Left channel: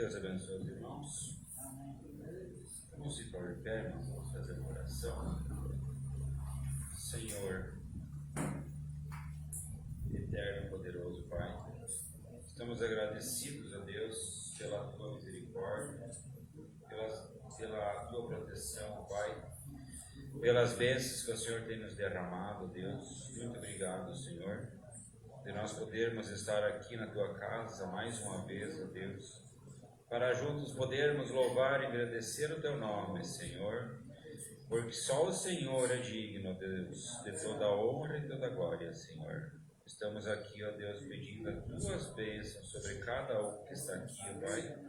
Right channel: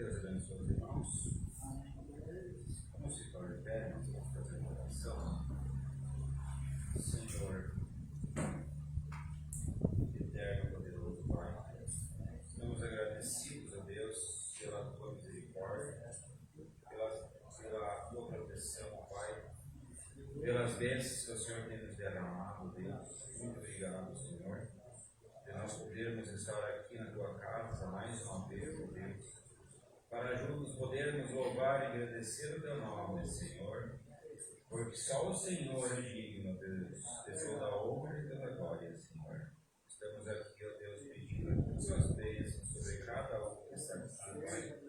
Deus abençoe os irmãos. Vamos se pôr de pé, nós vamos fazer uma oração. Senhor, eterno e poderoso Pai, estamos agradecidos a Deus pela tua misericórdia, pela tua proteção, Pai, pelas bênçãos que o Senhor tem nos derramado, Deus. Muito obrigado, Senhor, de nós podermos estar aqui na tua casa mais uma vez, ó Deus, para juntos podermos louvar e agradecer o teu nome, Senhor, porque só o Senhor é digno, Deus, de toda a honra e toda a glória, Senhor. Estamos aqui, ó Deus, pedindo as tuas bênçãos sobre cada um que está aqui, ó Pai.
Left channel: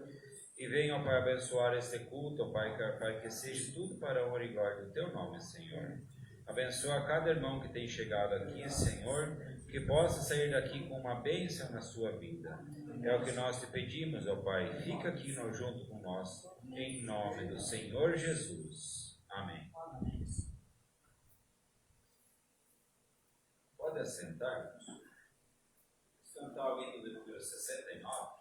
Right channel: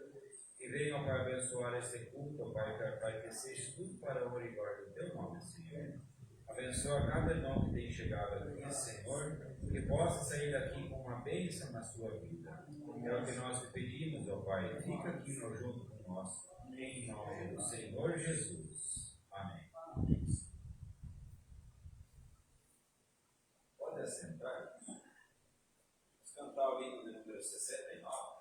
E venha, ó Pai, abençoar este culto, ó Pai, que seja tudo para a honra e glória do teu nome, Senhor. Abençoa cada irmão que tem chegado aqui, Senhor, que possa sair daqui com uma bênção na sua vida. É o que nós te pedimos, ó Pai. Fica aqui junto com nós, em nome do Senhor Jesus. Amém. Pode assentar. Vamos cantar o hino de número 69.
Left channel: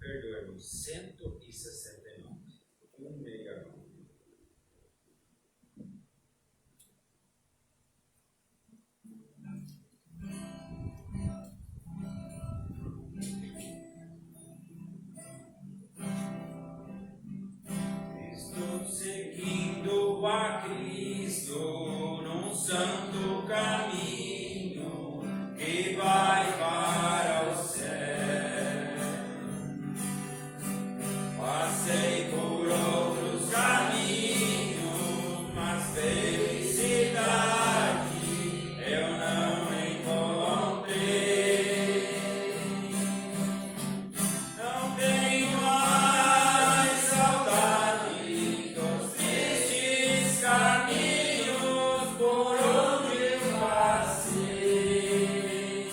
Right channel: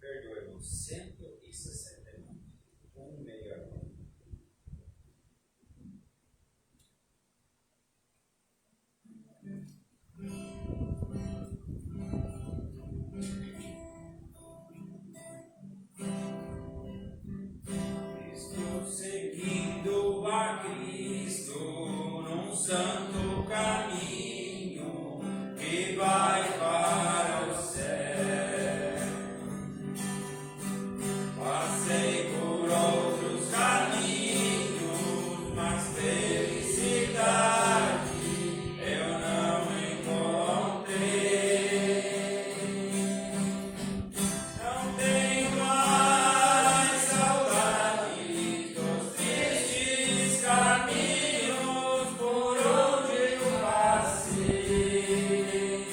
Perdoe-nos 169, 169. Estou seguindo a Cristo num santo caminho que vai para o céu. Passei por outros caminhos, mas felicidade eu não encontrei. Não tenho mais saudade dos tristes caminhos por onde eu passei,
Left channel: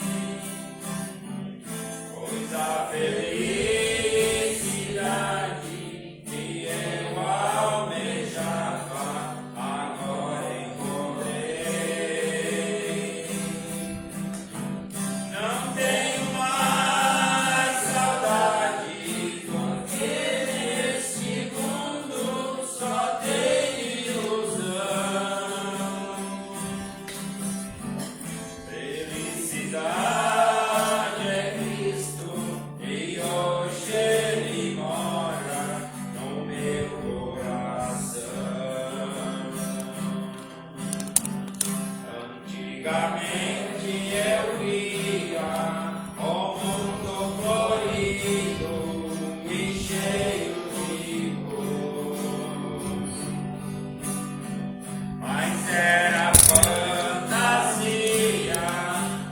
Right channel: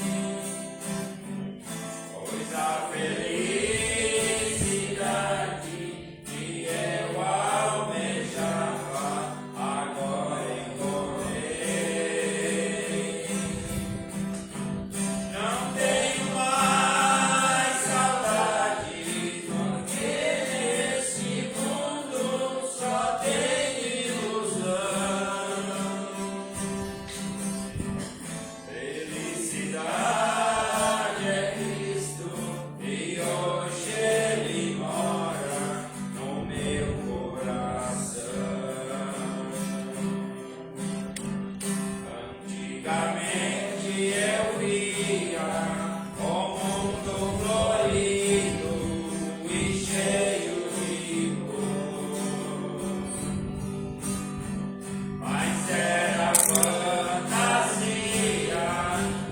pois a felicidade que eu almejava agora encontrei. Não tenho mais saudade, porque nesse mundo só tem ilusão. Felicidade é Cristo e hoje Ele mora no meu coração. Antigamente eu via o mundo florido e cheio de cor, mas era fantasia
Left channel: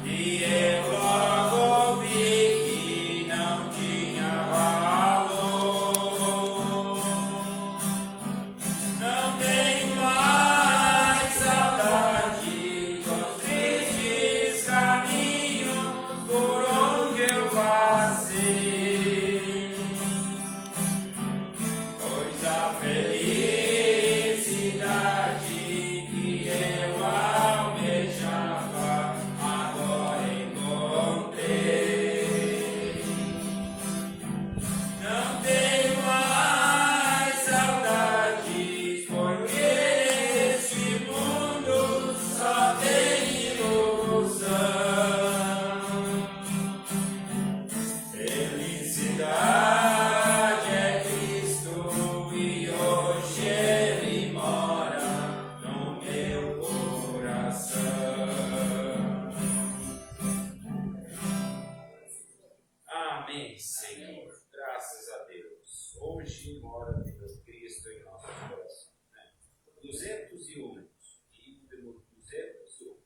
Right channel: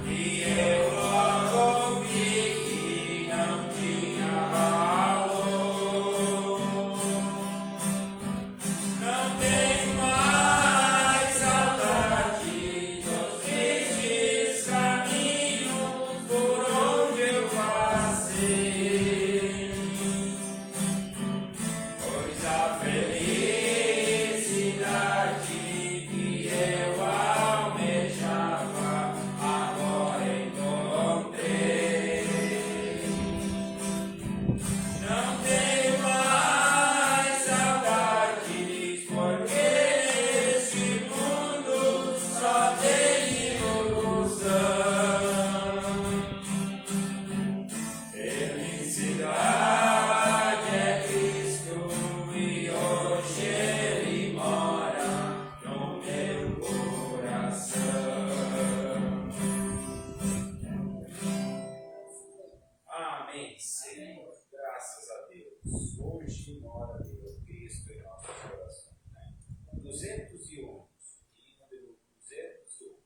e eu logo vi que não tinha valor. Não tenho mais saudade dos tristes caminhos por onde eu passei, pois a felicidade que eu almejava agora encontrei. Não tenho mais saudades, porque nesse mundo só tem ilusão. Felicidade é Cristo e hoje Ele mora no meu coração. Amém, Senhor. Graças a Deus. Hoje mora Deus Cristo em nossos corações. 201. Hino de número 201.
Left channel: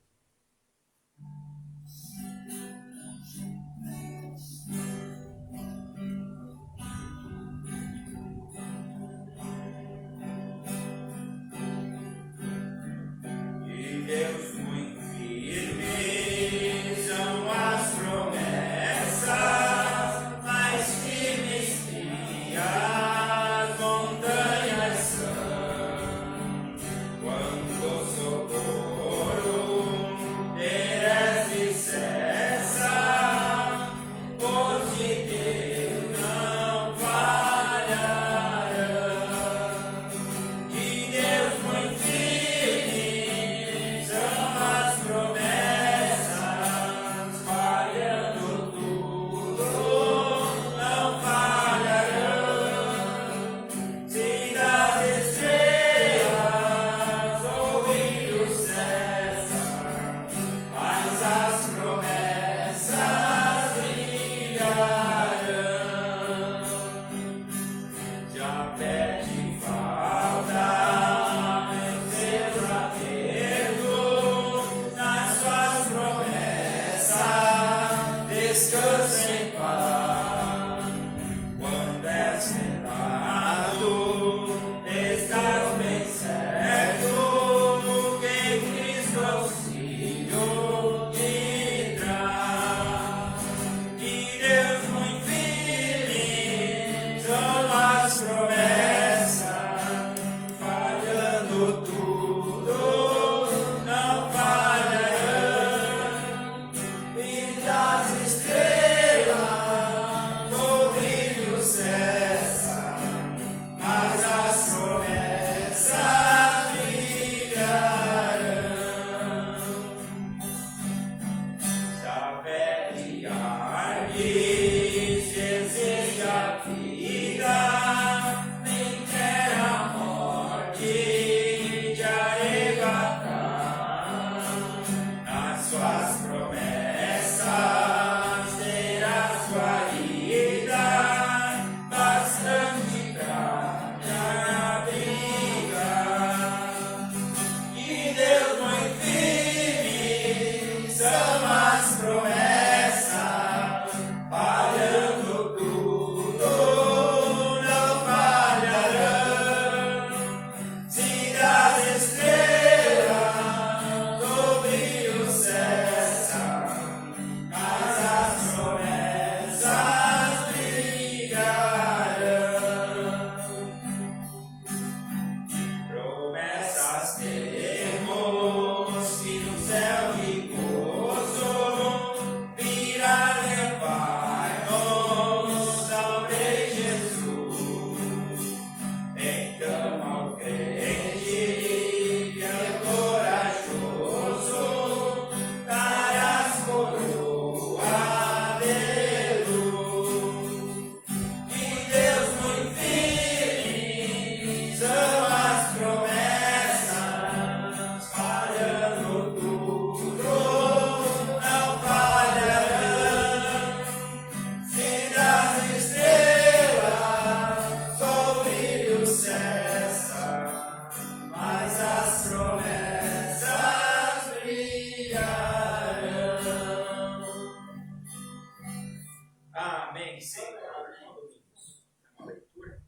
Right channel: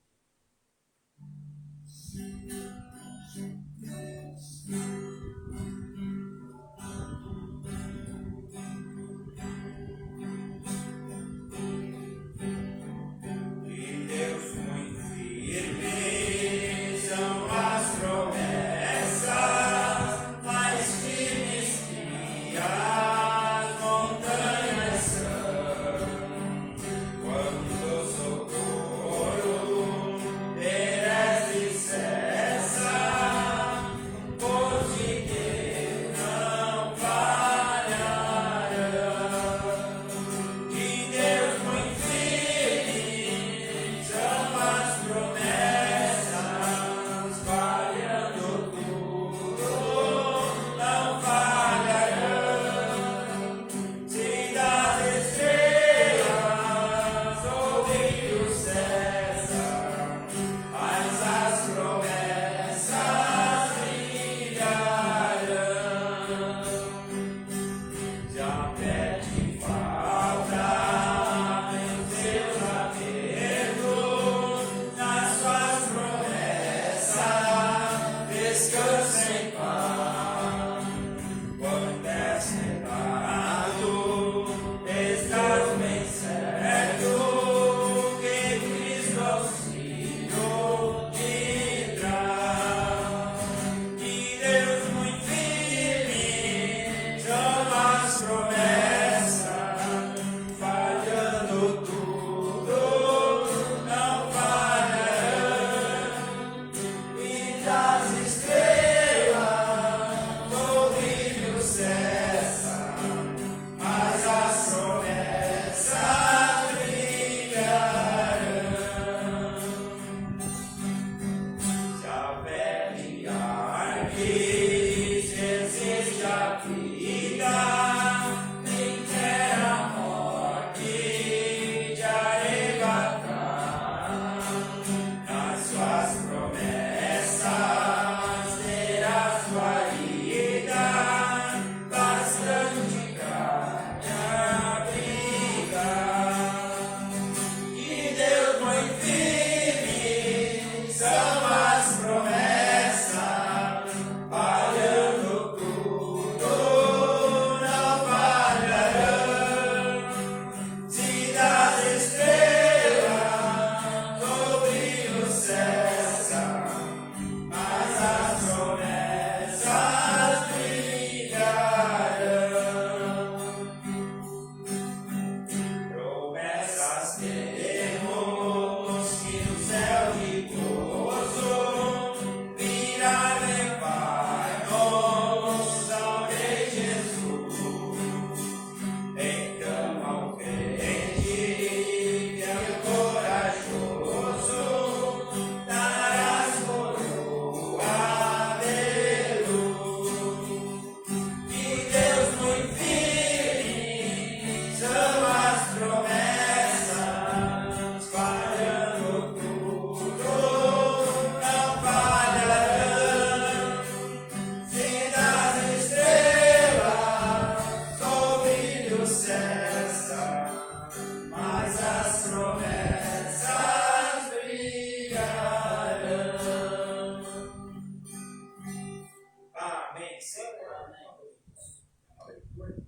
Amém, Senhor. Uma leitura.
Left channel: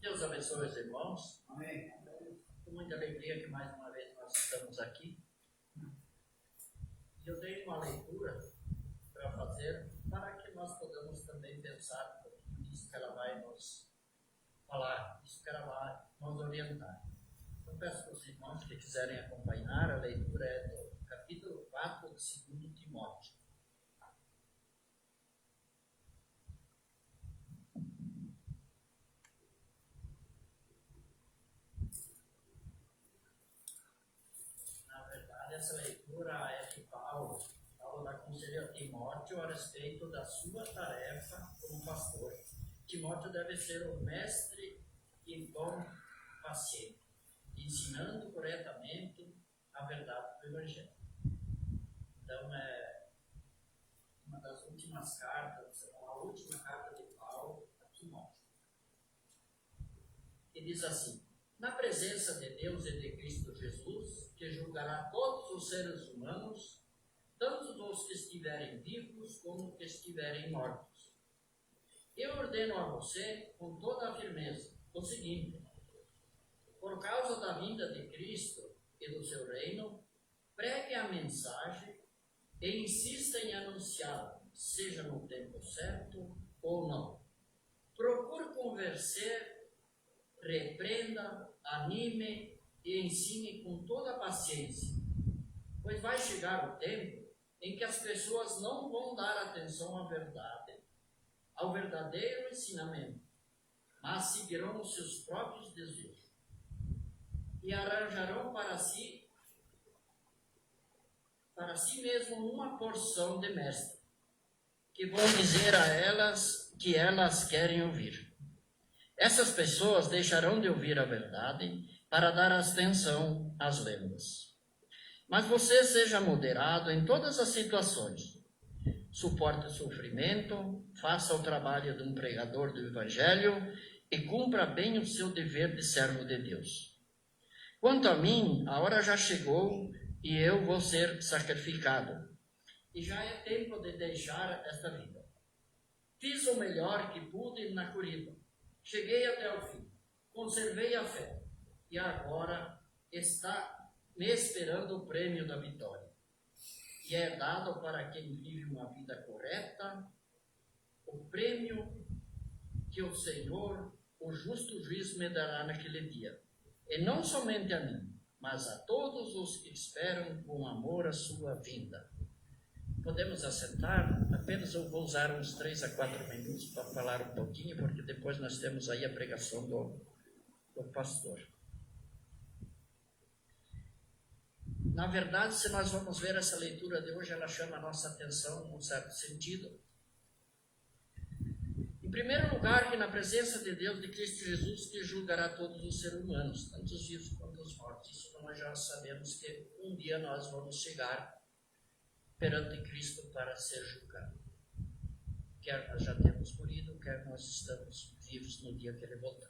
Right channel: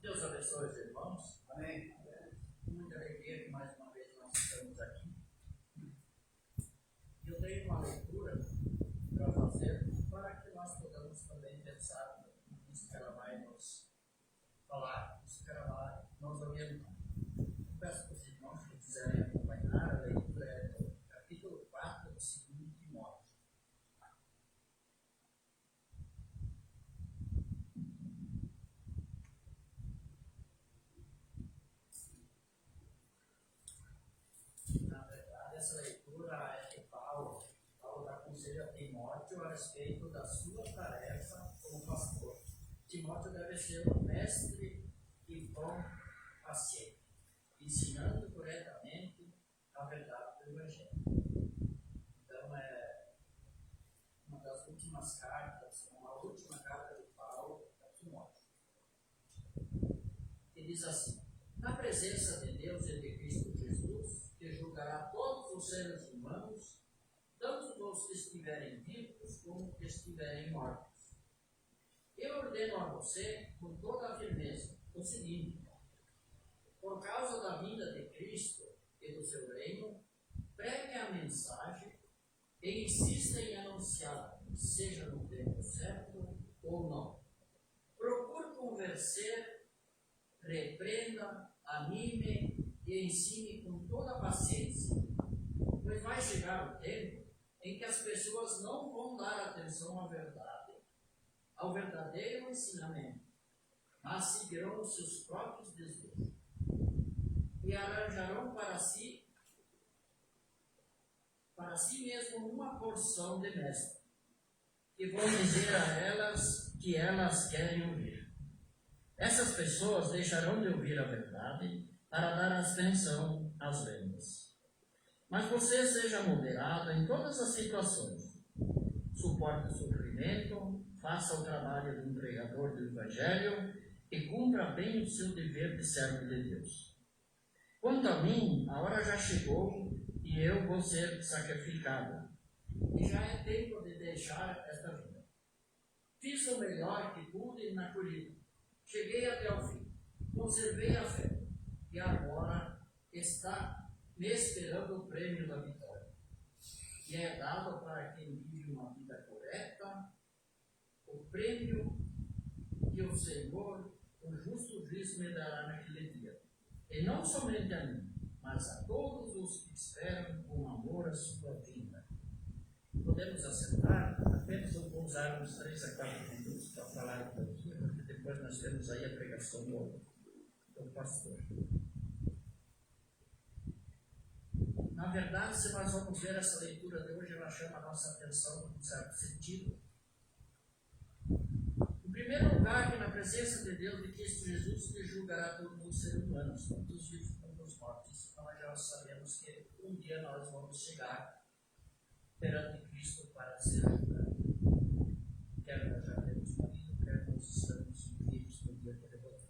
Deus abençoe os irmãos. Amém. Com muita alegria que mais uma vez nós estamos aqui. E eu tenho uma leitura para fazer para que nós possamos também pensar um pouquinho nisso que ela vai nos falar, isso que ela vai nos orientar. Eu peço para os irmãos que quiserem acompanhar, a leitura é do capítulo 4 de 2 Timóteo. Essa leitura é de Paulo. Paulo aconselha a Timóteo a respeito da sua tarefa como pastor. Timóteo deve ser um mestre e bom paciente, ensinando corretamente a verdade do Evangelho. Então, é uma das últimas cartas, a última carta de Paulo a Timóteo. E diz assim: na presença de Deus e de Cristo Jesus, que julgará todos os seres humanos, tanto os que estiverem vivos como os que estiverem mortos. Eu ordeno a você, com toda a firmeza, o seguinte: por causa da vinda de Cristo e do seu reino, pregue a mensagem e insista em anunciá-la, seja no tempo certo ou não. Procure convencer, repreenda, anime e ensine com toda a paciência, pois vai chegar o tempo em que as pessoas não vão dar atenção à verdade, ao verdadeiro ensinamento, mas seguirão os seus próprios desejos e arranjarão para si mesmo uma porção de mestres, que vão dizer a elas que elas querem ouvir. Essas pessoas deixarão de ouvir a verdade para dar atenção às lendas. Mas você seja moderado em todas as situações. Suporte o sofrimento, faça o trabalho de um pregador do Evangelho e cumpra bem o seu dever de servo de Deus. Quanto a mim, a hora já chegou e eu vou ser sacrificado. E já é tempo de deixar esta vida. Fiz o melhor que pude na corrida. Cheguei até o fim. Conservei a fé. E agora está me esperando o prêmio da vitória. E é dado para quem vive uma vida correta o prêmio que o Senhor, o justo juiz, me dará naquele dia. E não somente a mim, mas a todos os que esperam com amor a sua vinda. Podemos assentar? Apenas eu vou usar uns 3 a 4 minutos para falar um pouquinho, porque depois nós temos aí a pregação do pastor. Na verdade, se nós vamos ver essa leitura de hoje, ela chama a nossa atenção num certo sentido. Em primeiro lugar, que na presença de Deus, de Cristo Jesus, que julgará todos os seres humanos, tanto os vivos quanto os mortos. Isso nós já sabemos que um dia nós vamos chegar perante Cristo para ser julgado. Quer nós já temos morrido, quer nós estamos vivos no dia que Ele voltar.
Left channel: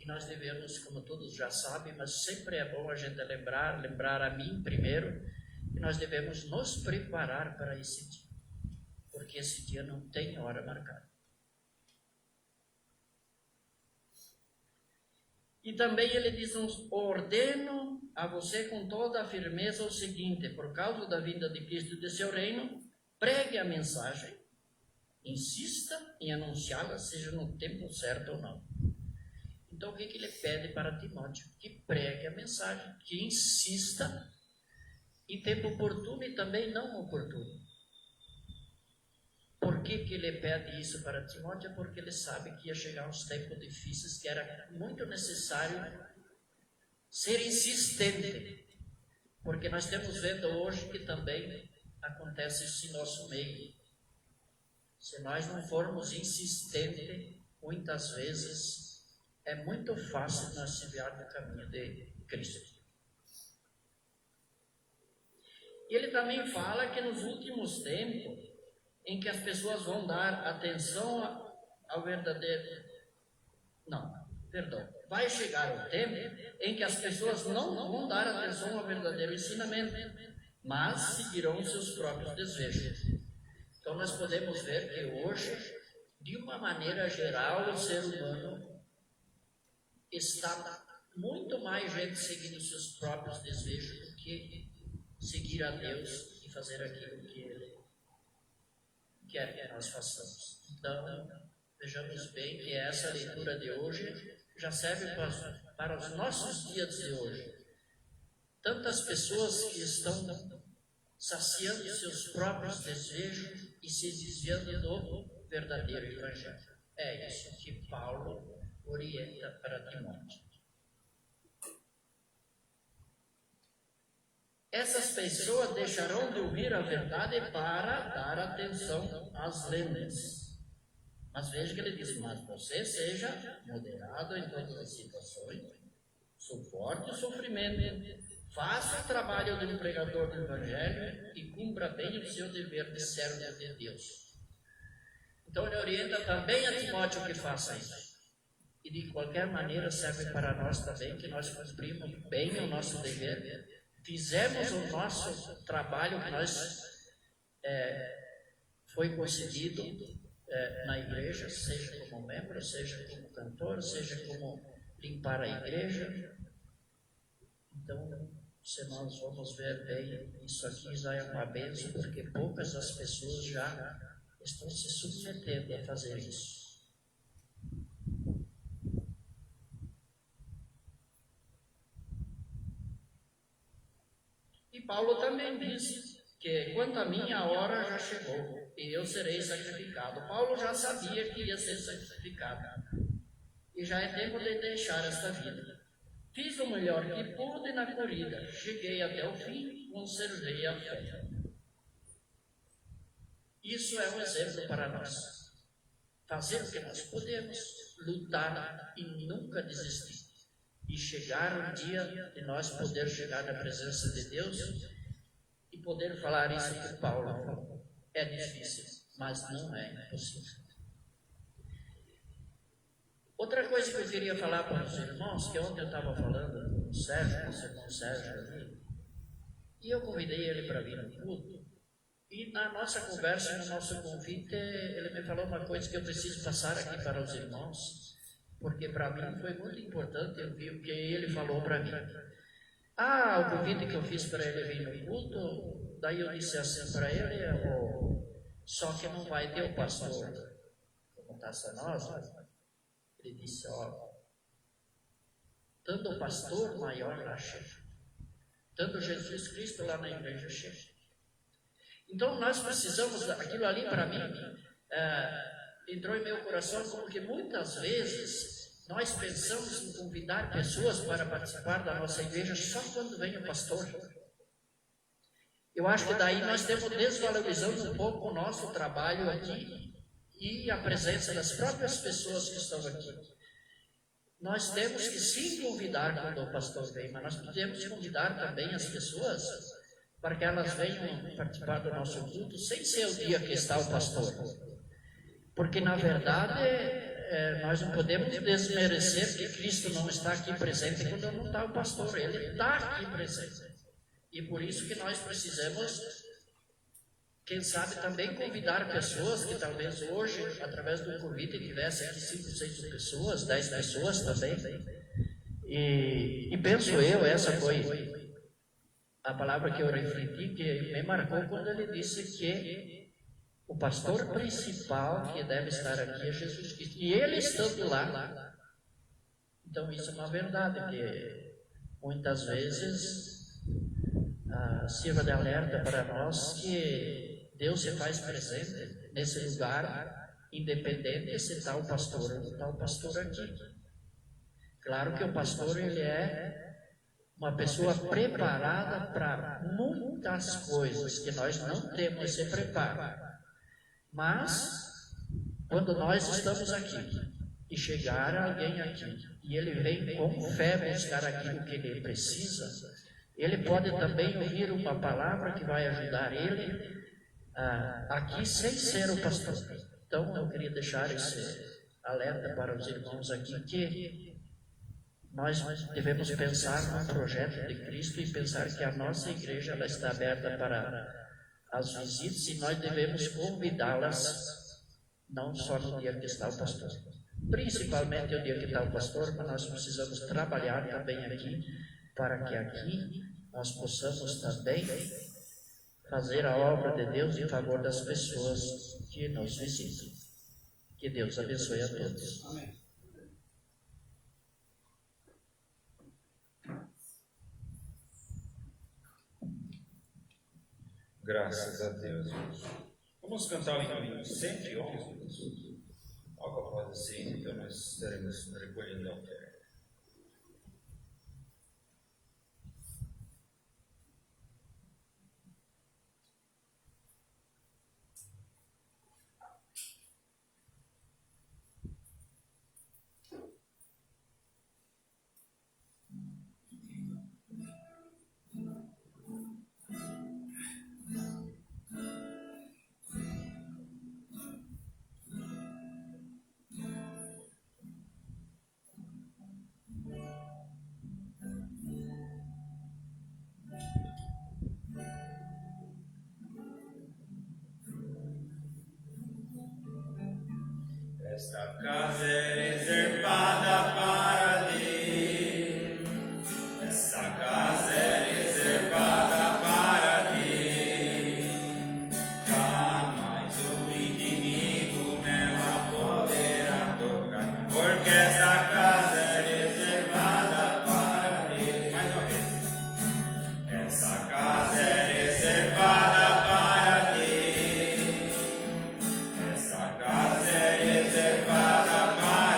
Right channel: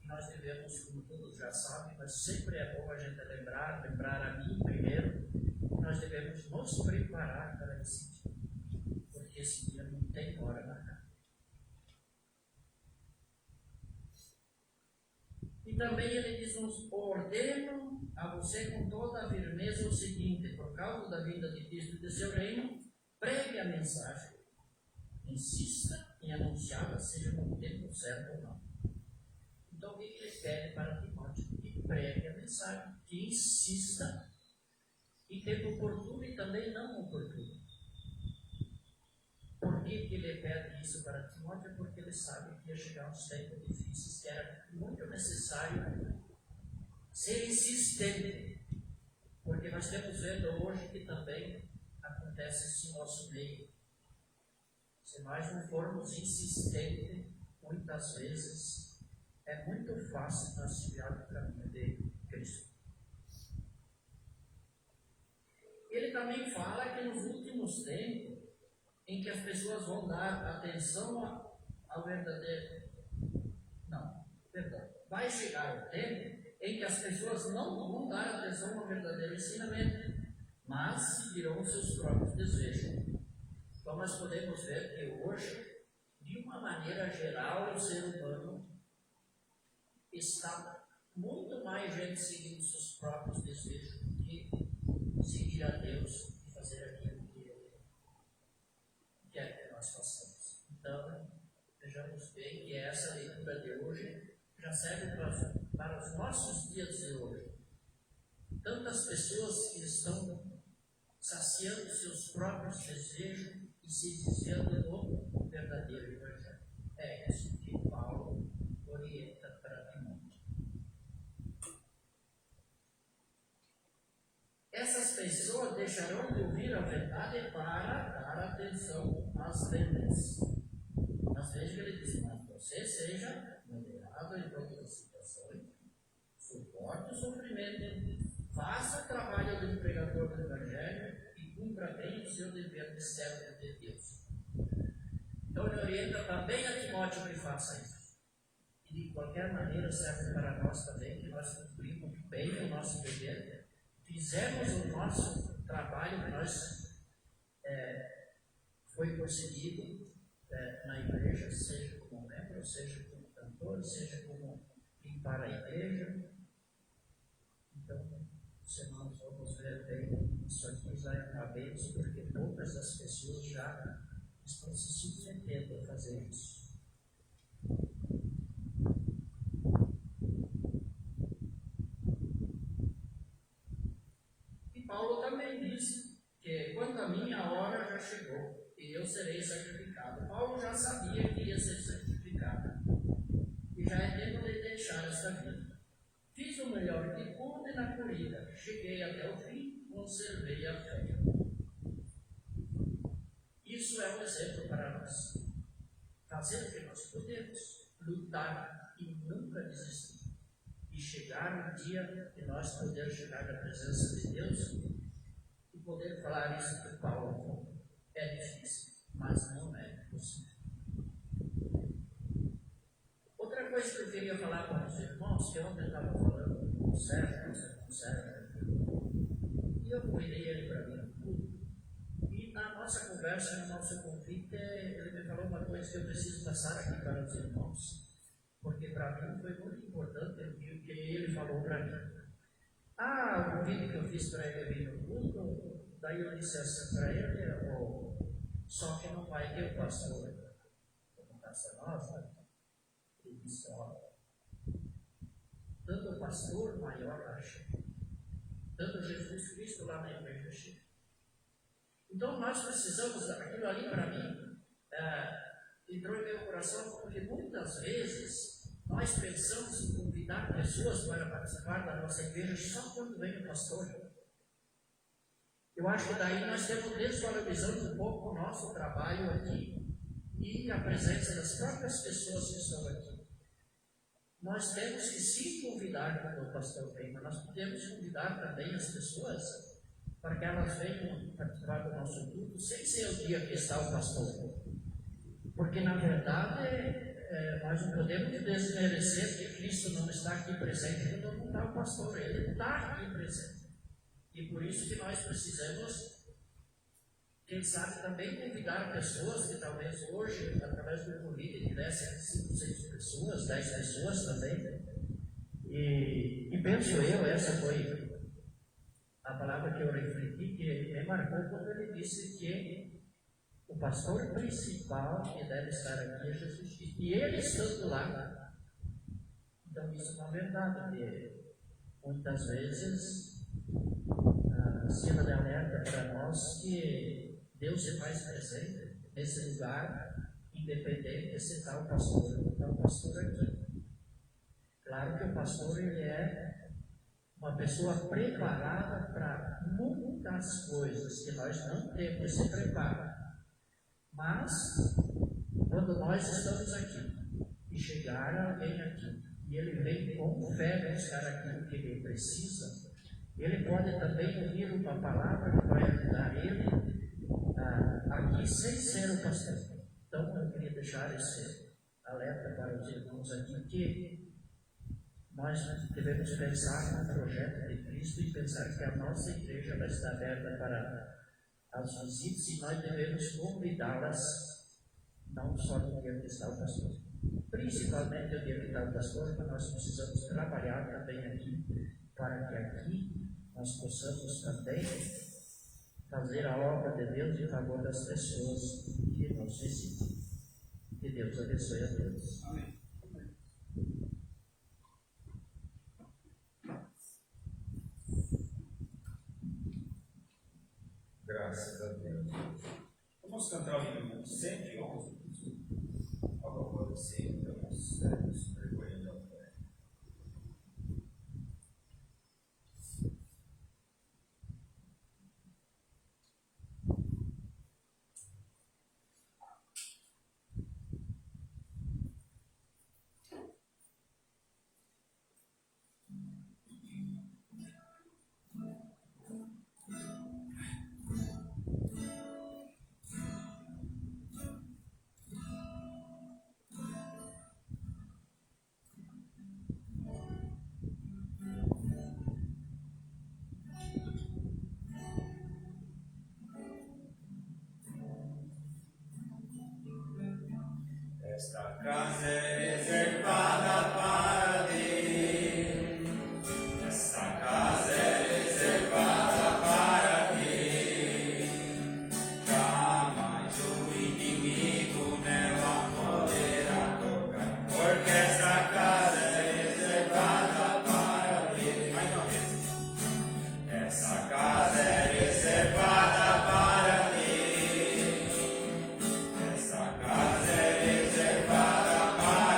E nós devemos, como todos já sabem, mas sempre é bom a gente lembrar a mim primeiro, que nós devemos nos preparar para esse dia, porque esse dia não tem hora marcada. E também ele diz: ordeno a você com toda a firmeza o seguinte: por causa da vinda de Cristo e de seu reino, pregue a mensagem, insista em anunciá-la, seja no tempo certo ou não. Então, o que ele pede para Timóteo? Que pregue a mensagem, que insista em tempo oportuno e também não oportuno. Por que ele pede isso para Timóteo? Porque ele sabe que ia chegar uns tempos difíceis, que era muito necessário ser insistente. Porque nós estamos vendo hoje que também acontece isso em nosso meio. Se nós não formos insistentes, muitas vezes é muito fácil nós se desviar do caminho de Cristo. E ele também fala que nos últimos tempos em que as pessoas vão dar atenção ao verdadeiro. Não, perdão. Vai chegar o tempo em que as pessoas não vão dar atenção ao verdadeiro ensinamento, mas seguirão seus próprios desejos. Então nós podemos ver que hoje, de uma maneira geral, o ser humano está muito mais gente seguindo seus próprios desejos do que seguir a Deus e fazer aquilo que Ele quer que nós façamos. Então, vejamos bem que essa leitura de hoje já serve para os nossos dias de hoje. Tantas pessoas que estão saciando seus próprios desejos e se desviando do verdadeiro Evangelho. É isso que Paulo orienta para Timóteo. Essas pessoas deixarão de ouvir a verdade para dar atenção às lendas. Mas veja que ele diz, mas você seja moderado em todas as situações, suporte o sofrimento, faça o trabalho de um pregador do Evangelho e cumpra bem o seu dever de servo de Deus. Então ele orienta também a Timóteo que faça isso. E de qualquer maneira serve para nós também que nós cumprimos bem o nosso dever, fizemos o nosso trabalho que nós foi concedido na igreja, seja como membro, seja como cantor, seja como limpar a igreja. Então, se nós vamos ver bem, isso aqui já é uma bênção, porque poucas das pessoas já estão se submetendo a fazer isso. E Paulo também diz que quanto a mim, a hora já chegou e eu serei sacrificado. Paulo já sabia que ia ser sacrificado e já é tempo de deixar esta vida. Fiz o melhor que pude na corrida, cheguei até o fim, conservei a fé. Isso é um exemplo para nós. Fazer o que nós podemos, lutar e nunca desistir. E chegar o dia de nós poder chegar na presença de Deus e poder falar isso que Paulo falou. É difícil, mas não é impossível. Outra coisa que eu queria falar para os irmãos, que ontem eu estava falando com o Sérgio, com o Sérgio ali, e eu convidei ele para vir no culto, e na nossa conversa, no nosso convite, ele me falou uma coisa que eu preciso passar aqui para os irmãos, porque para mim foi muito importante ouvir o que ele falou para mim. O convite que eu fiz para ele vir no culto, daí eu disse assim para ele, só que não vai ter o pastor, como taça nossa. Ele disse, tanto o pastor maior lá chega, tanto Jesus Cristo lá na igreja chega. Então nós precisamos, aquilo ali para mim, entrou em meu coração, porque muitas vezes nós pensamos em convidar pessoas para participar da nossa igreja só quando vem o pastor. Eu acho que daí nós estamos desvalorizando um pouco o nosso trabalho aqui e a presença das próprias pessoas que estão aqui. Nós temos que sim convidar quando o pastor vem, mas nós podemos convidar também as pessoas para que elas venham participar do nosso culto sem ser o dia que está o pastor. Porque na verdade nós não podemos desmerecer que Cristo não está aqui presente quando não está o pastor, Ele está aqui presente. E por isso que nós precisamos, quem sabe, também convidar pessoas que talvez hoje, através do convite, tivessem aqui 5, 6 pessoas, 10 pessoas também. E penso eu, essa foi a palavra que eu refleti, que me marcou quando ele disse que o pastor principal que deve estar aqui é Jesus Cristo. E ele estando lá, então isso é uma verdade, que muitas vezes sirva de alerta para nós que Deus se faz presente nesse lugar, independente se está o pastor ou não está o pastor aqui. Claro que o pastor, ele é uma pessoa preparada para muitas coisas que nós não temos esse preparo. Mas, quando nós estamos aqui e chegar alguém aqui e ele vem com fé buscar aquilo que ele precisa, ele pode também ouvir uma palavra que vai ajudar ele aqui sem ser o pastor. Então eu queria deixar esse alerta para os irmãos aqui que nós devemos pensar no projeto de Cristo e pensar que a nossa igreja ela está aberta para as visitas e nós devemos convidá-las não só no dia que está o pastor, principalmente o dia que está o pastor, mas nós precisamos trabalhar também aqui para que aqui nós possamos também fazer a obra de Deus em favor das pessoas que nos visitam. Que Deus abençoe a todos. Amém. Graças a Deus. Vamos cantar o hino 111. Algo após assim, então nós estaremos recolhendo a oferta. Esta casa é reservada para ti. Esta casa é reservada para ti. Jamais o inimigo não a poderá tocar, porque esta casa é reservada para ti. Mais uma vez. Esta casa é reservada para ti. Esta casa é reservada para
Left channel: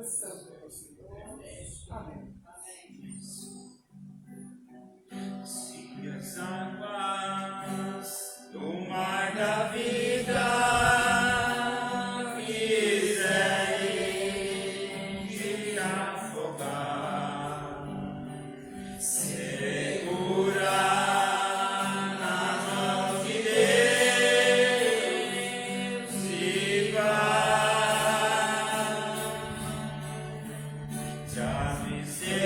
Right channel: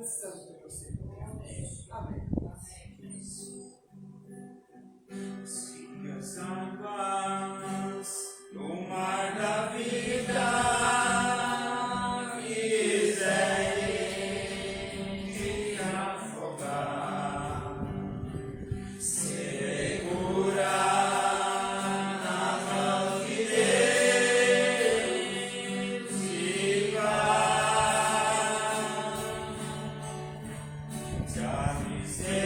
Precisamos de você. Amém. Sigas águas do mar da vida, quiserem te afogar, segura nas mãos de Deus e vai. Se a miséria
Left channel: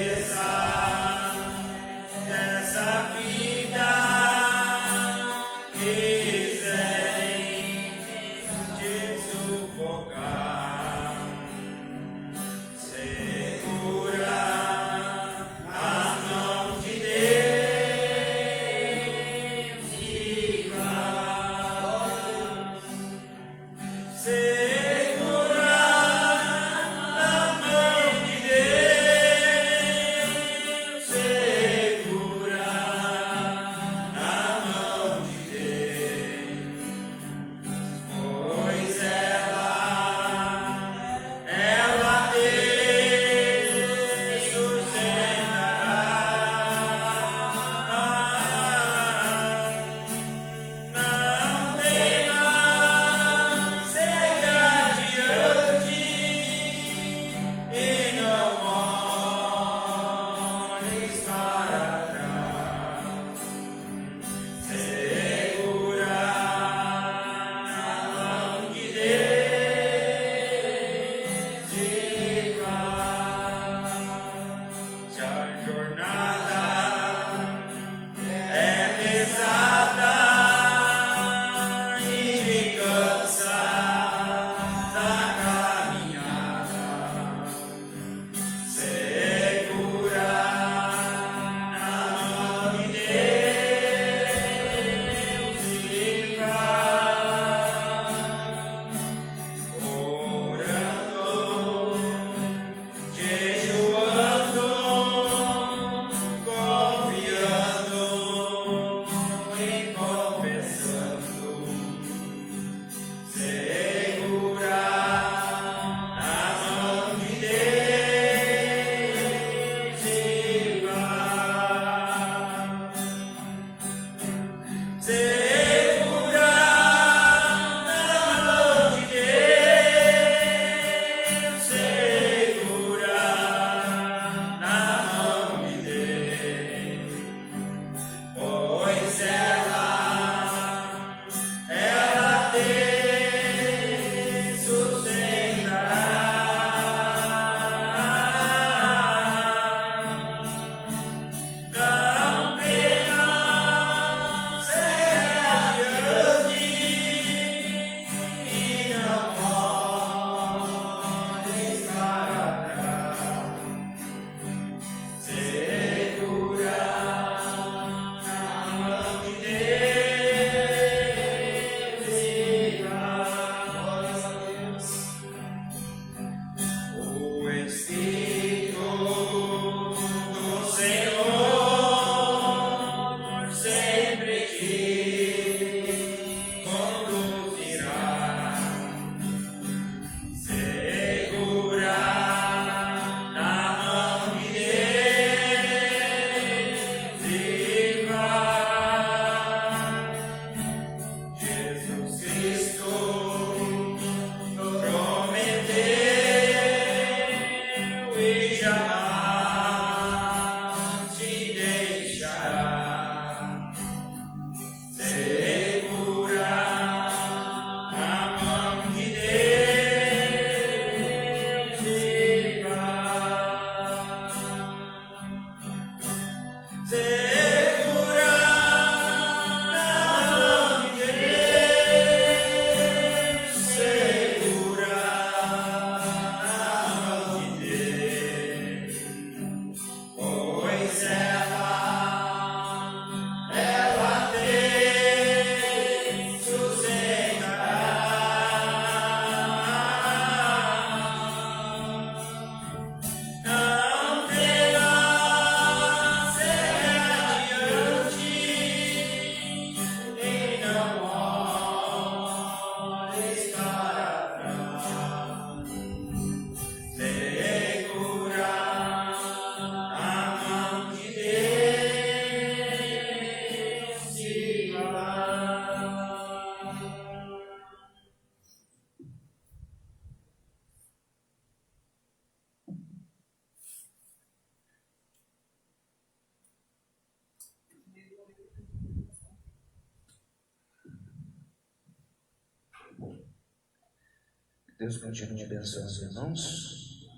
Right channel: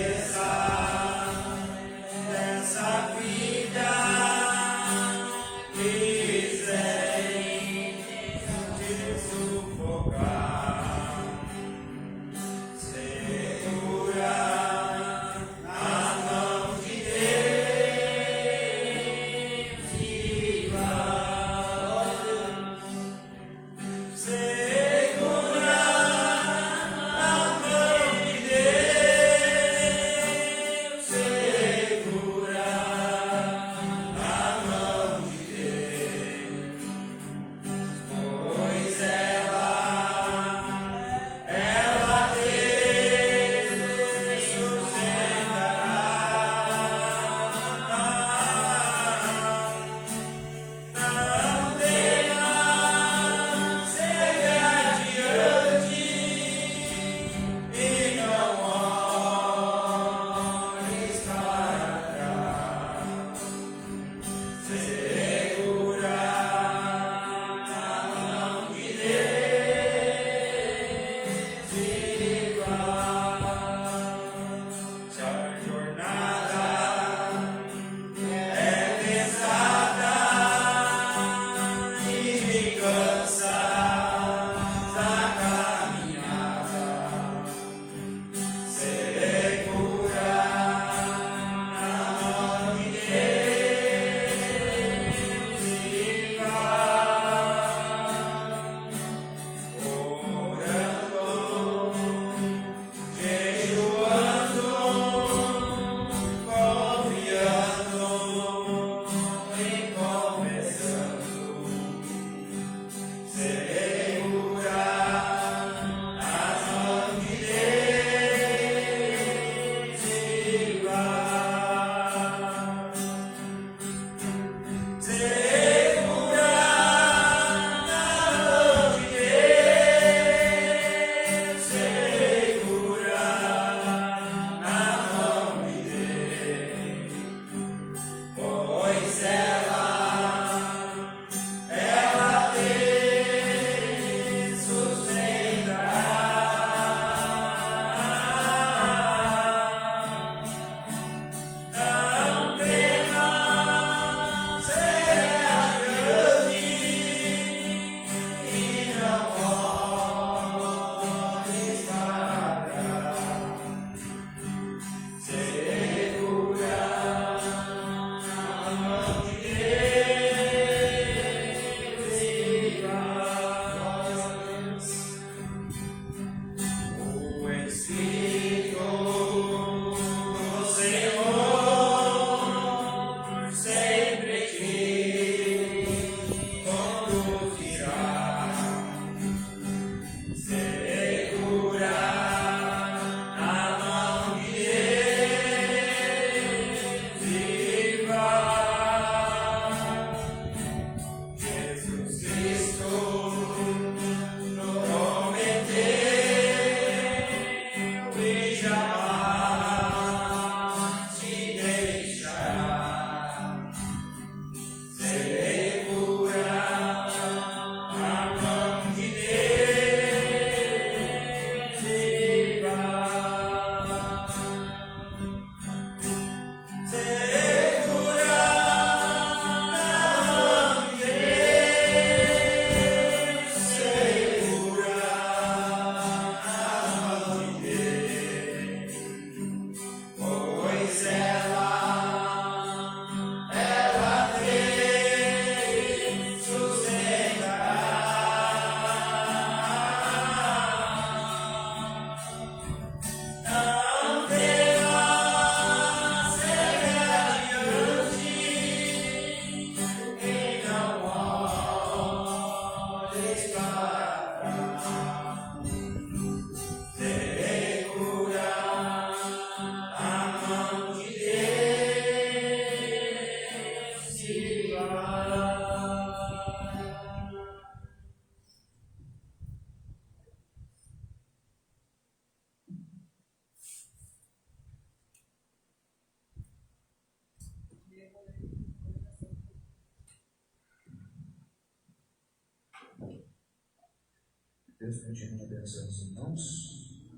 Deus continue abençoando os irmãos,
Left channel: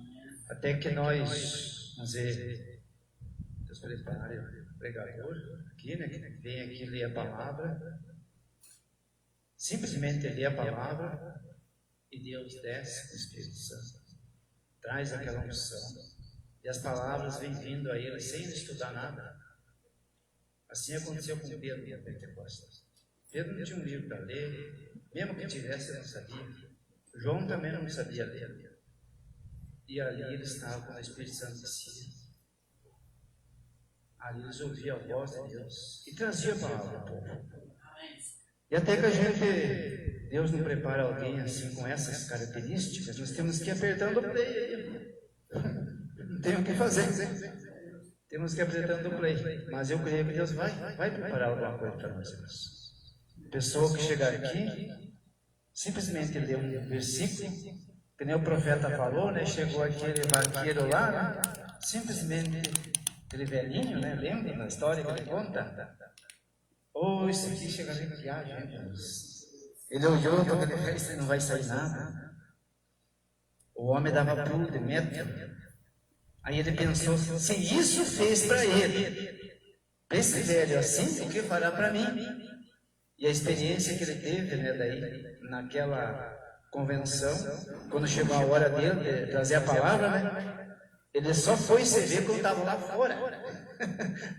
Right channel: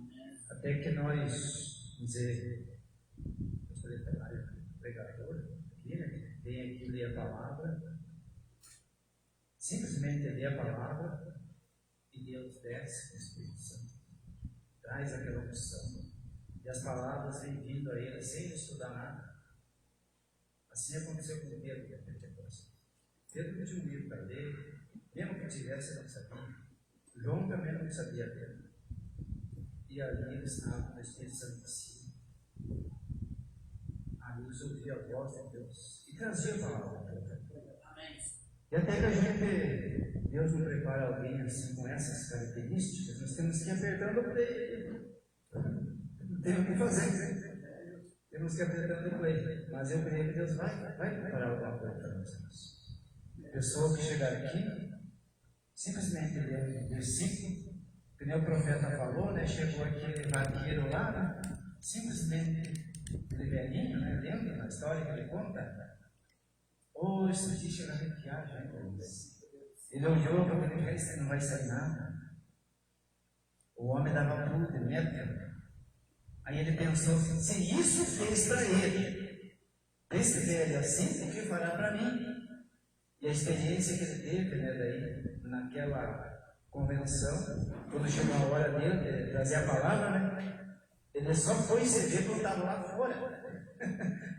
até que nós, vamos dizer, Deus prepare o pregador aqui, né, que vem aqui ler a palavra, simplesmente ler a palavra, e Deus desce com o Espírito Santo, traz aquela unção, e as palavras vêm vindo a ele sem ele estudar nada. Assim aconteceu com Pedro na Pentecostes. Pedro não tinha um livro para ler, mesmo que tivesse, ele não sabia. João também não sabia ler. E ali eles estavam com o Espírito Santo descia. Ali eles ouviam a voz de Deus e trazia a palavra ao povo. E até que a gente, Deus não prepara alguém assim com essas características, nós temos que ir apertando o play. Não tem o que fazer. Temos que ir apertando o play. Mas eu creio que Deus vai preparar alguma coisa para nós, irmãos. Pessoa que chegar aqui, simplesmente lê um versículo, que nem o profeta falou, né? Chegou aquele vaqueiro lá, né? Simplesmente, aquele velhinho, né? Lembra na história que ele conta? Oh, esse aqui chega aqui, gente. Ele olhou, quando ele fez, não vai sair nada. O homem dava pulo de metro. Aí ele pensou, se isso fez para ele, para esse velho assim, o que fará para mim? E a experiência que ele teve, né, daí, naquela convenção, quando chegou a hora dele de trazer a palavra, né, ele só foi se ver quando estava lá fora.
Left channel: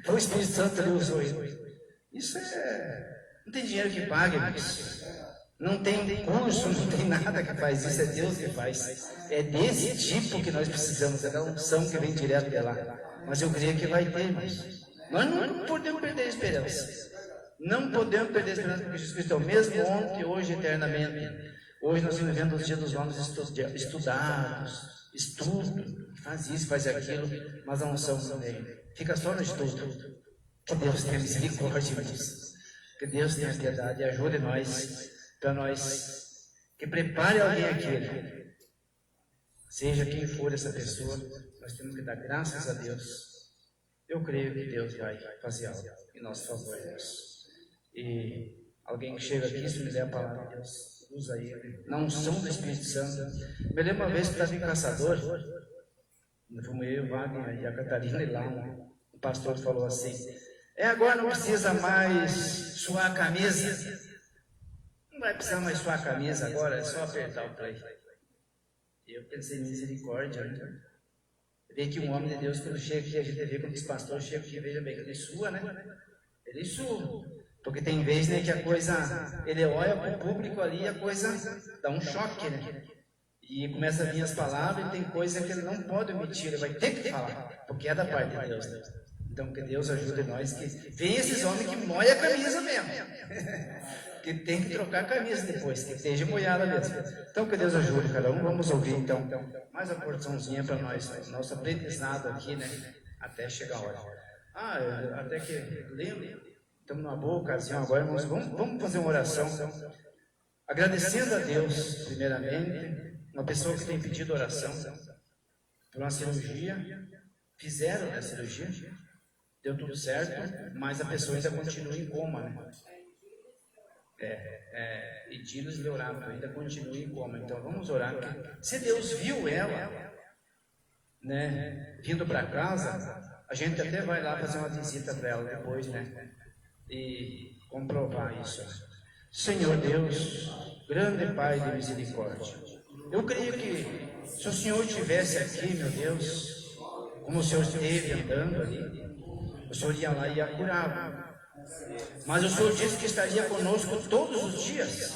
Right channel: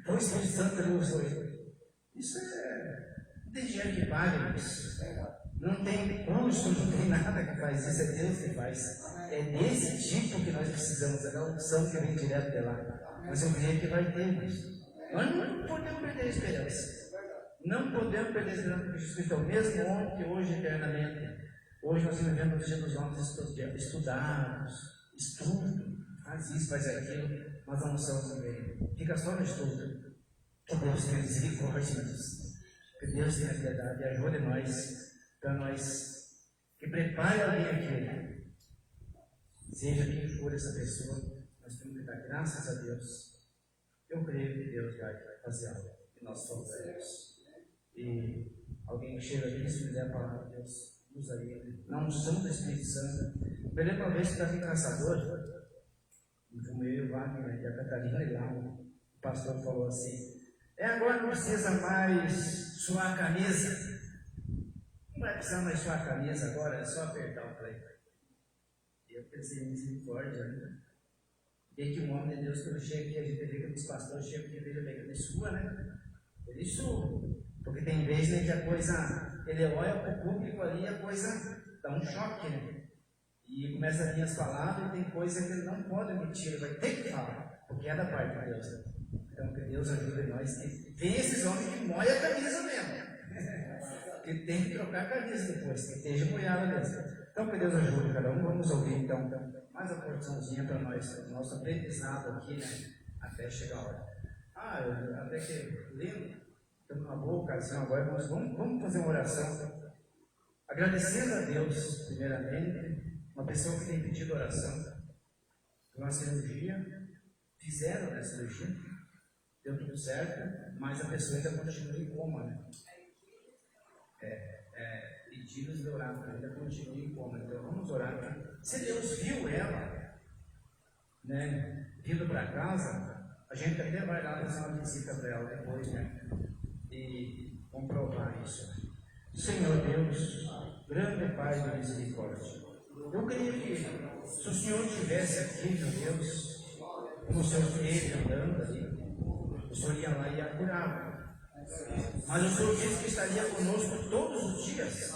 Foi o Espírito Santo que ele usou ele. Isso não tem dinheiro que pague, mas não tem curso, não tem nada que faz isso, é Deus que faz. É desse tipo que nós precisamos, é da unção que vem direto de lá. Mas eu creio que vai ter, mas nós não podemos perder a esperança. Não podemos perder a esperança, porque Jesus Cristo é o mesmo ontem, hoje, eternamente. Hoje nós estamos vivendo os dias dos homens estudados, estudo, faz isso, faz aquilo, mas a unção também fica só no estudo. Que Deus tenha misericórdia disso. Que Deus tenha piedade e ajude nós, para nós, que prepare alguém aqui. Seja quem for essa pessoa, nós temos que dar graças a Deus. Eu creio que Deus vai fazer algo em nosso favor. E alguém que chega aqui, se me der a palavra de Deus, usa ele, na unção do Espírito Santo. Me lembro uma vez que estava em Caçador, fomos eu, o Wagner e a Catarina, e lá o pastor falou assim: agora não precisa mais suar a camisa. Não vai precisar mais suar a camisa agora, é só apertar o play. E eu pensei, misericórdia, né? Vê que um homem de Deus, quando chega aqui, a gente vê como os pastores chegam aqui, veja bem, ele sua, né? Ele sua. Porque tem vezes, né, que a coisa, ele olha para o público ali e a coisa dá um choque, né? E começa a vir as palavras e tem coisa que ele não pode omitir, ele vai ter que falar, porque é da parte de Deus, né? Então que Deus ajude nós, que vem esses homens que molham a camisa mesmo. Que tem que trocar a camisa depois, que esteja molhada mesmo. Então que Deus ajude cada um. Vamos ouvir então mais uma porçãozinha para nós, nosso aprendizado aqui, né? Até chegar a hora. Até que lembro. Estamos numa boa ocasião agora, irmãos. Vamos fazer uma oração, agradecendo a Deus, primeiramente, uma pessoa que tem pedido oração por uma cirurgia, fizeram a cirurgia, deu tudo certo, mas a pessoa ainda continua em coma, né? E Dilos Leorato ainda continua em coma. Então vamos orar, porque se Deus viu ela, né, vindo para casa, a gente até vai lá fazer uma visita para ela depois, né? E comprovar isso. Senhor Deus, grande Pai de misericórdia, eu creio que se o Senhor estivesse aqui, meu Deus, como o Senhor esteve andando ali, o Senhor ia lá e ia curar. Mas o Senhor disse que estaria conosco todos os dias.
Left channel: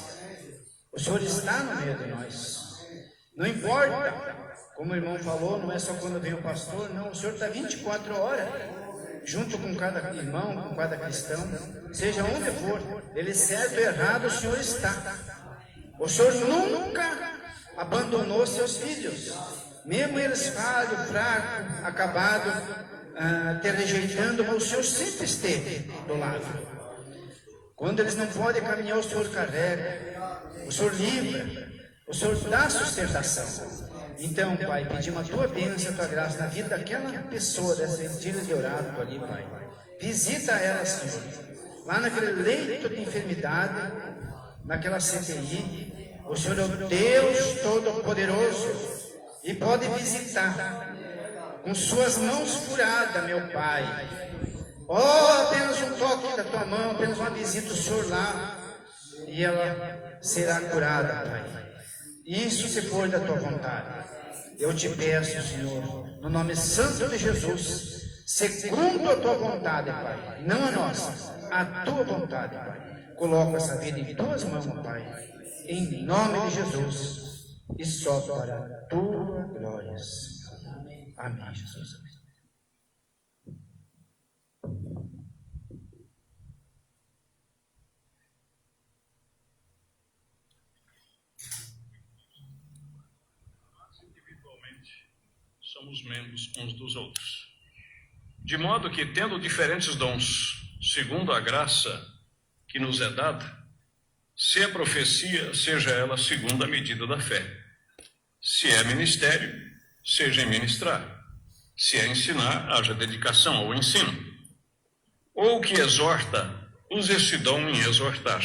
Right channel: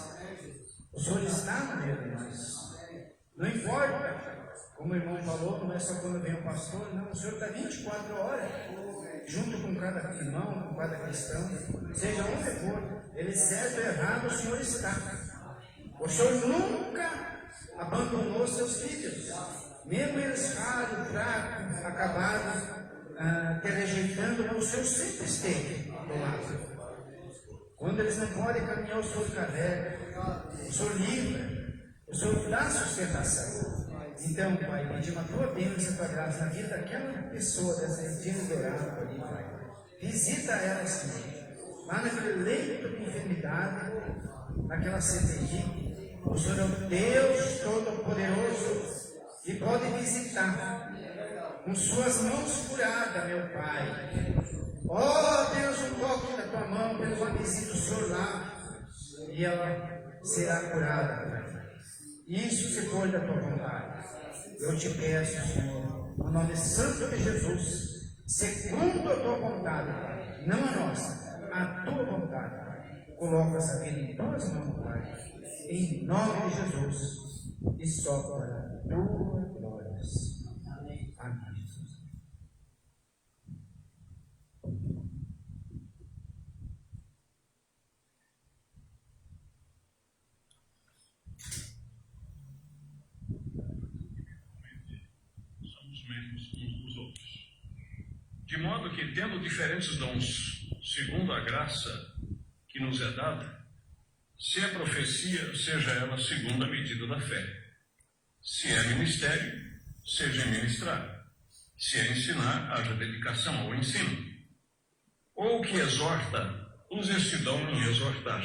O Senhor está no meio de nós. Não importa, como o irmão falou, não é só quando vem o pastor, não. O Senhor está 24 horas. Junto com cada irmão, com cada cristão, seja onde for, ele certo ou errado, o Senhor está. O Senhor nunca abandonou seus filhos, mesmo eles falhos, fracos, acabados, te rejeitando, mas o Senhor sempre esteve do lado. Quando eles não podem caminhar, o Senhor carrega, o Senhor livra, o Senhor dá sustentação. Então, Pai, pedimos a Tua bênção, a Tua graça na vida daquela pessoa, dessa filha de orado ali, Pai. Visita ela, Senhor, lá naquele leito de enfermidade, naquela CTI, O Senhor é o Deus Todo-Poderoso e pode visitar com suas mãos furadas, meu Pai. Oh, apenas um toque da tua mão, apenas uma visita do Senhor lá, e ela será curada, Pai. Isso se for da tua vontade. Eu te peço, Senhor, no nome santo de Jesus, segundo a tua vontade, Pai, não a nossa, a tua vontade, Pai. Coloca essa vida em tuas mãos, Pai, em nome de Jesus, e só para a tua glória. Amém, Jesus. Somos membros uns dos outros, de modo que, tendo diferentes dons, segundo a graça que nos é dada, se é profecia, seja ela segundo a medida da fé. Se é ministério, seja em ministrar. Se é ensinar, haja dedicação ao ensino. Ou o que exorta, use esse dom em exortar.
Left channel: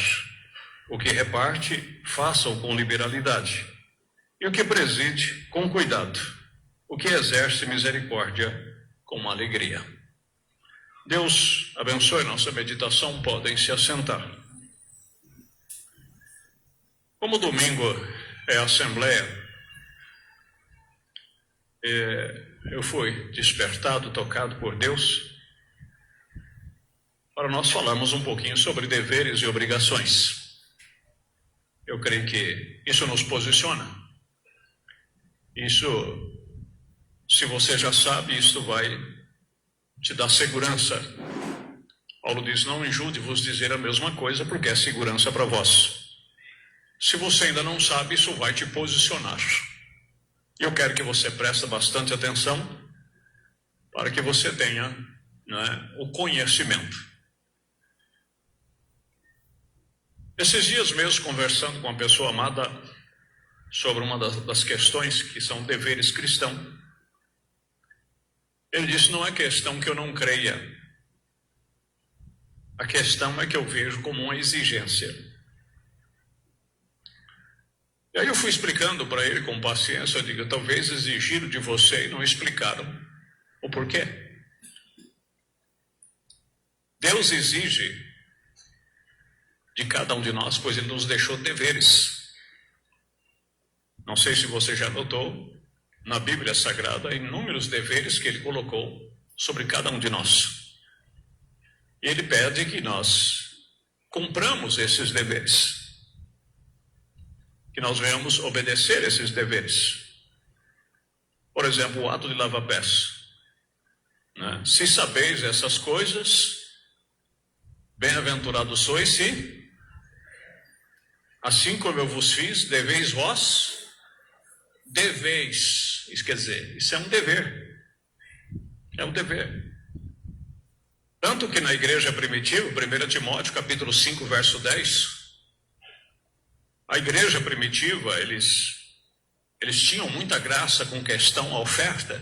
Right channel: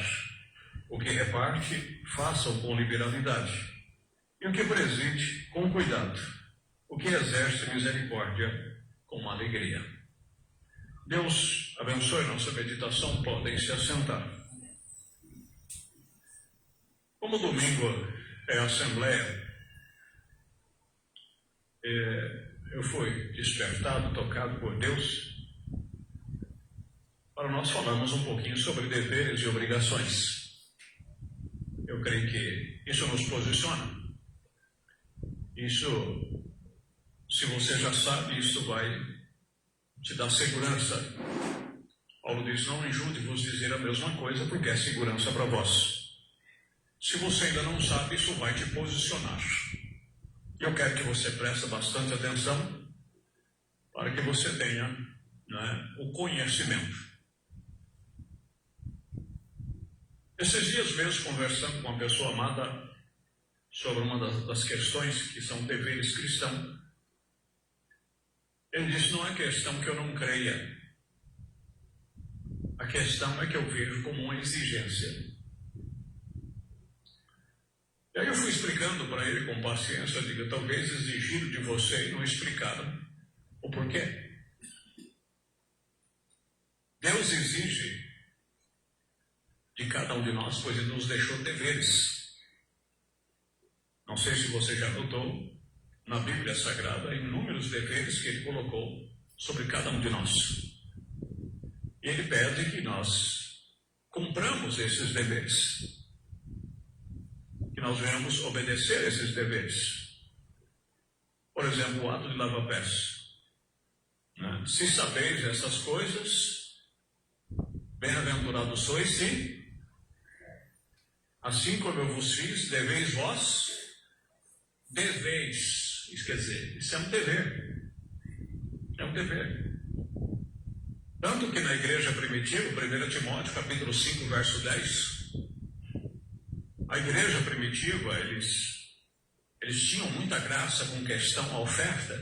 O que reparte, faça-o com liberalidade. E o que preside, com cuidado. O que exerce misericórdia, com alegria. Deus abençoe nossa meditação, podem se assentar. Como domingo é a assembleia, eu fui despertado, tocado por Deus, para nós falarmos um pouquinho sobre deveres e obrigações. Eu creio que isso nos posiciona. Isso, se você já sabe, isso vai te dar segurança. Paulo diz, não injude vos dizer a mesma coisa, porque é segurança para vós. Se você ainda não sabe, isso vai te posicionar. Eu quero que você preste bastante atenção para que você tenha, né, o conhecimento. Esses dias mesmo, conversando com uma pessoa amada sobre uma das questões que são deveres cristãos, ele disse, não é questão que eu não creia, a questão é que eu vejo como uma exigência. E aí eu fui explicando para ele com paciência, eu digo, talvez exigiram de você e não explicaram o porquê. Deus exige de cada um de nós, pois Ele nos deixou deveres. Não sei se você já notou, na Bíblia Sagrada, inúmeros deveres que Ele colocou sobre cada um de nós. E Ele pede que nós cumpramos esses deveres, que nós venhamos obedecer esses deveres. Por exemplo, o ato de lavar pés. Né? Se sabeis essas coisas, bem-aventurados sois se, assim como eu vos fiz, deveis vós, deveis. Isso quer dizer, isso é um dever. É um dever. Tanto que na igreja primitiva, 1 Timóteo capítulo 5, verso 10, a igreja primitiva, eles tinham muita graça com questão à oferta,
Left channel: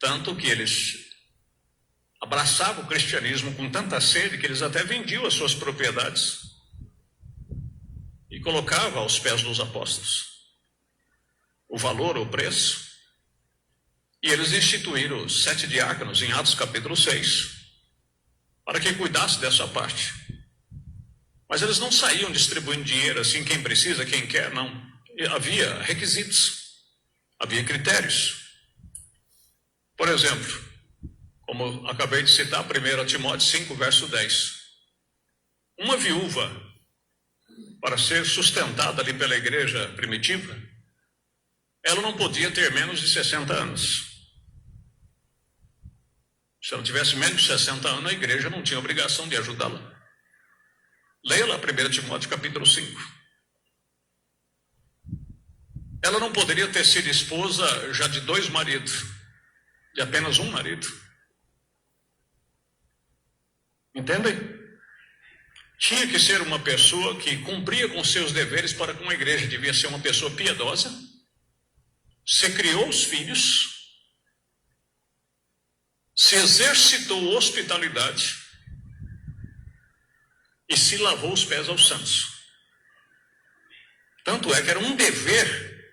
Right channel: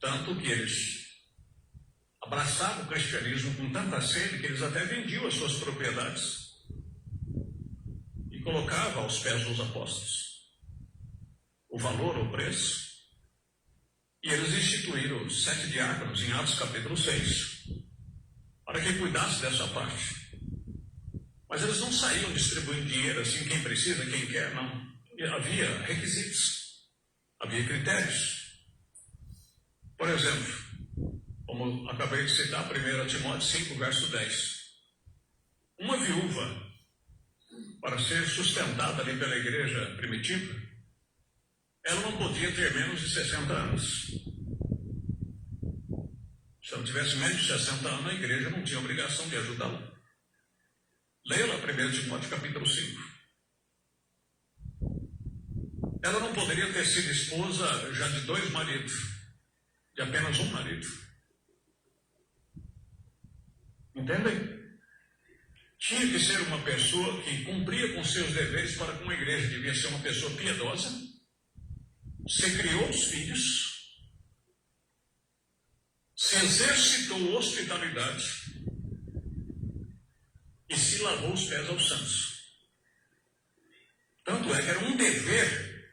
tanto que eles abraçavam o cristianismo com tanta sede que eles até vendiam as suas propriedades e colocavam aos pés dos apóstolos o valor, o preço, e eles instituíram os 7 diáconos em Atos capítulo 6, para que cuidasse dessa parte. Mas eles não saíam distribuindo dinheiro assim, quem precisa, quem quer, não. Havia requisitos, havia critérios. Por exemplo, como acabei de citar, 1 Timóteo 5, verso 10. Uma viúva, para ser sustentada ali pela igreja primitiva, ela não podia ter menos de 60 anos. Se ela tivesse menos de 60 anos, a igreja não tinha obrigação de ajudá-la. Leia lá 1 Timóteo capítulo 5. Ela não poderia ter sido esposa já de 2 maridos, de apenas um marido. Entendem? Tinha que ser uma pessoa que cumpria com seus deveres para com a igreja. Devia ser uma pessoa piedosa. Se criou os filhos, se exercitou hospitalidade e se lavou os pés aos santos. Tanto é que era um dever,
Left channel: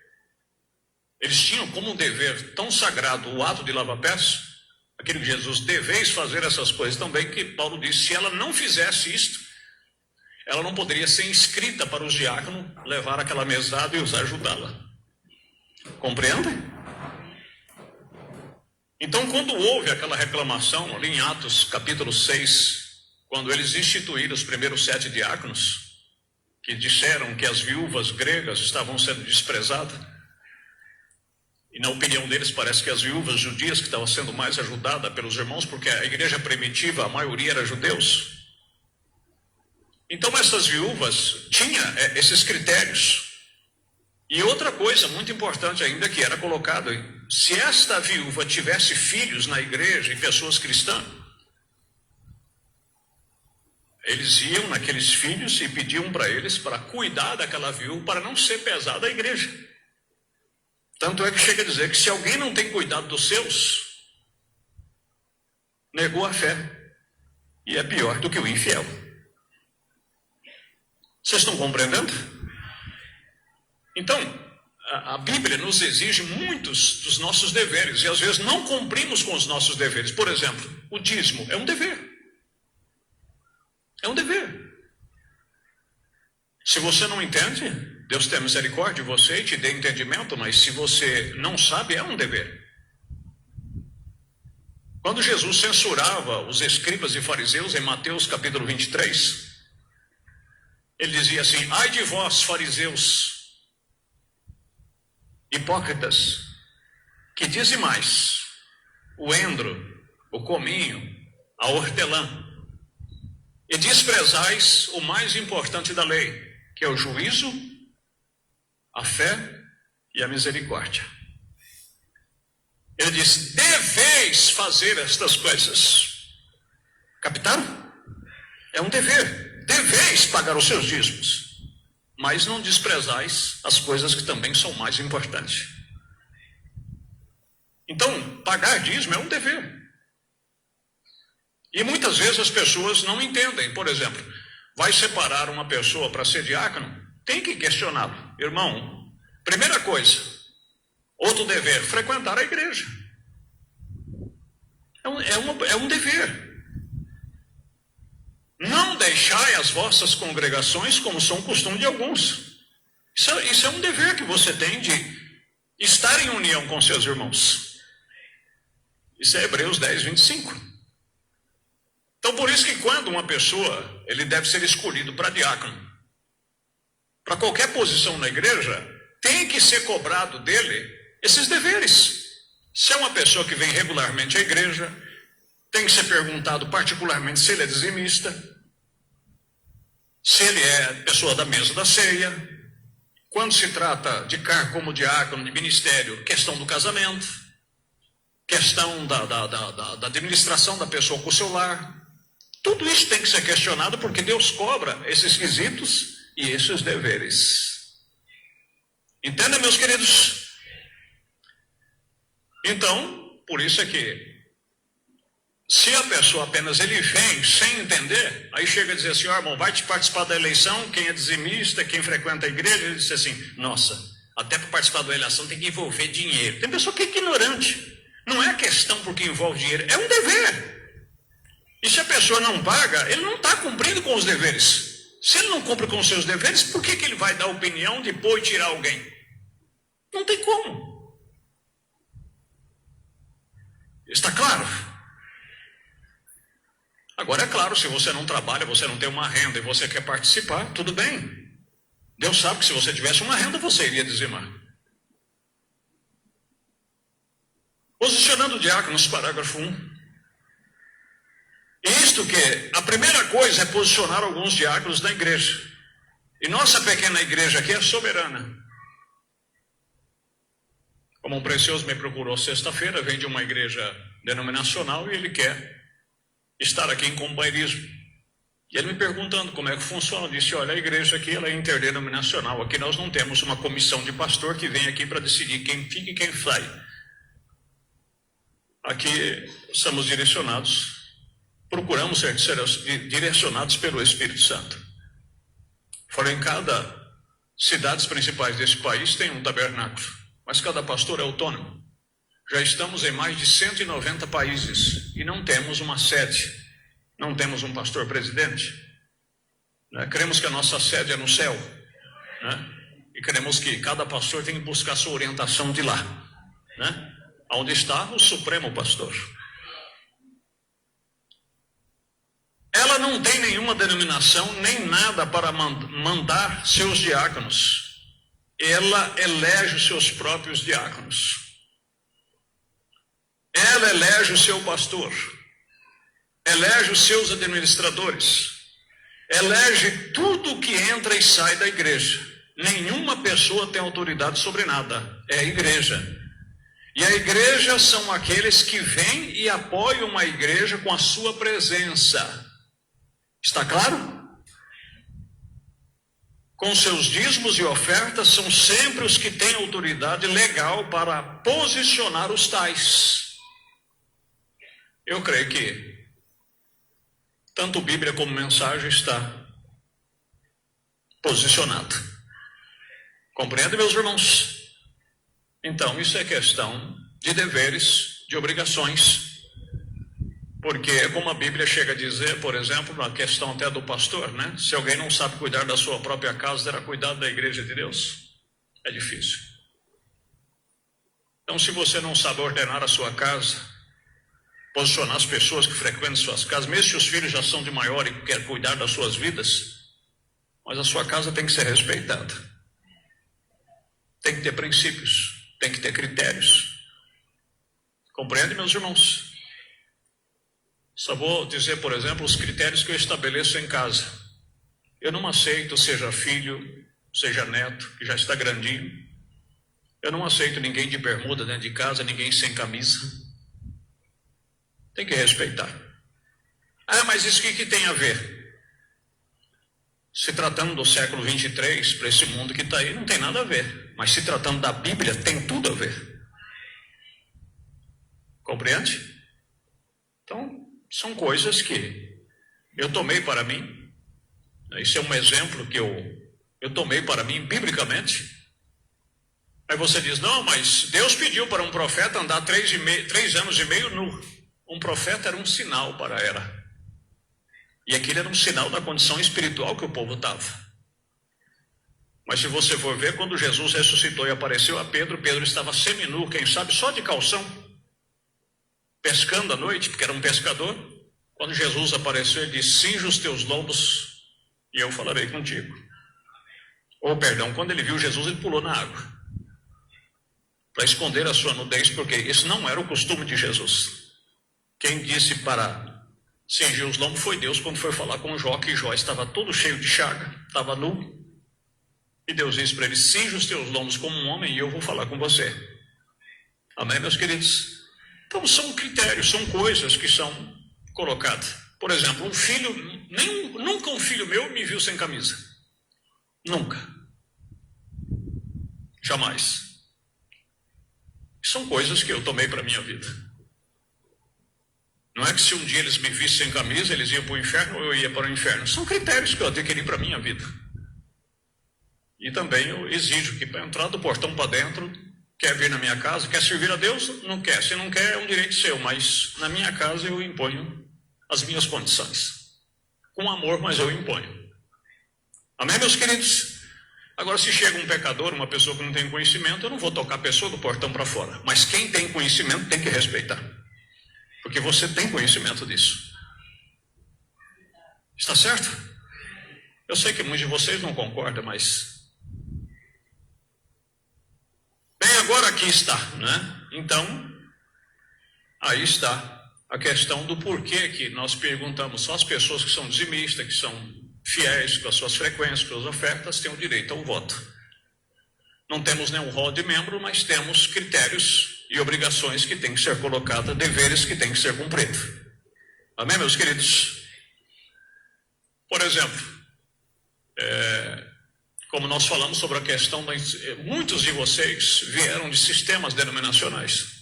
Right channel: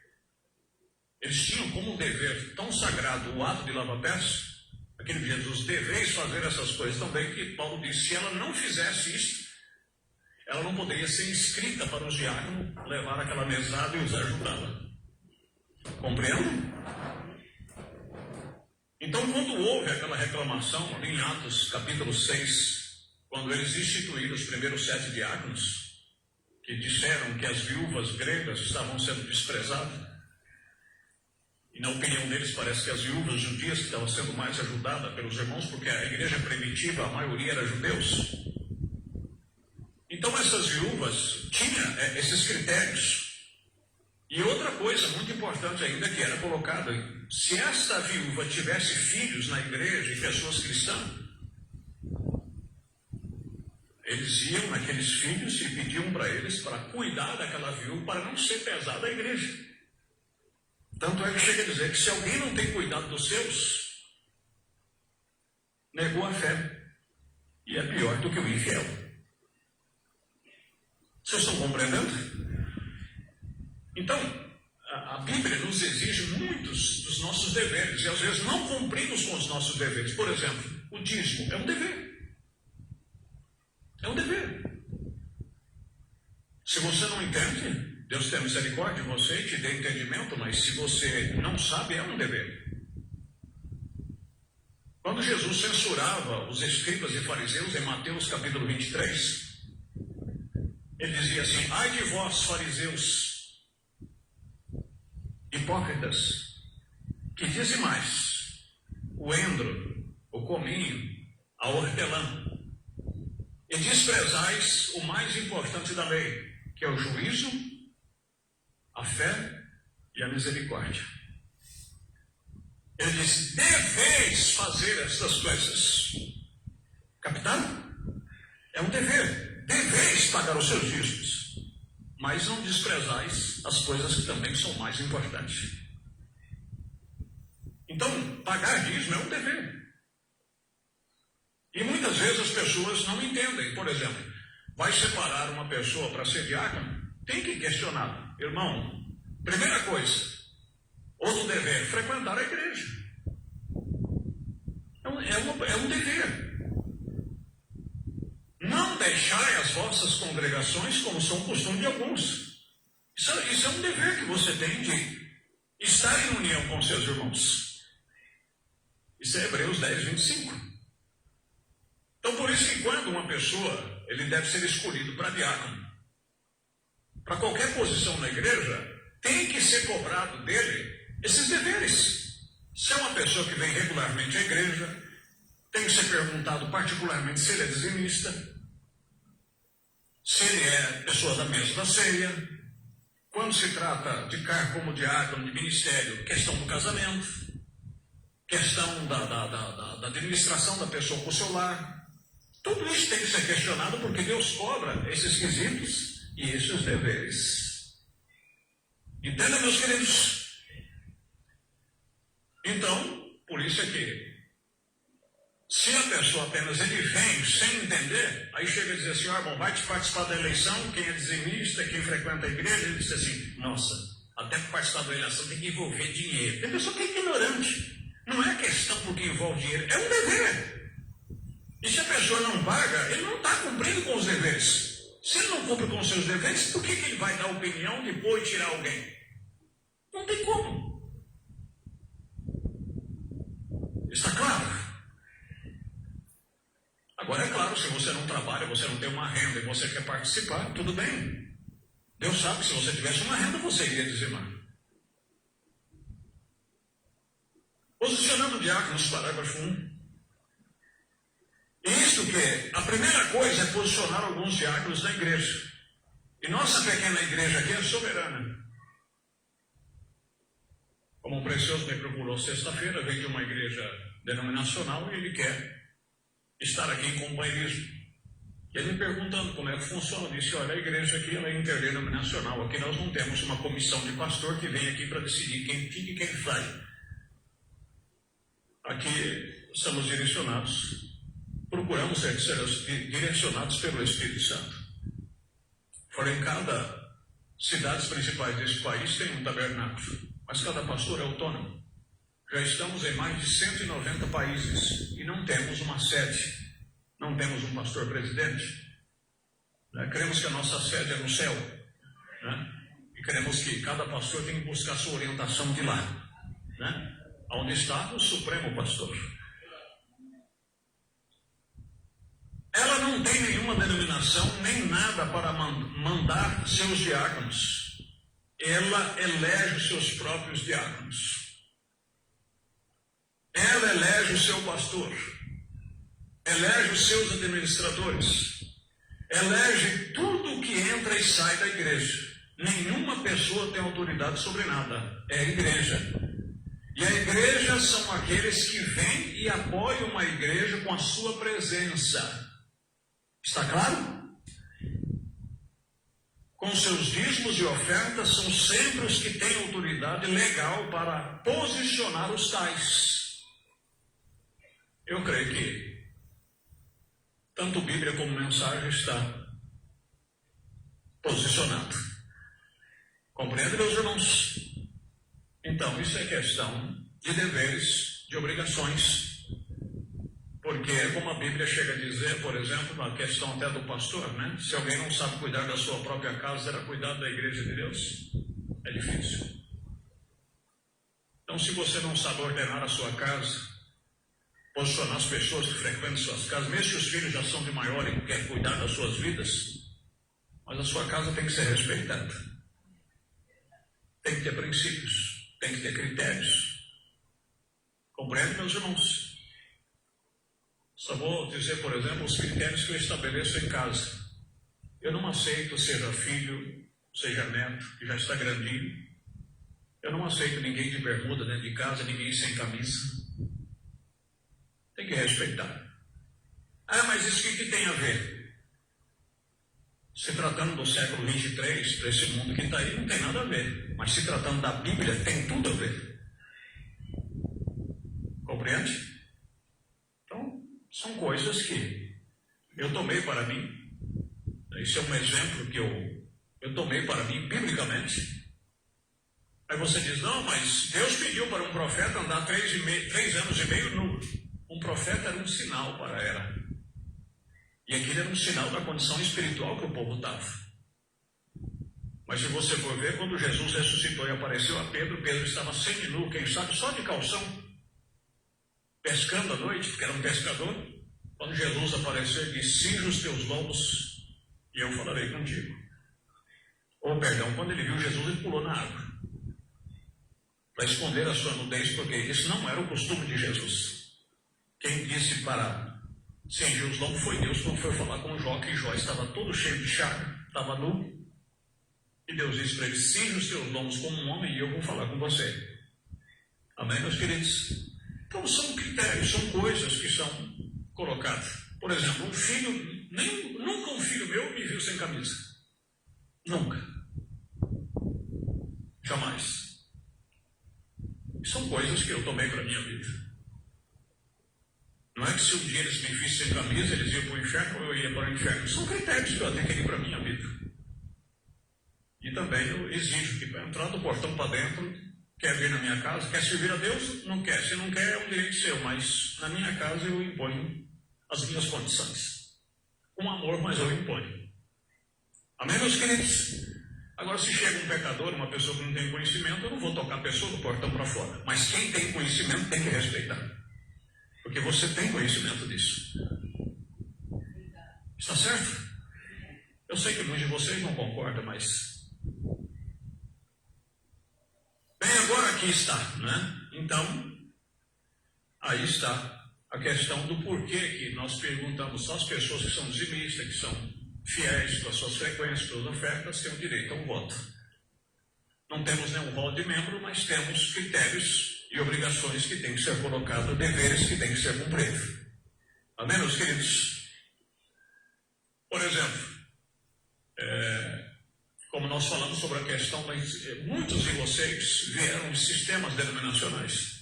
eles tinham como um dever tão sagrado o ato de lavar pés, aquele de Jesus, deveis fazer essas coisas também, que Paulo disse, se ela não fizesse isto, ela não poderia ser inscrita para os diáconos levar aquela mesada e os ajudá-la. Compreendem? Então, quando houve aquela reclamação ali em Atos capítulo 6, quando eles instituíram os primeiros 7 diáconos, que disseram que as viúvas gregas estavam sendo desprezadas, e na opinião deles parece que as viúvas judias que estavam sendo mais ajudadas pelos irmãos, porque a igreja primitiva, a maioria era judeus. Então essas viúvas tinham esses critérios. E outra coisa muito importante ainda que era colocado, se esta viúva tivesse filhos na igreja e pessoas cristãs, eles iam naqueles filhos e pediam para eles para cuidar daquela viúva, para não ser pesada a igreja. Tanto é que chega a dizer que se alguém não tem cuidado dos seus, negou a fé e é pior do que o infiel. Vocês estão compreendendo? Então, a Bíblia nos exige muitos dos nossos deveres e às vezes não cumprimos com os nossos deveres. Por exemplo, o dízimo é um dever. É um dever. Se você não entende, Deus tem misericórdia de você e te dê entendimento, mas se você não sabe, é um dever. Quando Jesus censurava os escribas e fariseus em Mateus capítulo 23, ele dizia assim: ai de vós, fariseus, hipócritas, que dizimais o endro, o cominho, a hortelã, e desprezais o mais importante da lei, que é o juízo, a fé e a misericórdia. Ele diz: deveis fazer estas coisas. Captaram? É um dever. Deveis pagar os seus dízimos, mas não desprezais as coisas que também são mais importantes. Então, pagar dízimo é um dever. E muitas vezes as pessoas não entendem. Por exemplo, vai separar uma pessoa para ser diácono, tem que questioná-lo. Irmão, primeira coisa, outro dever, frequentar a igreja. É um dever. Não deixai as vossas congregações como são costume de alguns. Isso é um dever que você tem de estar em união com seus irmãos. Isso é Hebreus 10, 25. Então, por isso que quando uma pessoa, ele deve ser escolhido para diácono, para qualquer posição na igreja, tem que ser cobrado dele esses deveres. Se é uma pessoa que vem regularmente à igreja, tem que ser perguntado particularmente se ele é dizimista, se ele é pessoa da mesa da ceia, quando se trata de cargo como diácono, de ministério, questão do casamento, questão da administração da pessoa com o seu lar. Tudo isso tem que ser questionado porque Deus cobra esses quesitos e esses deveres. Entendem, meus queridos? Então, por isso é que se a pessoa apenas ele vem sem entender, aí chega a dizer assim: ó, irmão, vai te participar da eleição, quem é dizimista, quem frequenta a igreja, ele diz assim: nossa, até para participar da eleição tem que envolver dinheiro. Tem pessoa que é ignorante. Não é a questão porque envolve dinheiro, é um dever. E se a pessoa não paga, ele não está cumprindo com os deveres. Se ele não cumpre com os seus deveres, por que ele vai dar opinião de pôr e tirar alguém? Não tem como. Está claro? Agora é claro, se você não trabalha, você não tem uma renda e você quer participar, tudo bem. Deus sabe que se você tivesse uma renda, você iria dizimar. Posicionando diáconos, parágrafo 1. Isto que a primeira coisa é posicionar alguns diáconos na igreja. E nossa pequena igreja aqui é soberana. Como um precioso me procurou sexta-feira, vem de uma igreja denominacional e ele quer estar aqui em companheirismo. E ele me perguntando como é que funciona, eu disse: olha, a igreja aqui ela é interdenominacional, aqui nós não temos uma comissão de pastor que vem aqui para decidir quem fica e quem sai. Aqui somos direcionados, procuramos ser direcionados pelo Espírito Santo. Foram em cada cidades principais desse país têm um tabernáculo, mas cada pastor é autônomo. Já estamos em mais de 190 países e não temos uma sede, não temos um pastor presidente. Queremos que a nossa sede é no céu, né? E queremos que cada pastor tenha que buscar sua orientação de lá, né? Onde está o Supremo Pastor. Ela não tem nenhuma denominação, nem nada para mandar seus diáconos. Ela elege os seus próprios diáconos. Ela elege o seu pastor. Elege os seus administradores. Elege tudo que entra e sai da igreja. Nenhuma pessoa tem autoridade sobre nada. É a igreja. E a igreja são aqueles que vêm e apoiam uma igreja com a sua presença. Está claro? Com seus dízimos e ofertas, são sempre os que têm autoridade legal para posicionar os tais. Eu creio que tanto Bíblia como mensagem está posicionado. Compreende, meus irmãos? Então, isso é questão de deveres, de obrigações. Porque, como a Bíblia chega a dizer, por exemplo, na questão até do pastor, né? Se alguém não sabe cuidar da sua própria casa, terá cuidado da igreja de Deus? É difícil. Então, se você não sabe ordenar a sua casa, posicionar as pessoas que frequentam suas casas, mesmo se os filhos já são de maior e querem cuidar das suas vidas, mas a sua casa tem que ser respeitada. Tem que ter princípios, tem que ter critérios. Compreende, meus irmãos? Só vou dizer, por exemplo, os critérios que eu estabeleço em casa. Eu não aceito, seja filho, seja neto, que já está grandinho. Eu não aceito ninguém de bermuda dentro de casa, ninguém sem camisa. Tem que respeitar. Ah, mas isso que tem a ver? Se tratando do século 23, para esse mundo que está aí, não tem nada a ver. Mas se tratando da Bíblia, tem tudo a ver. Compreende? Então, são coisas que eu tomei para mim. Esse é um exemplo que eu tomei para mim biblicamente. Aí você diz, não, mas Deus pediu para um profeta andar 3 anos e meio nu. Um profeta era um sinal para a era. E aquilo era um sinal da condição espiritual que o povo estava. Mas se você for ver, quando Jesus ressuscitou e apareceu a Pedro, Pedro estava seminu, quem sabe só de calção, pescando à noite, porque era um pescador. Quando Jesus apareceu, ele disse, cinja os teus lombos e eu falarei contigo. Ou perdão, quando ele viu Jesus, ele pulou na água, para esconder a sua nudez, porque esse não era o costume de Jesus. Quem disse para cingir os lombos foi Deus, quando foi falar com Jó, que Jó estava todo cheio de chaga, estava nu, e Deus disse para ele, cinja os teus lombos como um homem e eu vou falar com você. Amém, meus queridos? Então são critérios, são coisas que são colocadas. Por exemplo, um filho, nunca um filho meu me viu sem camisa. Nunca. Jamais. São coisas que eu tomei para a minha vida. Não é que se um dia eles me vissem sem camisa, eles iam para o inferno ou eu ia para o inferno. São critérios que eu adquiri para a minha vida. E também eu exijo que para entrar do portão para dentro, quer vir na minha casa, quer servir a Deus? Não quer. Se não quer, é um direito seu, mas na minha casa eu imponho as minhas condições. Com amor, mas eu imponho. Amém, meus queridos? Agora, se chega um pecador, uma pessoa que não tem conhecimento, eu não vou tocar a pessoa do portão para fora. Mas quem tem conhecimento tem que respeitar. Porque você tem conhecimento disso. Está certo? Eu sei que muitos de vocês não concordam, mas... Bem, agora aqui está, né? Então, aí está a questão do porquê que nós perguntamos só as pessoas que são dizimistas, que são fiéis com as suas frequências, com as ofertas, têm o direito ao voto. Não temos nenhum rol de membro, mas temos critérios e obrigações que têm que ser colocadas, deveres que têm que ser cumpridos. Amém, meus queridos? Por exemplo, como nós falamos sobre a questão, muitos de vocês vieram de sistemas denominacionais.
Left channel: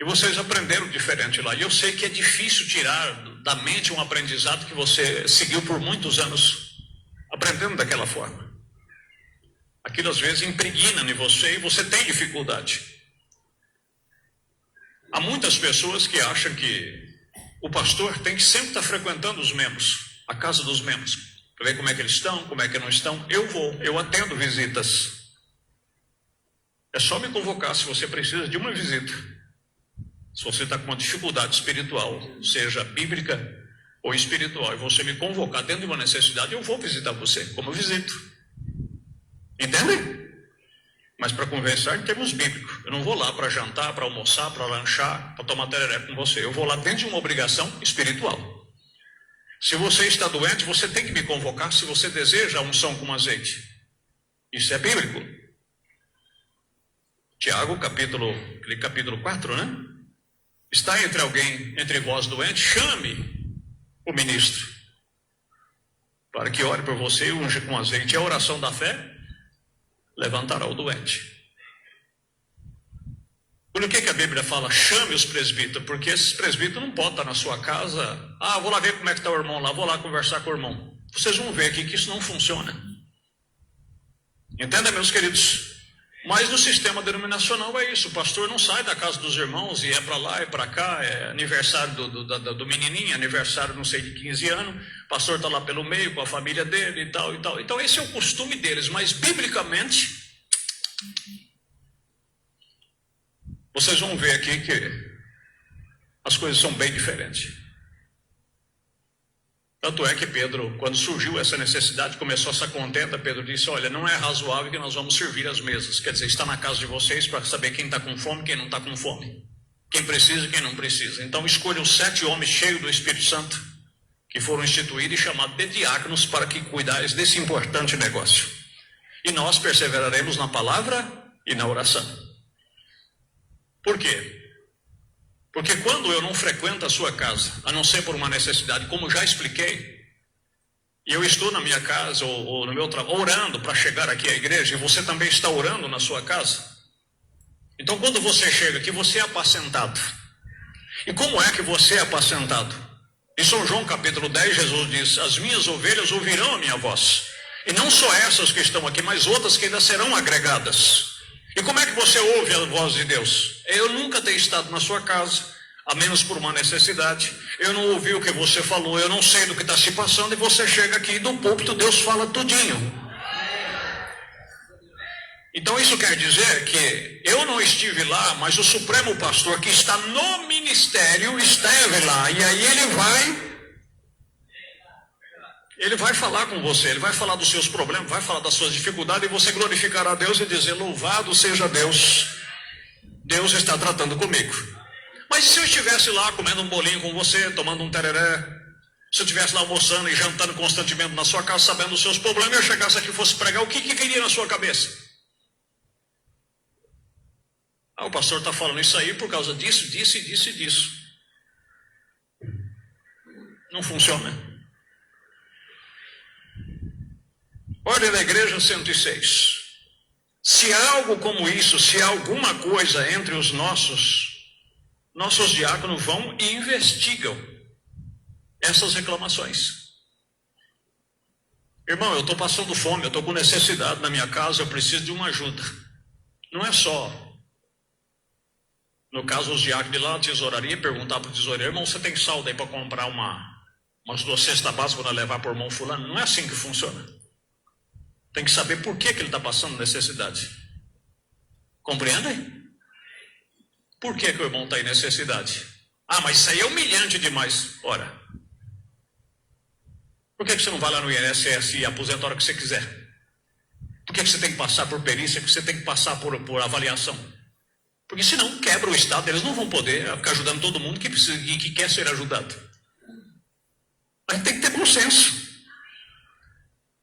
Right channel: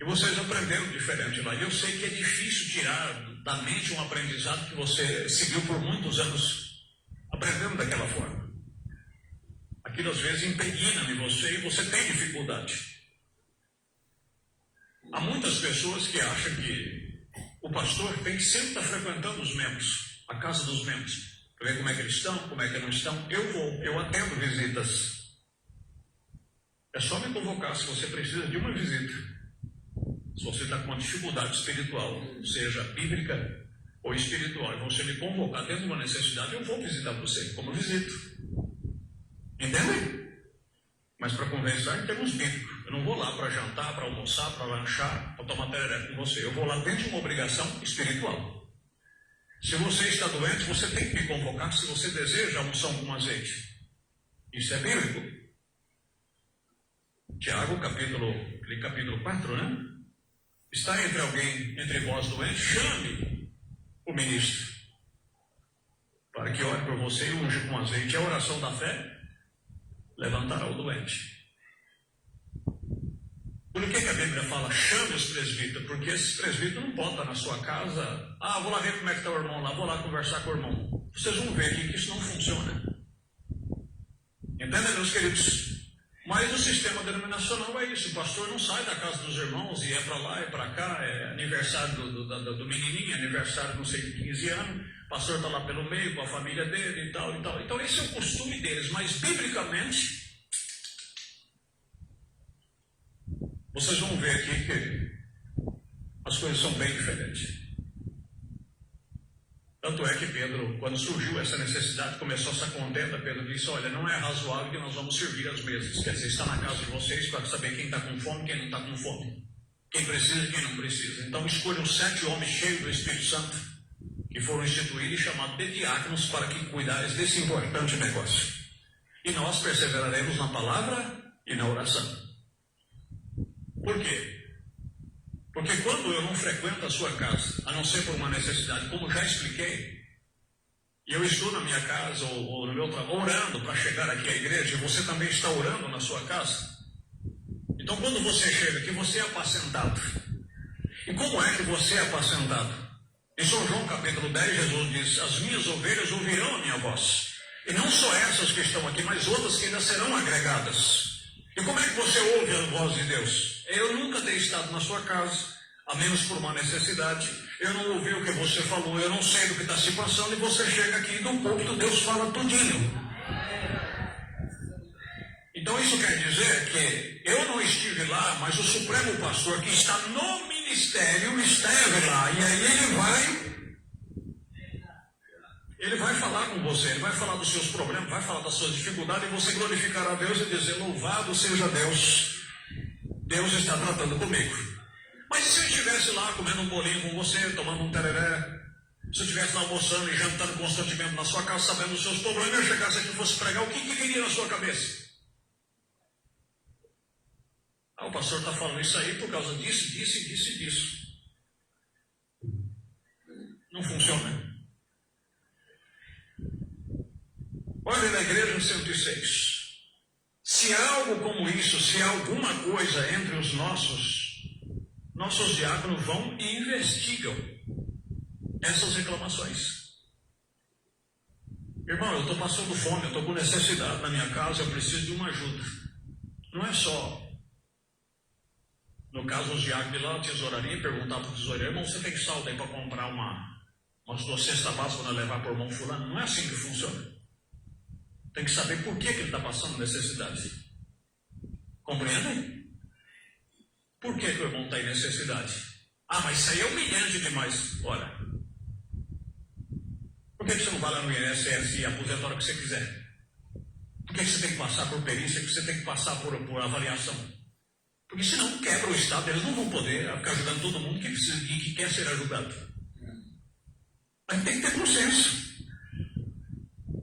E vocês aprenderam diferente lá. E eu sei que é difícil tirar da mente um aprendizado que você seguiu por muitos anos, aprendendo daquela forma. Aquilo às vezes impregna em você e você tem dificuldade. Há muitas pessoas que acham que o pastor tem que sempre estar frequentando os membros, a casa dos membros, para ver como é que eles estão, como é que não estão. Eu atendo visitas. É só me convocar se você precisa de uma visita. Se você está com uma dificuldade espiritual, seja bíblica ou espiritual, e você me convocar dentro de uma necessidade, eu vou visitar você, como eu visito. Entendem? Mas para conversar em termos bíblicos. Eu não vou lá para jantar, para almoçar, para lanchar, para tomar tereré com você. Eu vou lá dentro de uma obrigação espiritual. Se você está doente, você tem que me convocar se você deseja a unção com azeite. Isso é bíblico. Tiago, capítulo 4, né? Está entre vós doente, chame o ministro, para que ore por você e unja com azeite. A oração da fé levantará o doente. Por que a Bíblia fala chame os presbíteros? Porque esses presbíteros não podem estar na sua casa. Vou lá ver como é que está o irmão lá, vou lá conversar com o irmão. Vocês vão ver aqui que isso não funciona. Entenda, meus queridos? Mas no sistema denominacional é isso. O pastor não sai da casa dos irmãos e é para lá, é para cá, é aniversário do menininho, aniversário não sei de 15 anos, o pastor está lá pelo meio com a família dele e tal e tal. Então esse é o costume deles, mas biblicamente vocês vão ver aqui que as coisas são bem diferentes. Tanto é que Pedro, quando surgiu essa necessidade, começou essa contenda, Pedro disse, olha, não é razoável que nós vamos servir as mesas. Quer dizer, está na casa de vocês para saber quem está com fome e quem não está com fome. Quem precisa e quem não precisa. Então escolham 7 homens cheios do Espírito Santo, que foram instituídos e chamados de diáconos para que cuidassem desse importante negócio. E nós perseveraremos na palavra e na oração. Por quê? Porque quando eu não frequento a sua casa, a não ser por uma necessidade, como já expliquei, e eu estou na minha casa ou no meu trabalho orando para chegar aqui à igreja, e você também está orando na sua casa, então quando você chega aqui, você é apacentado. E como é que você é apacentado? Em São João capítulo 10, Jesus diz, as minhas ovelhas ouvirão a minha voz, e não só essas que estão aqui, mas outras que ainda serão agregadas. E como é que você ouve a voz de Deus? Eu nunca tenho estado na sua casa, a menos por uma necessidade. Eu não ouvi o que você falou, eu não sei do que está se passando, e você chega aqui e do púlpito Deus fala tudinho. Então isso quer dizer que eu não estive lá, mas o Supremo Pastor que está no ministério esteve lá, e aí ele vai falar com você, ele vai falar dos seus problemas, vai falar das suas dificuldades, e você glorificará a Deus e dizer, louvado seja Deus, Deus está tratando comigo. Mas se eu estivesse lá comendo um bolinho com você, tomando um tereré, se eu estivesse lá almoçando e jantando constantemente na sua casa, sabendo dos seus problemas, eu chegasse aqui e fosse pregar, o que viria na sua cabeça? O pastor está falando isso aí por causa disso, disso e disso e disso. Não funciona. Ordem da Igreja 106. Se há algo como isso, se há alguma coisa entre os nossos diáconos vão e investigam essas reclamações. Irmão, eu estou passando fome, eu estou com necessidade na minha casa, eu preciso de uma ajuda. Não é só, no caso, os diáconos de lá na tesouraria perguntar para o tesoureiro, irmão, você tem saldo aí para comprar umas 2 cestas básicas para levar para o irmão fulano? Não é assim que funciona. Tem que saber por que ele está passando necessidade. Compreendem? Por que o irmão está em necessidade? Mas isso aí é humilhante demais. Ora, por que você não vai lá no INSS e aposenta a hora que você quiser? Por que você tem que passar por perícia, que você tem que passar por avaliação? Porque senão quebra o Estado, eles não vão poder ficar ajudando todo mundo que precisa e que quer ser ajudado. Mas tem que ter bom senso.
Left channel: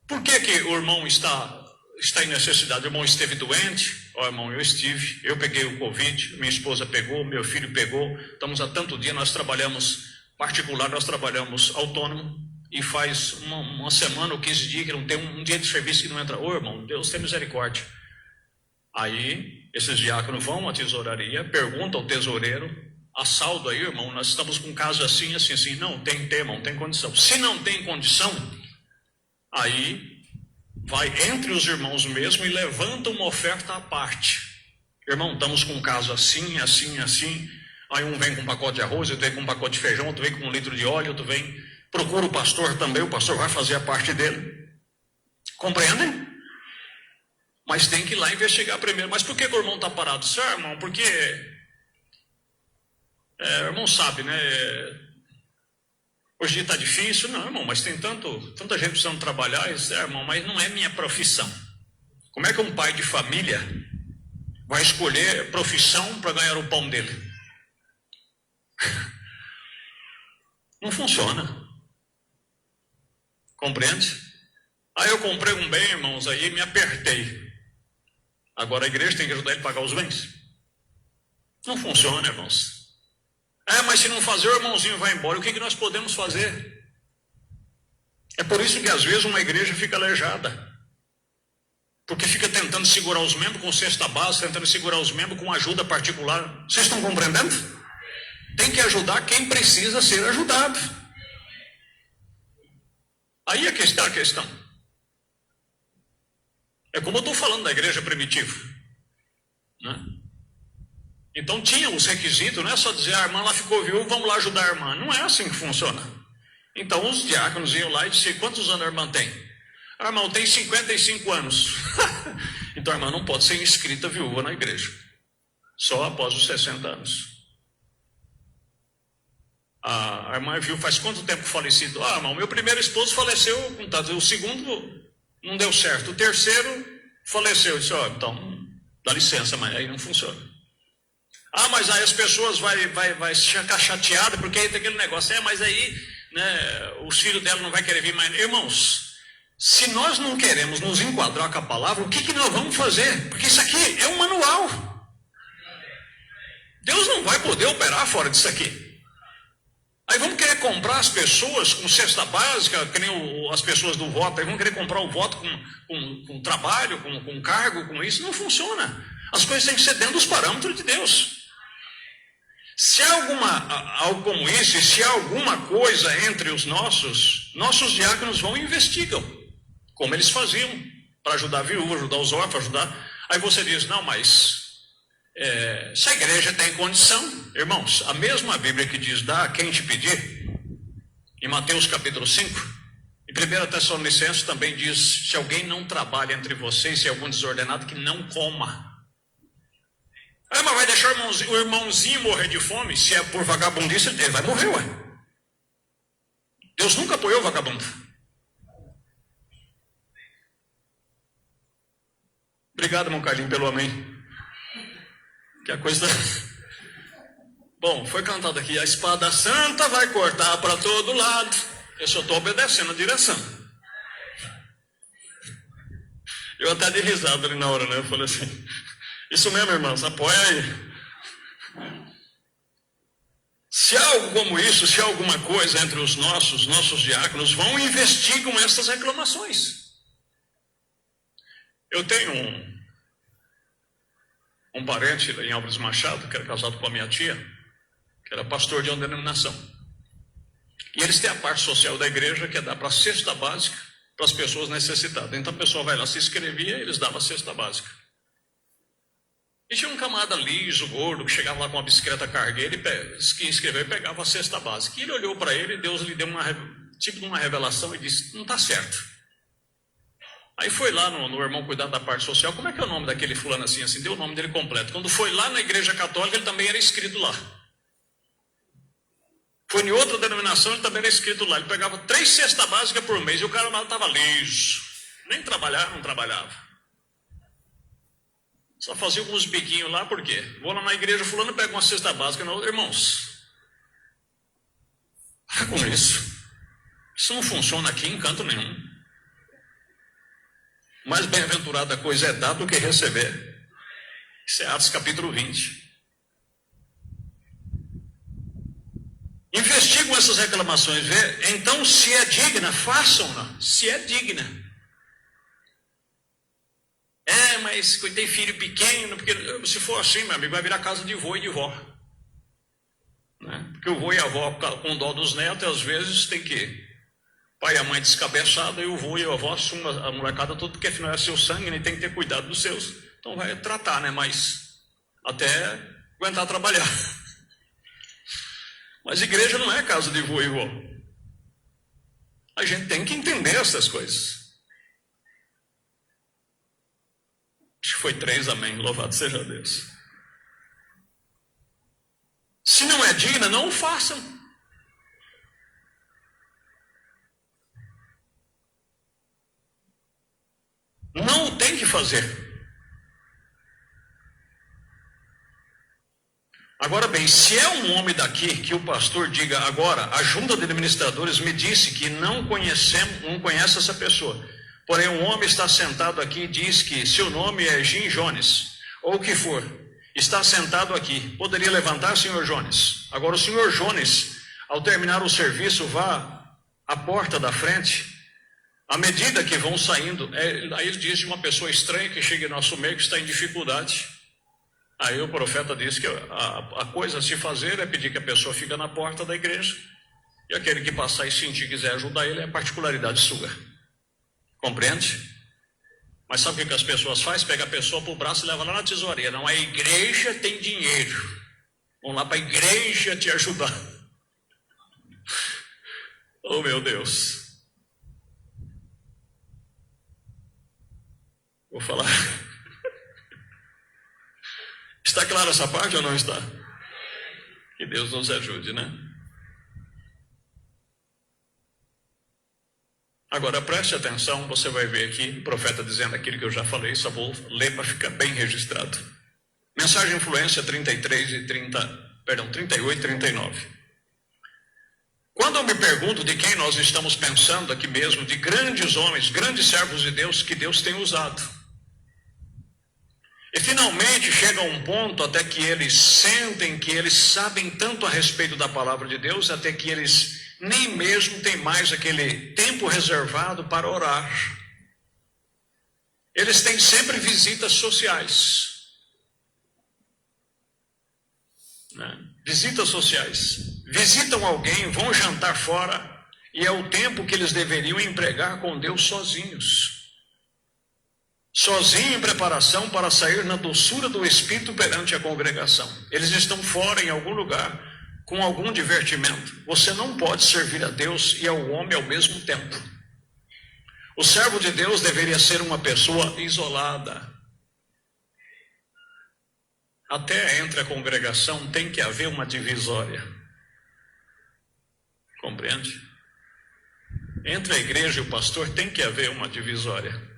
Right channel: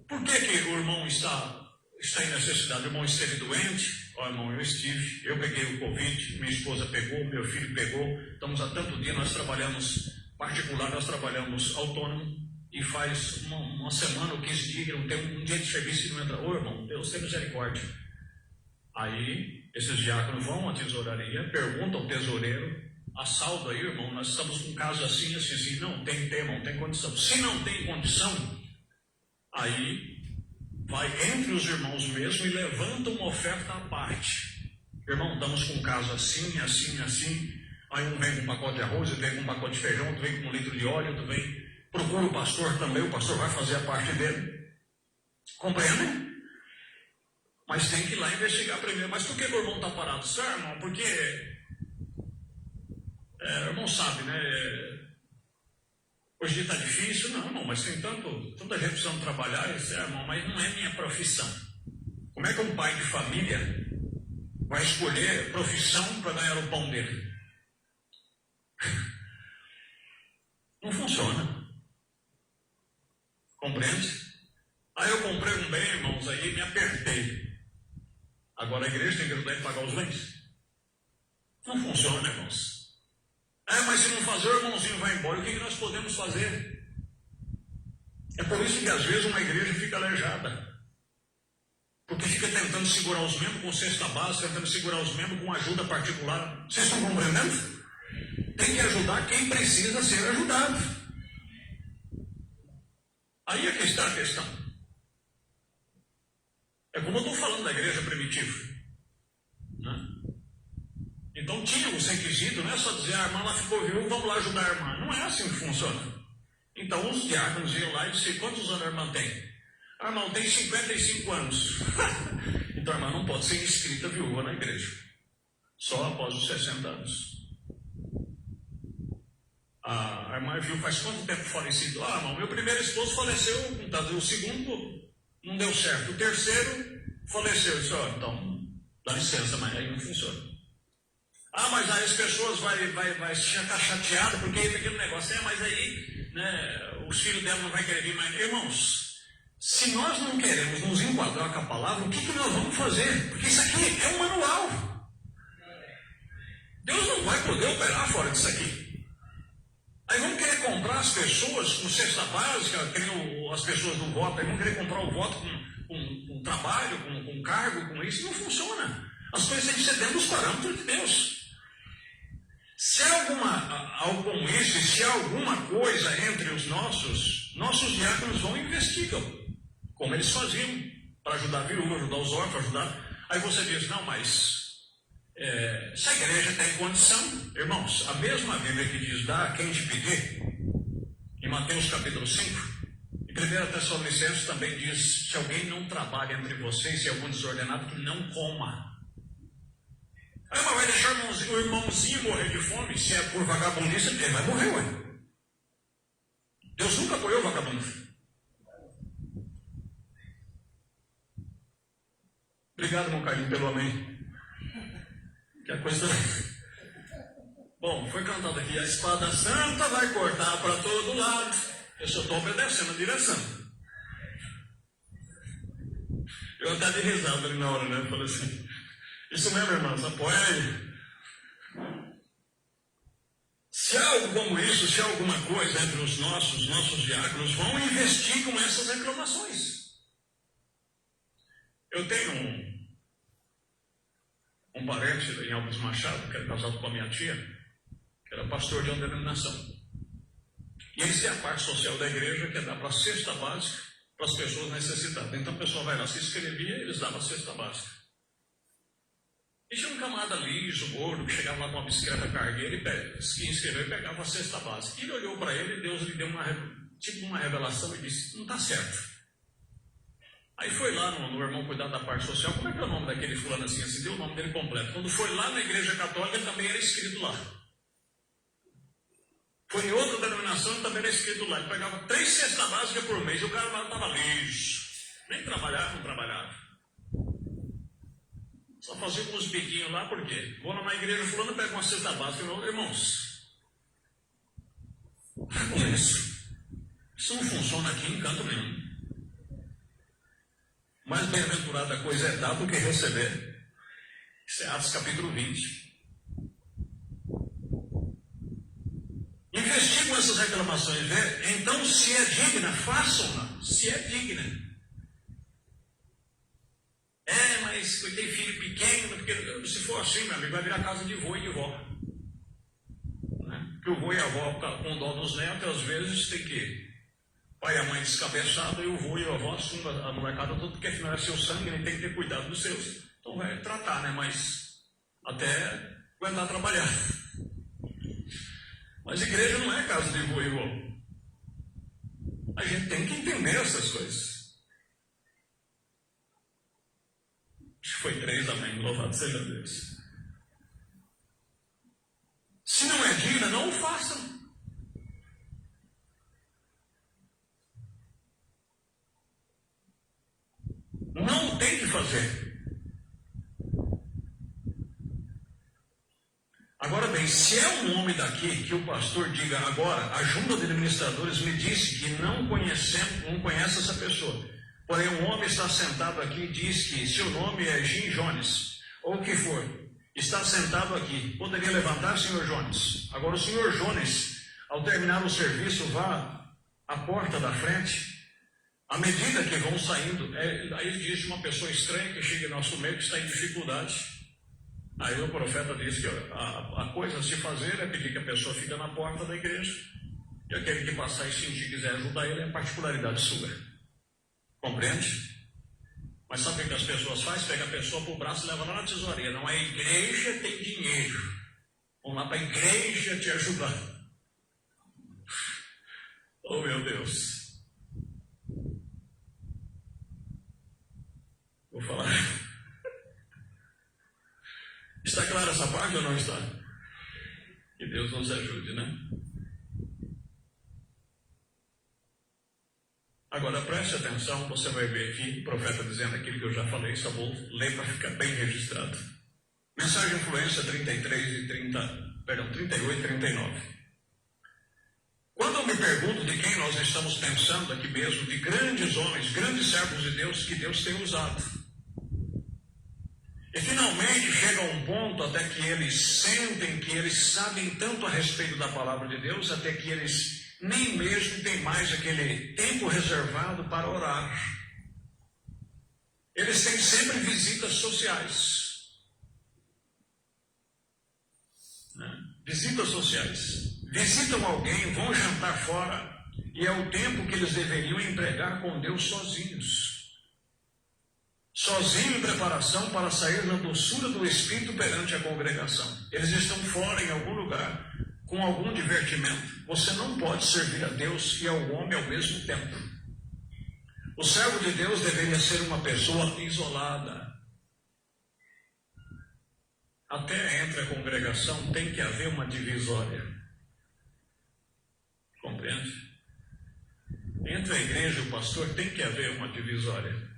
Por que o irmão está em necessidade? O irmão esteve doente? Irmão, eu estive, eu peguei o Covid, minha esposa pegou, meu filho pegou, estamos há tanto dia, nós trabalhamos particular, nós trabalhamos autônomo, e faz uma semana ou 15 dias que não tem um dia de serviço que não entra. Irmão, Deus tem misericórdia. Aí, esses diáconos vão à tesouraria, perguntam ao tesoureiro, a saldo aí, irmão, nós estamos com um caso assim. Não, tem irmão, tem condição. Se não tem condição, aí vai entre os irmãos mesmo e levanta uma oferta à parte. Irmão, estamos com um caso assim, assim, assim. Aí um vem com um pacote de arroz, outro vem com um pacote de feijão, outro vem com 1 litro de óleo, outro vem... Procura o pastor também, o pastor vai fazer a parte dele. Compreendem? Mas tem que ir lá investigar primeiro. Mas por que o irmão está parado? Senhor, irmão, porque... o irmão sabe, né? Hoje está difícil. Não, irmão, mas tem tanta gente precisando trabalhar. Irmão, mas não é minha profissão. Como é que um pai de família vai escolher profissão para ganhar o pão dele? Não funciona. Compreende? Aí eu comprei um bem, irmãos, aí me apertei. Agora a igreja tem que ajudar ele a pagar os bens. Não funciona, irmãos. Mas se não fazer, o irmãozinho vai embora. O que nós podemos fazer? É por isso que às vezes uma igreja fica aleijada. Porque fica tentando segurar os membros com cesta básica, tentando segurar os membros com ajuda particular. Vocês estão compreendendo? Tem que ajudar quem precisa ser ajudado. Aí é que está a questão. É como eu estou falando da igreja primitiva, né? Então tinha os requisitos, não é só dizer, a irmã lá ficou viúva, vamos lá ajudar a irmã. Não é assim que funciona. Então os diáconos iam lá e diziam, quantos anos a irmã tem? A irmã tem 55 anos. Então a irmã não pode ser inscrita viúva na igreja. Só após os 60 anos. A irmã viu faz quanto tempo falecido? Irmão, meu primeiro esposo faleceu, o segundo não deu certo, o terceiro faleceu. Eu disse, então, dá licença, mas aí não funciona. Mas aí as pessoas vai ficar chateadas, porque aí tem aquele negócio, mas aí, né, os filhos dela não vai querer vir mais. Irmãos, se nós não queremos nos enquadrar com a palavra, o que nós vamos fazer? Porque isso aqui é um manual. Deus não vai poder operar fora disso aqui. Aí vamos querer comprar as pessoas com cesta básica, que nem as pessoas do voto, aí vamos querer comprar o voto com trabalho, com cargo, com isso. Não funciona. As coisas têm que ser dentro dos parâmetros de Deus. Se há algo como isso, e se há alguma coisa entre os nossos diáconos vão e investigam, como eles faziam, para ajudar a viúva, ajudar os órfãos, ajudar. Aí você diz, não, mas... se a igreja tem condição, irmãos, a mesma Bíblia que diz dá a quem te pedir, em Mateus capítulo 5, e 1 Tessalonicenses também diz, se alguém não trabalha entre vocês, se é algum desordenado, que não coma. Mas vai deixar o irmãozinho morrer de fome? Se é por vagabundice, ele vai morrer, ué. Deus nunca apoiou o vagabundo. Obrigado, irmão Carlinhos, pelo amém. Que a coisa... Bom, foi cantado aqui, a espada santa vai cortar para todo lado. Eu só estou obedecendo a direção. Eu até dei risada ali na hora, né? Eu falei assim, isso mesmo, irmãs, apoia aí. Se há algo como isso, se há alguma coisa entre os nossos diáconos, vão e investigam essas reclamações. Eu tenho um parente em Álvares Machado, que era casado com a minha tia, que era pastor de uma denominação. E eles têm a parte social da igreja, que é dar para a cesta básica para as pessoas necessitadas. Então a pessoa vai lá, se inscrevia e eles davam a cesta básica. E tinha um camarada liso, gordo, que chegava lá com uma bicicleta cargueira e se inscreveu e pegava a cesta básica. E ele olhou para ele e Deus lhe deu uma revelação e disse, não está certo. Aí foi lá no irmão cuidar da parte social, como é que é o nome daquele fulano assim, deu o nome dele completo. Quando foi lá na igreja católica, ele também era inscrito lá. Foi em outra denominação, ele também era inscrito lá. Ele pegava 3 cestas básicas por mês e o cara lá estava liso. Nem trabalhava, não trabalhava. Só fazia alguns biquinhos lá, por quê? Vou lá na igreja, fulano pega uma cesta básica na outra. Irmãos, para com isso. Isso não funciona aqui em canto nenhum. Mais bem-aventurada coisa é dar do que receber. Isso é Atos capítulo 20. Investigam essas reclamações, vê? Então, se é digna, façam-na. Se é digna. Mas eu tenho filho pequeno, porque se for assim, meu amigo, vai virar casa de vô e de vó. Né? Porque o vô e a avó, com dó dos netos, às vezes tem que pai e a mãe descabeçada, e o vô e a avó assumem a molecada toda, porque afinal é seu sangue, ele tem que ter cuidado dos seus. Então vai tratar, né? Mas até aguentar trabalhar. Mas igreja não é casa de vô e vó. A gente tem que entender essas coisas. Acho que foi 3, amém. Louvado seja Deus. Se não é digna, não o façam. Não tem que fazer. Agora bem, se é um homem daqui que o pastor diga agora, a junta de administradores me disse que não conhece essa pessoa, porém um homem está sentado aqui e diz que seu nome é Jim Jones, ou o que for, está sentado aqui, poderia levantar, senhor Jones? Agora o senhor Jones, ao terminar o serviço, vá à porta da frente, à medida que vão saindo, aí ele diz uma pessoa estranha que chega em nosso meio que está em dificuldade. Aí o profeta diz que a coisa a se fazer é pedir que a pessoa fique na porta da igreja, e aquele que passar e sentir quiser ajudar ele é particularidade sua. Compreende? Mas sabe o que as pessoas fazem? Pega a pessoa para o braço e leva lá na tesourinha. Não, a igreja tem dinheiro. Vamos lá para a igreja te ajudar. Oh meu Deus. Vou falar. Está clara essa parte ou não está? Que Deus nos ajude, né? Agora preste atenção, você vai ver aqui o profeta dizendo aquilo que eu já falei, só vou ler para ficar bem registrado. Mensagem Influência 38 e 39. Quando eu me pergunto de quem nós estamos pensando aqui mesmo, de grandes homens, grandes servos de Deus que Deus tem usado. E finalmente chega a um ponto até que eles sentem que eles sabem tanto a respeito da palavra de Deus, até que eles nem mesmo têm mais aquele tempo reservado para orar. Eles têm sempre visitas sociais. Visitas sociais. Visitam alguém, vão jantar fora, e é o tempo que eles deveriam empregar com Deus sozinhos. Sozinho em preparação para sair na doçura do Espírito perante a congregação. Eles estão fora em algum lugar, com algum divertimento. Você não pode servir a Deus e ao homem ao mesmo tempo. O servo de Deus deveria ser uma pessoa isolada. Até entre a congregação tem que haver uma divisória. Compreende? Entre a igreja e o pastor tem que haver uma divisória.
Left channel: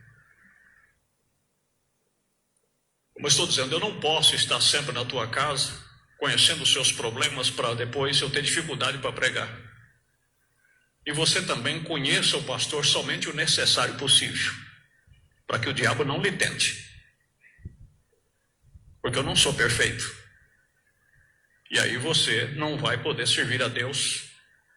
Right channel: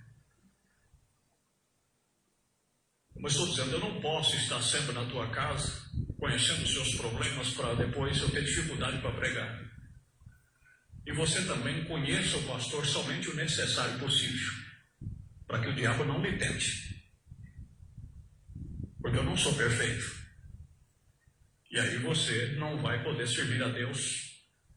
Como eu estou dizendo, eu não posso estar sempre na tua casa, conhecendo os seus problemas, para depois eu ter dificuldade para pregar. E você também conheça o pastor somente o necessário possível, para que o diabo não lhe tente. Porque eu não sou perfeito. E aí você não vai poder servir a Deus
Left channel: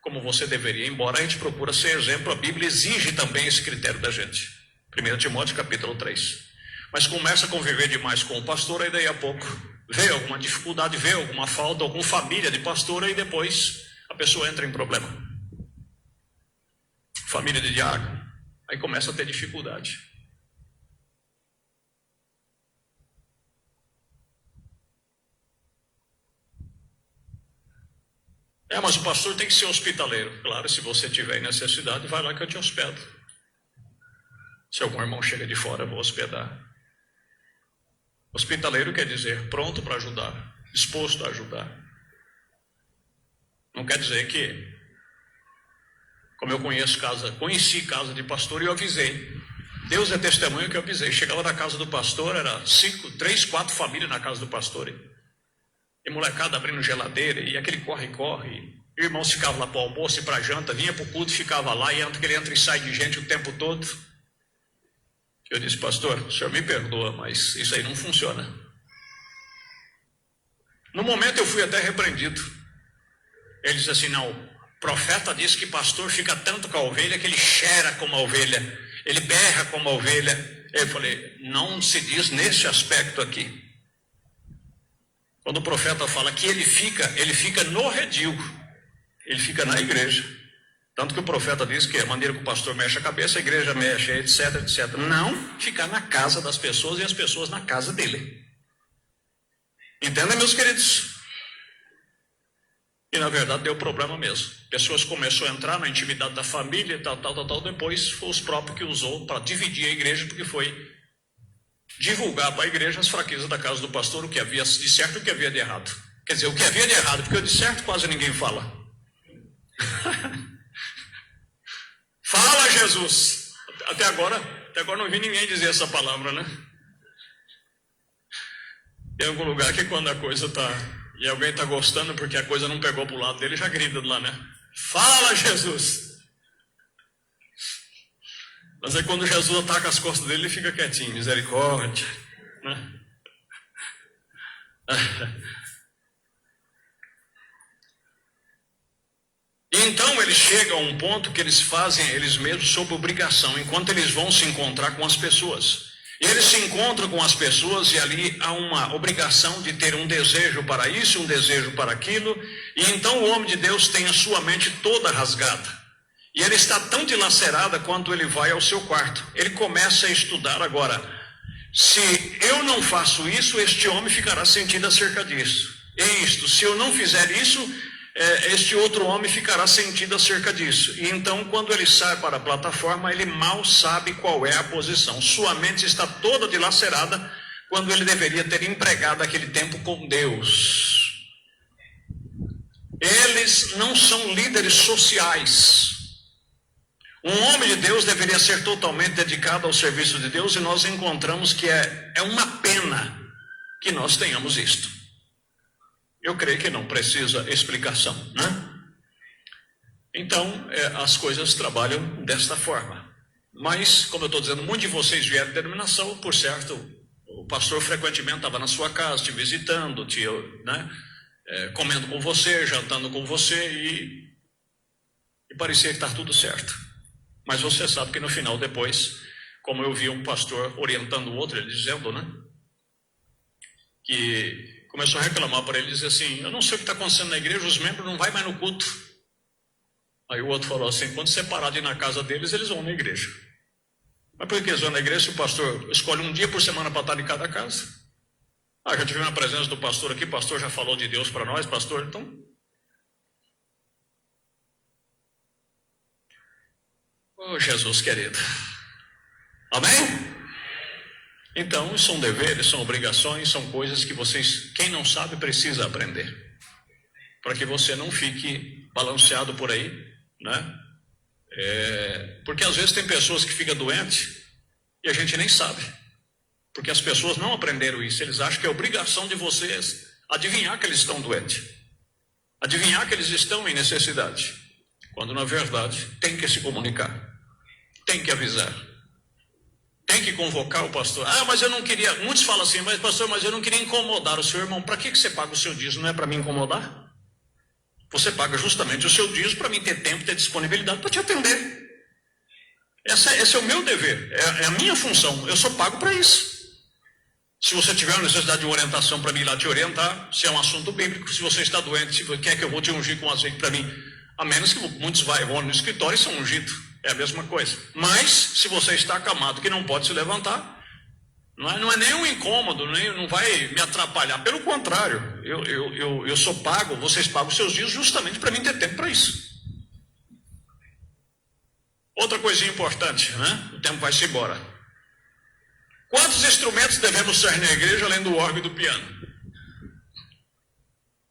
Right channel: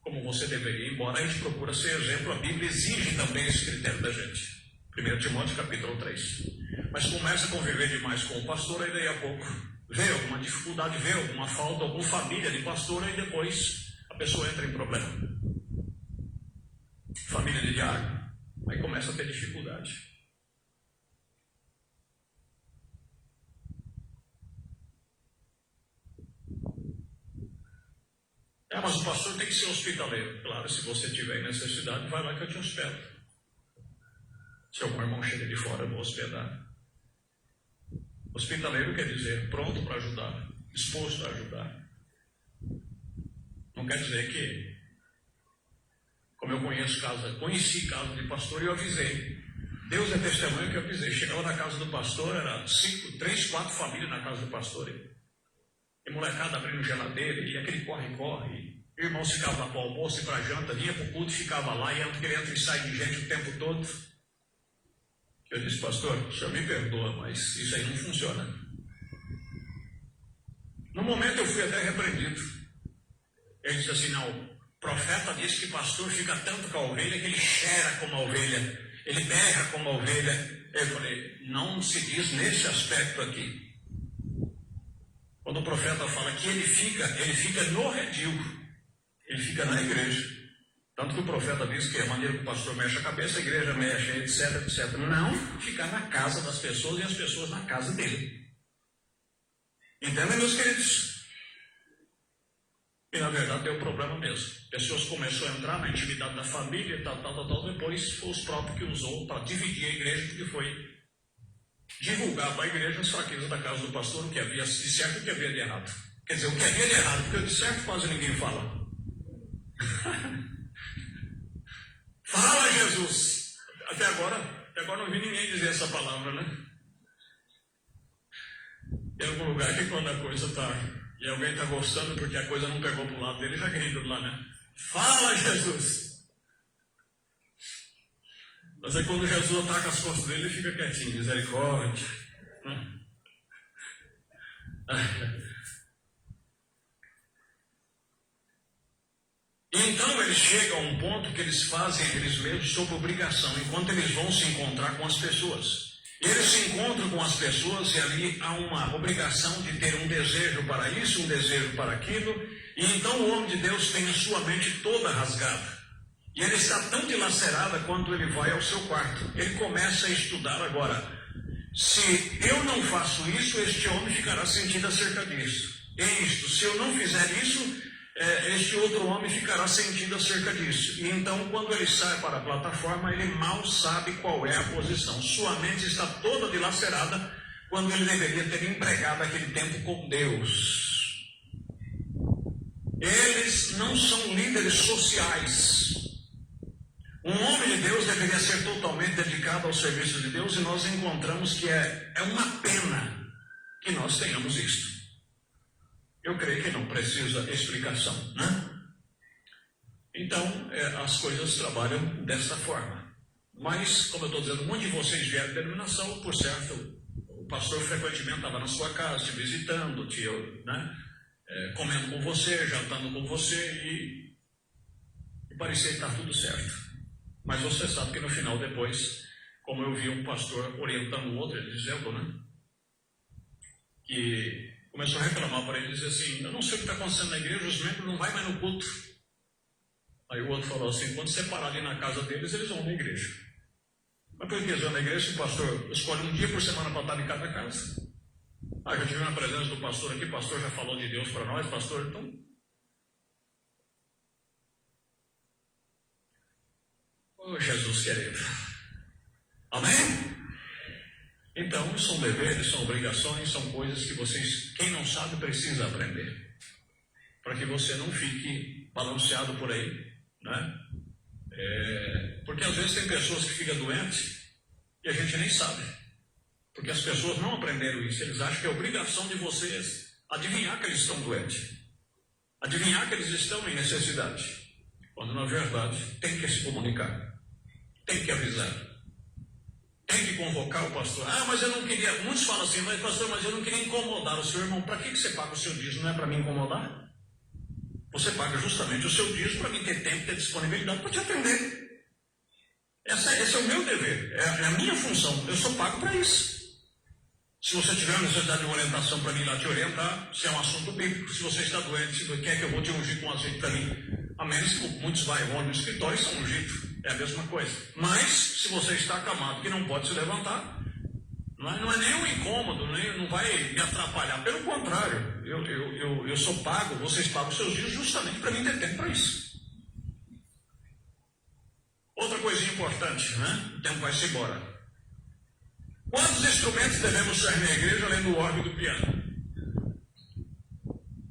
como você deveria, embora a gente procura ser exemplo, a Bíblia exige também esse critério da gente. 1 Timóteo capítulo 3. Mas começa a conviver demais com o pastor, aí daí a pouco vê alguma dificuldade, vê alguma falta, alguma família de pastor, e depois a pessoa entra em problema. Família de diácono, aí começa a ter dificuldade. Mas o pastor tem que ser hospitaleiro. Claro, se você tiver necessidade, vai lá que eu te hospedo. Se algum irmão chega de fora, eu vou hospedar. Hospitaleiro quer dizer pronto para ajudar, disposto a ajudar. Não quer dizer que, como eu conheci casa de pastor e eu avisei. Deus é testemunho que eu avisei. Chegava na casa do pastor, era 3, 4 famílias na casa do pastor. E molecada abrindo geladeira, e aquele corre-corre. Irmãos ficavam lá para o almoço e para a janta, vinha para o culto, ficava lá, e aquele entra e sai de gente o tempo todo. Eu disse, pastor, o senhor me perdoa, mas isso aí não funciona. No momento eu fui até repreendido. Ele disse assim, não, o profeta disse que pastor fica tanto com a ovelha que ele cheira como a ovelha, ele berra como a ovelha. Eu falei, não se diz nesse aspecto aqui. Quando o profeta fala que ele fica no redil, ele fica na igreja. Tanto que o profeta diz que a maneira que o pastor mexe a cabeça, a igreja mexe, etc, etc. Não ficar na casa das pessoas e as pessoas na casa dele. Entendem, meus queridos? E na verdade deu problema mesmo. Pessoas começaram a entrar na intimidade da família e tal. Depois foi os próprios que usou para dividir a igreja, porque foi divulgar para a igreja as fraquezas da casa do pastor, o que havia de certo e o que havia de errado. Quer dizer, o que havia de errado, porque o de certo quase ninguém fala. Fala, Jesus! Até agora não vi ninguém dizer essa palavra, né? Tem algum lugar que quando a coisa está... e alguém está gostando porque a coisa não pegou para o lado dele, já grita de lá, né? Fala, Jesus! Mas aí quando Jesus ataca as costas dele, ele fica quietinho, misericórdia, né? Então eles chegam a um ponto que eles fazem eles mesmos sob obrigação, enquanto eles vão se encontrar com as pessoas. E eles se encontram com as pessoas e ali há uma obrigação de ter um desejo para isso, um desejo para aquilo, e então o homem de Deus tem a sua mente toda rasgada. E ele está tão dilacerada quanto ele vai ao seu quarto. Ele começa a estudar agora. Se eu não faço isso, este homem ficará sentido acerca disso. E isto, se eu não fizer isso, este outro homem ficará sentido acerca disso. E então, quando ele sai para a plataforma, ele mal sabe qual é a posição. Sua mente está toda dilacerada quando ele deveria ter empregado aquele tempo com Deus. Eles não são líderes sociais. Um homem de Deus deveria ser totalmente dedicado ao serviço de Deus, e nós encontramos que é uma pena que nós tenhamos isto. Eu creio que não precisa explicação, né? Então, as coisas trabalham desta forma. Mas, como eu estou dizendo, muitos de vocês vieram de denominação, por certo, o pastor frequentemente estava na sua casa, te visitando, comendo com você, jantando com você, e parecia que está tudo certo. Mas você sabe que no final, depois, como eu vi um pastor orientando o outro, ele dizendo, né, que começou a reclamar para ele, dizer assim, eu não sei o que está acontecendo na igreja, os membros não vão mais no culto. Aí o outro falou assim, quando você parar de ir na casa deles, eles vão na igreja. Mas por que eles vão na igreja se o pastor escolhe um dia por semana para estar em cada casa? Já tivemos a presença do pastor aqui, o pastor já falou de Deus para nós, pastor, então... Oh, Jesus querido. Amém? Então, são deveres, são obrigações, são coisas que vocês, quem não sabe, precisa aprender. Para que você não fique balanceado por aí, né? Porque às vezes tem pessoas que ficam doentes e a gente nem sabe. Porque as pessoas não aprenderam isso. Eles acham que é obrigação de vocês adivinhar que eles estão doentes. Adivinhar que eles estão em necessidade. Quando na verdade tem que se comunicar. Tem que avisar. Tem que convocar o pastor. Mas eu não queria... Muitos falam assim, mas pastor, mas eu não queria incomodar o seu irmão. Para que você paga o seu dízimo? Não é para me incomodar? Você paga justamente o seu dízimo para mim ter tempo, ter disponibilidade para te atender. Esse é o meu dever. É a minha função. Eu só pago para isso. Se você tiver uma necessidade de orientação para mim ir lá te orientar, se é um assunto bíblico, se você está doente, se quer que eu vou te ungir com azeite para mim, a menos que muitos vão no escritório e são ungidos. É a mesma coisa. Mas, se você está acamado que não pode se levantar, não é nenhum incômodo, não vai me atrapalhar. Pelo contrário, eu só pago, vocês pagam os seus dias justamente para mim ter tempo para isso. Outra coisinha importante, né? O tempo vai-se embora. Quantos instrumentos devemos ter na igreja além do órgão e do piano?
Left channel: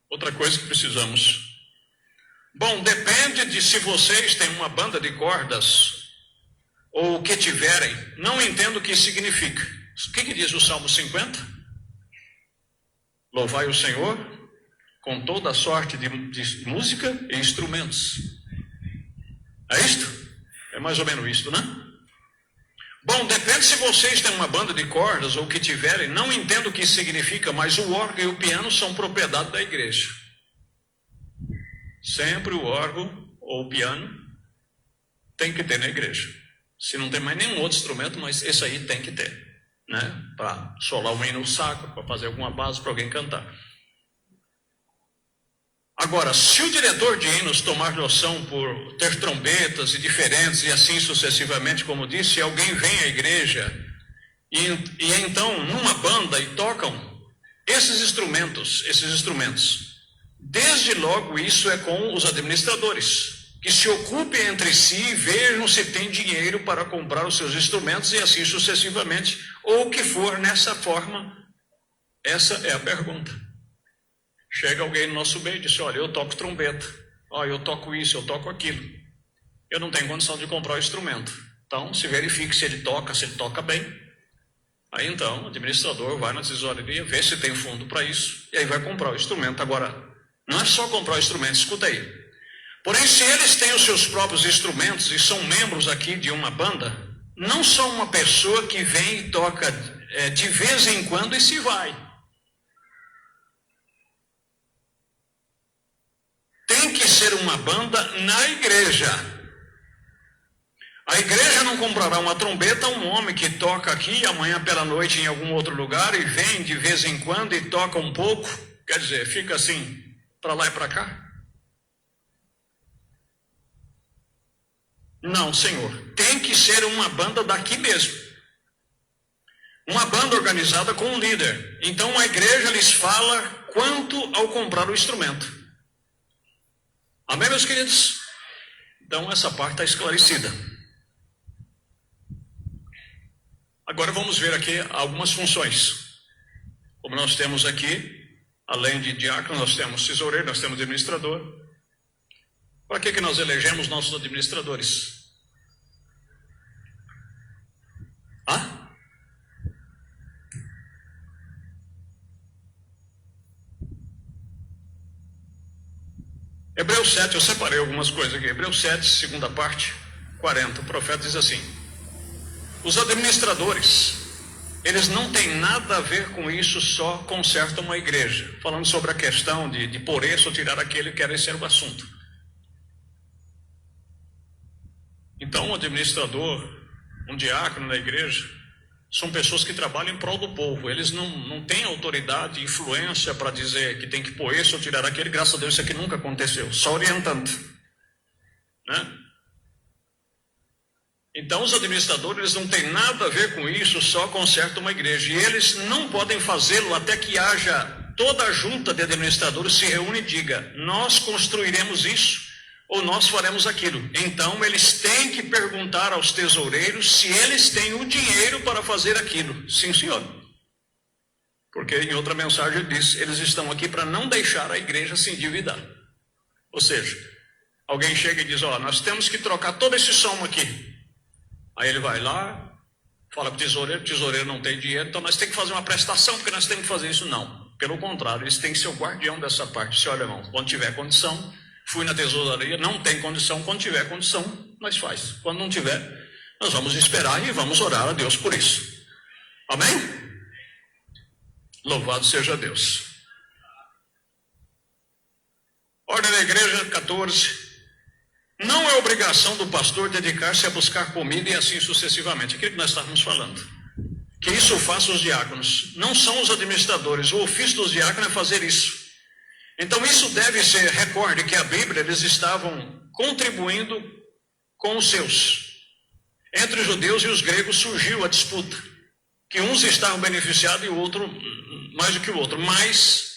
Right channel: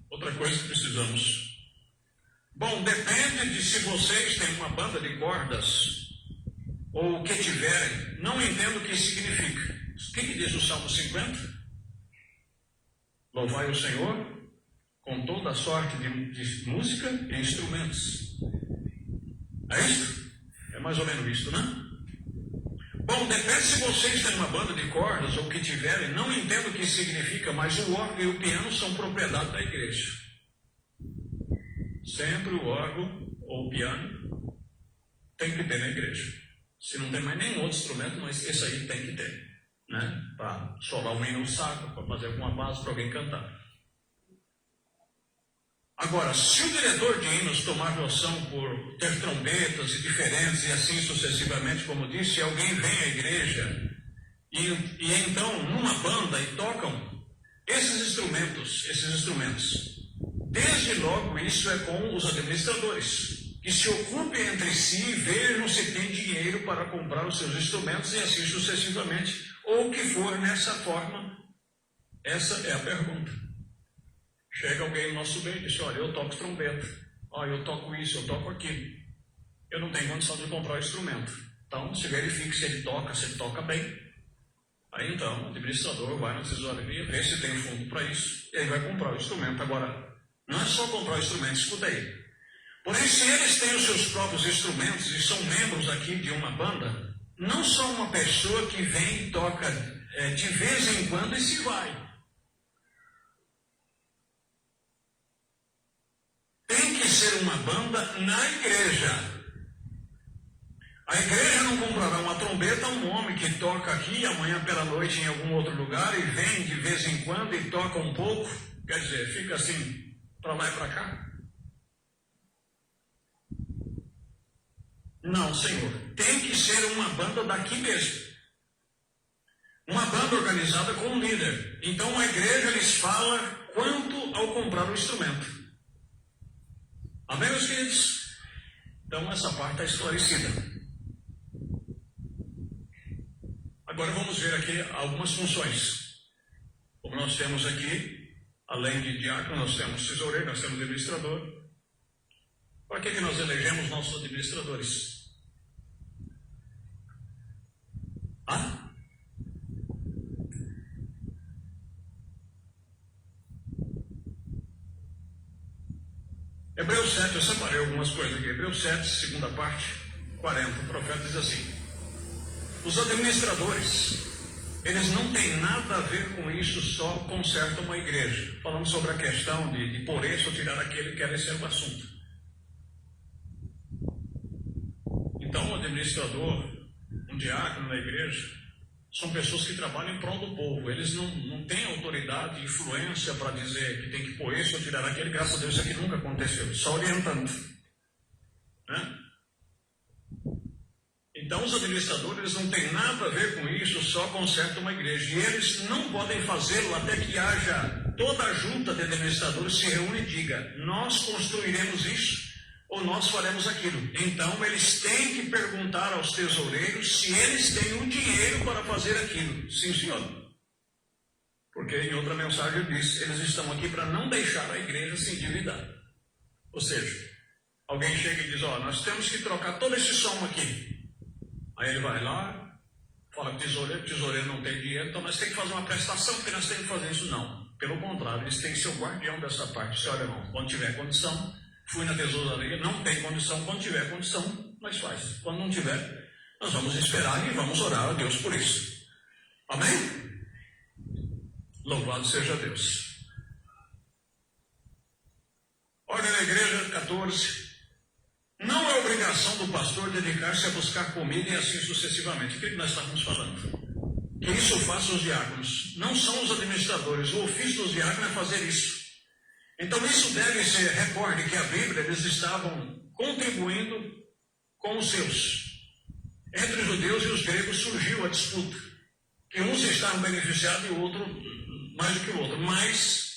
Outra coisa que precisamos. Bom, depende de se vocês têm uma banda de cordas ou o que tiverem. Não entendo o que isso significa. O que diz o Salmo 50? Louvai o Senhor com toda a sorte de música e instrumentos. É isto? É mais ou menos isto, né? Bom, depende se vocês têm uma banda de cordas ou o que tiverem. Não entendo o que isso significa, mas o órgão e o piano são propriedade da igreja. Sempre o órgão ou o piano tem que ter na igreja. Se não tem mais nenhum outro instrumento, mas esse aí tem que ter, né? Para solar um hino no saco, para fazer alguma base para alguém cantar. Agora, se o diretor de hinos tomar noção por ter trombetas e diferentes e assim sucessivamente, como disse, alguém vem à igreja e então numa banda e tocam esses instrumentos, desde logo isso é com os administradores, que se ocupem entre si e vejam se tem dinheiro para comprar os seus instrumentos e assim sucessivamente, ou o que for nessa forma. Essa é a pergunta. Chega alguém no nosso meio e diz: olha, eu toco trombeta, eu toco isso, eu toco aquilo, eu não tenho condição de comprar o instrumento. Então se verifique se ele toca bem. Aí então o administrador vai na tesouraria, vê se tem fundo para isso, e aí vai comprar o instrumento. Agora, não é só comprar o instrumento, escuta aí. Porém, se eles têm os seus próprios instrumentos e são membros aqui de uma banda, não são uma pessoa que vem e toca de vez em quando e se vai. Tem que ser uma banda na igreja. A igreja não comprará uma trombeta a um homem que toca aqui amanhã pela noite em algum outro lugar e vem de vez em quando e toca um pouco, quer dizer, fica assim, para lá e para cá. Não, Senhor, tem que ser uma banda daqui mesmo. Uma banda organizada com um líder. Então a igreja lhes fala quanto ao comprar o instrumento. Amém, meus queridos? Então essa parte está esclarecida. Agora vamos ver aqui algumas funções. Como nós temos aqui, além de diácono, nós temos tesoureiro, nós temos administrador. Para que nós elegemos nossos administradores? Hebreus 7, eu separei algumas coisas aqui. Hebreus 7, segunda parte, 40. O profeta diz assim: os administradores, eles não têm nada a ver com isso, só consertam uma igreja. Falando sobre a questão de por isso ou tirar aquele que era esse era o assunto. Então, um administrador, um diácono na igreja, são pessoas que trabalham em prol do povo. Eles não têm autoridade, influência para dizer que tem que pôr esse ou tirar aquele. Graças a Deus isso aqui nunca aconteceu, só orientando, né? Então os administradores não têm nada a ver com isso, só consertam uma igreja. E eles não podem fazê-lo até que haja toda a junta de administradores se reúne e diga: nós construiremos isso ou nós faremos aquilo. Então eles têm que perguntar aos tesoureiros se eles têm o dinheiro para fazer aquilo. Sim, senhor. Porque em outra mensagem ele diz: eles estão aqui para não deixar a igreja se endividar. Ou seja, alguém chega e diz: nós temos que trocar todo esse som aqui. Aí ele vai lá, fala para o tesoureiro não tem dinheiro, então nós temos que fazer uma prestação, porque nós temos que fazer isso. Não, pelo contrário, eles têm que ser o guardião dessa parte. Se olha, irmão, quando tiver condição, fui na tesouraria, não tem condição, quando tiver condição, nós faz. Quando não tiver, nós vamos esperar e vamos orar a Deus por isso. Amém? Louvado seja Deus. Ordem da igreja 14. Não é obrigação do pastor dedicar-se a buscar comida e assim sucessivamente. Aquilo que nós estávamos falando. Que isso façam os diáconos. Não são os administradores. O ofício dos diáconos é fazer isso. Então isso deve ser, recorde que a Bíblia, eles estavam contribuindo com os seus. Entre os judeus e os gregos surgiu a disputa. Que uns estavam beneficiados e o outro, mais do que o outro. Mais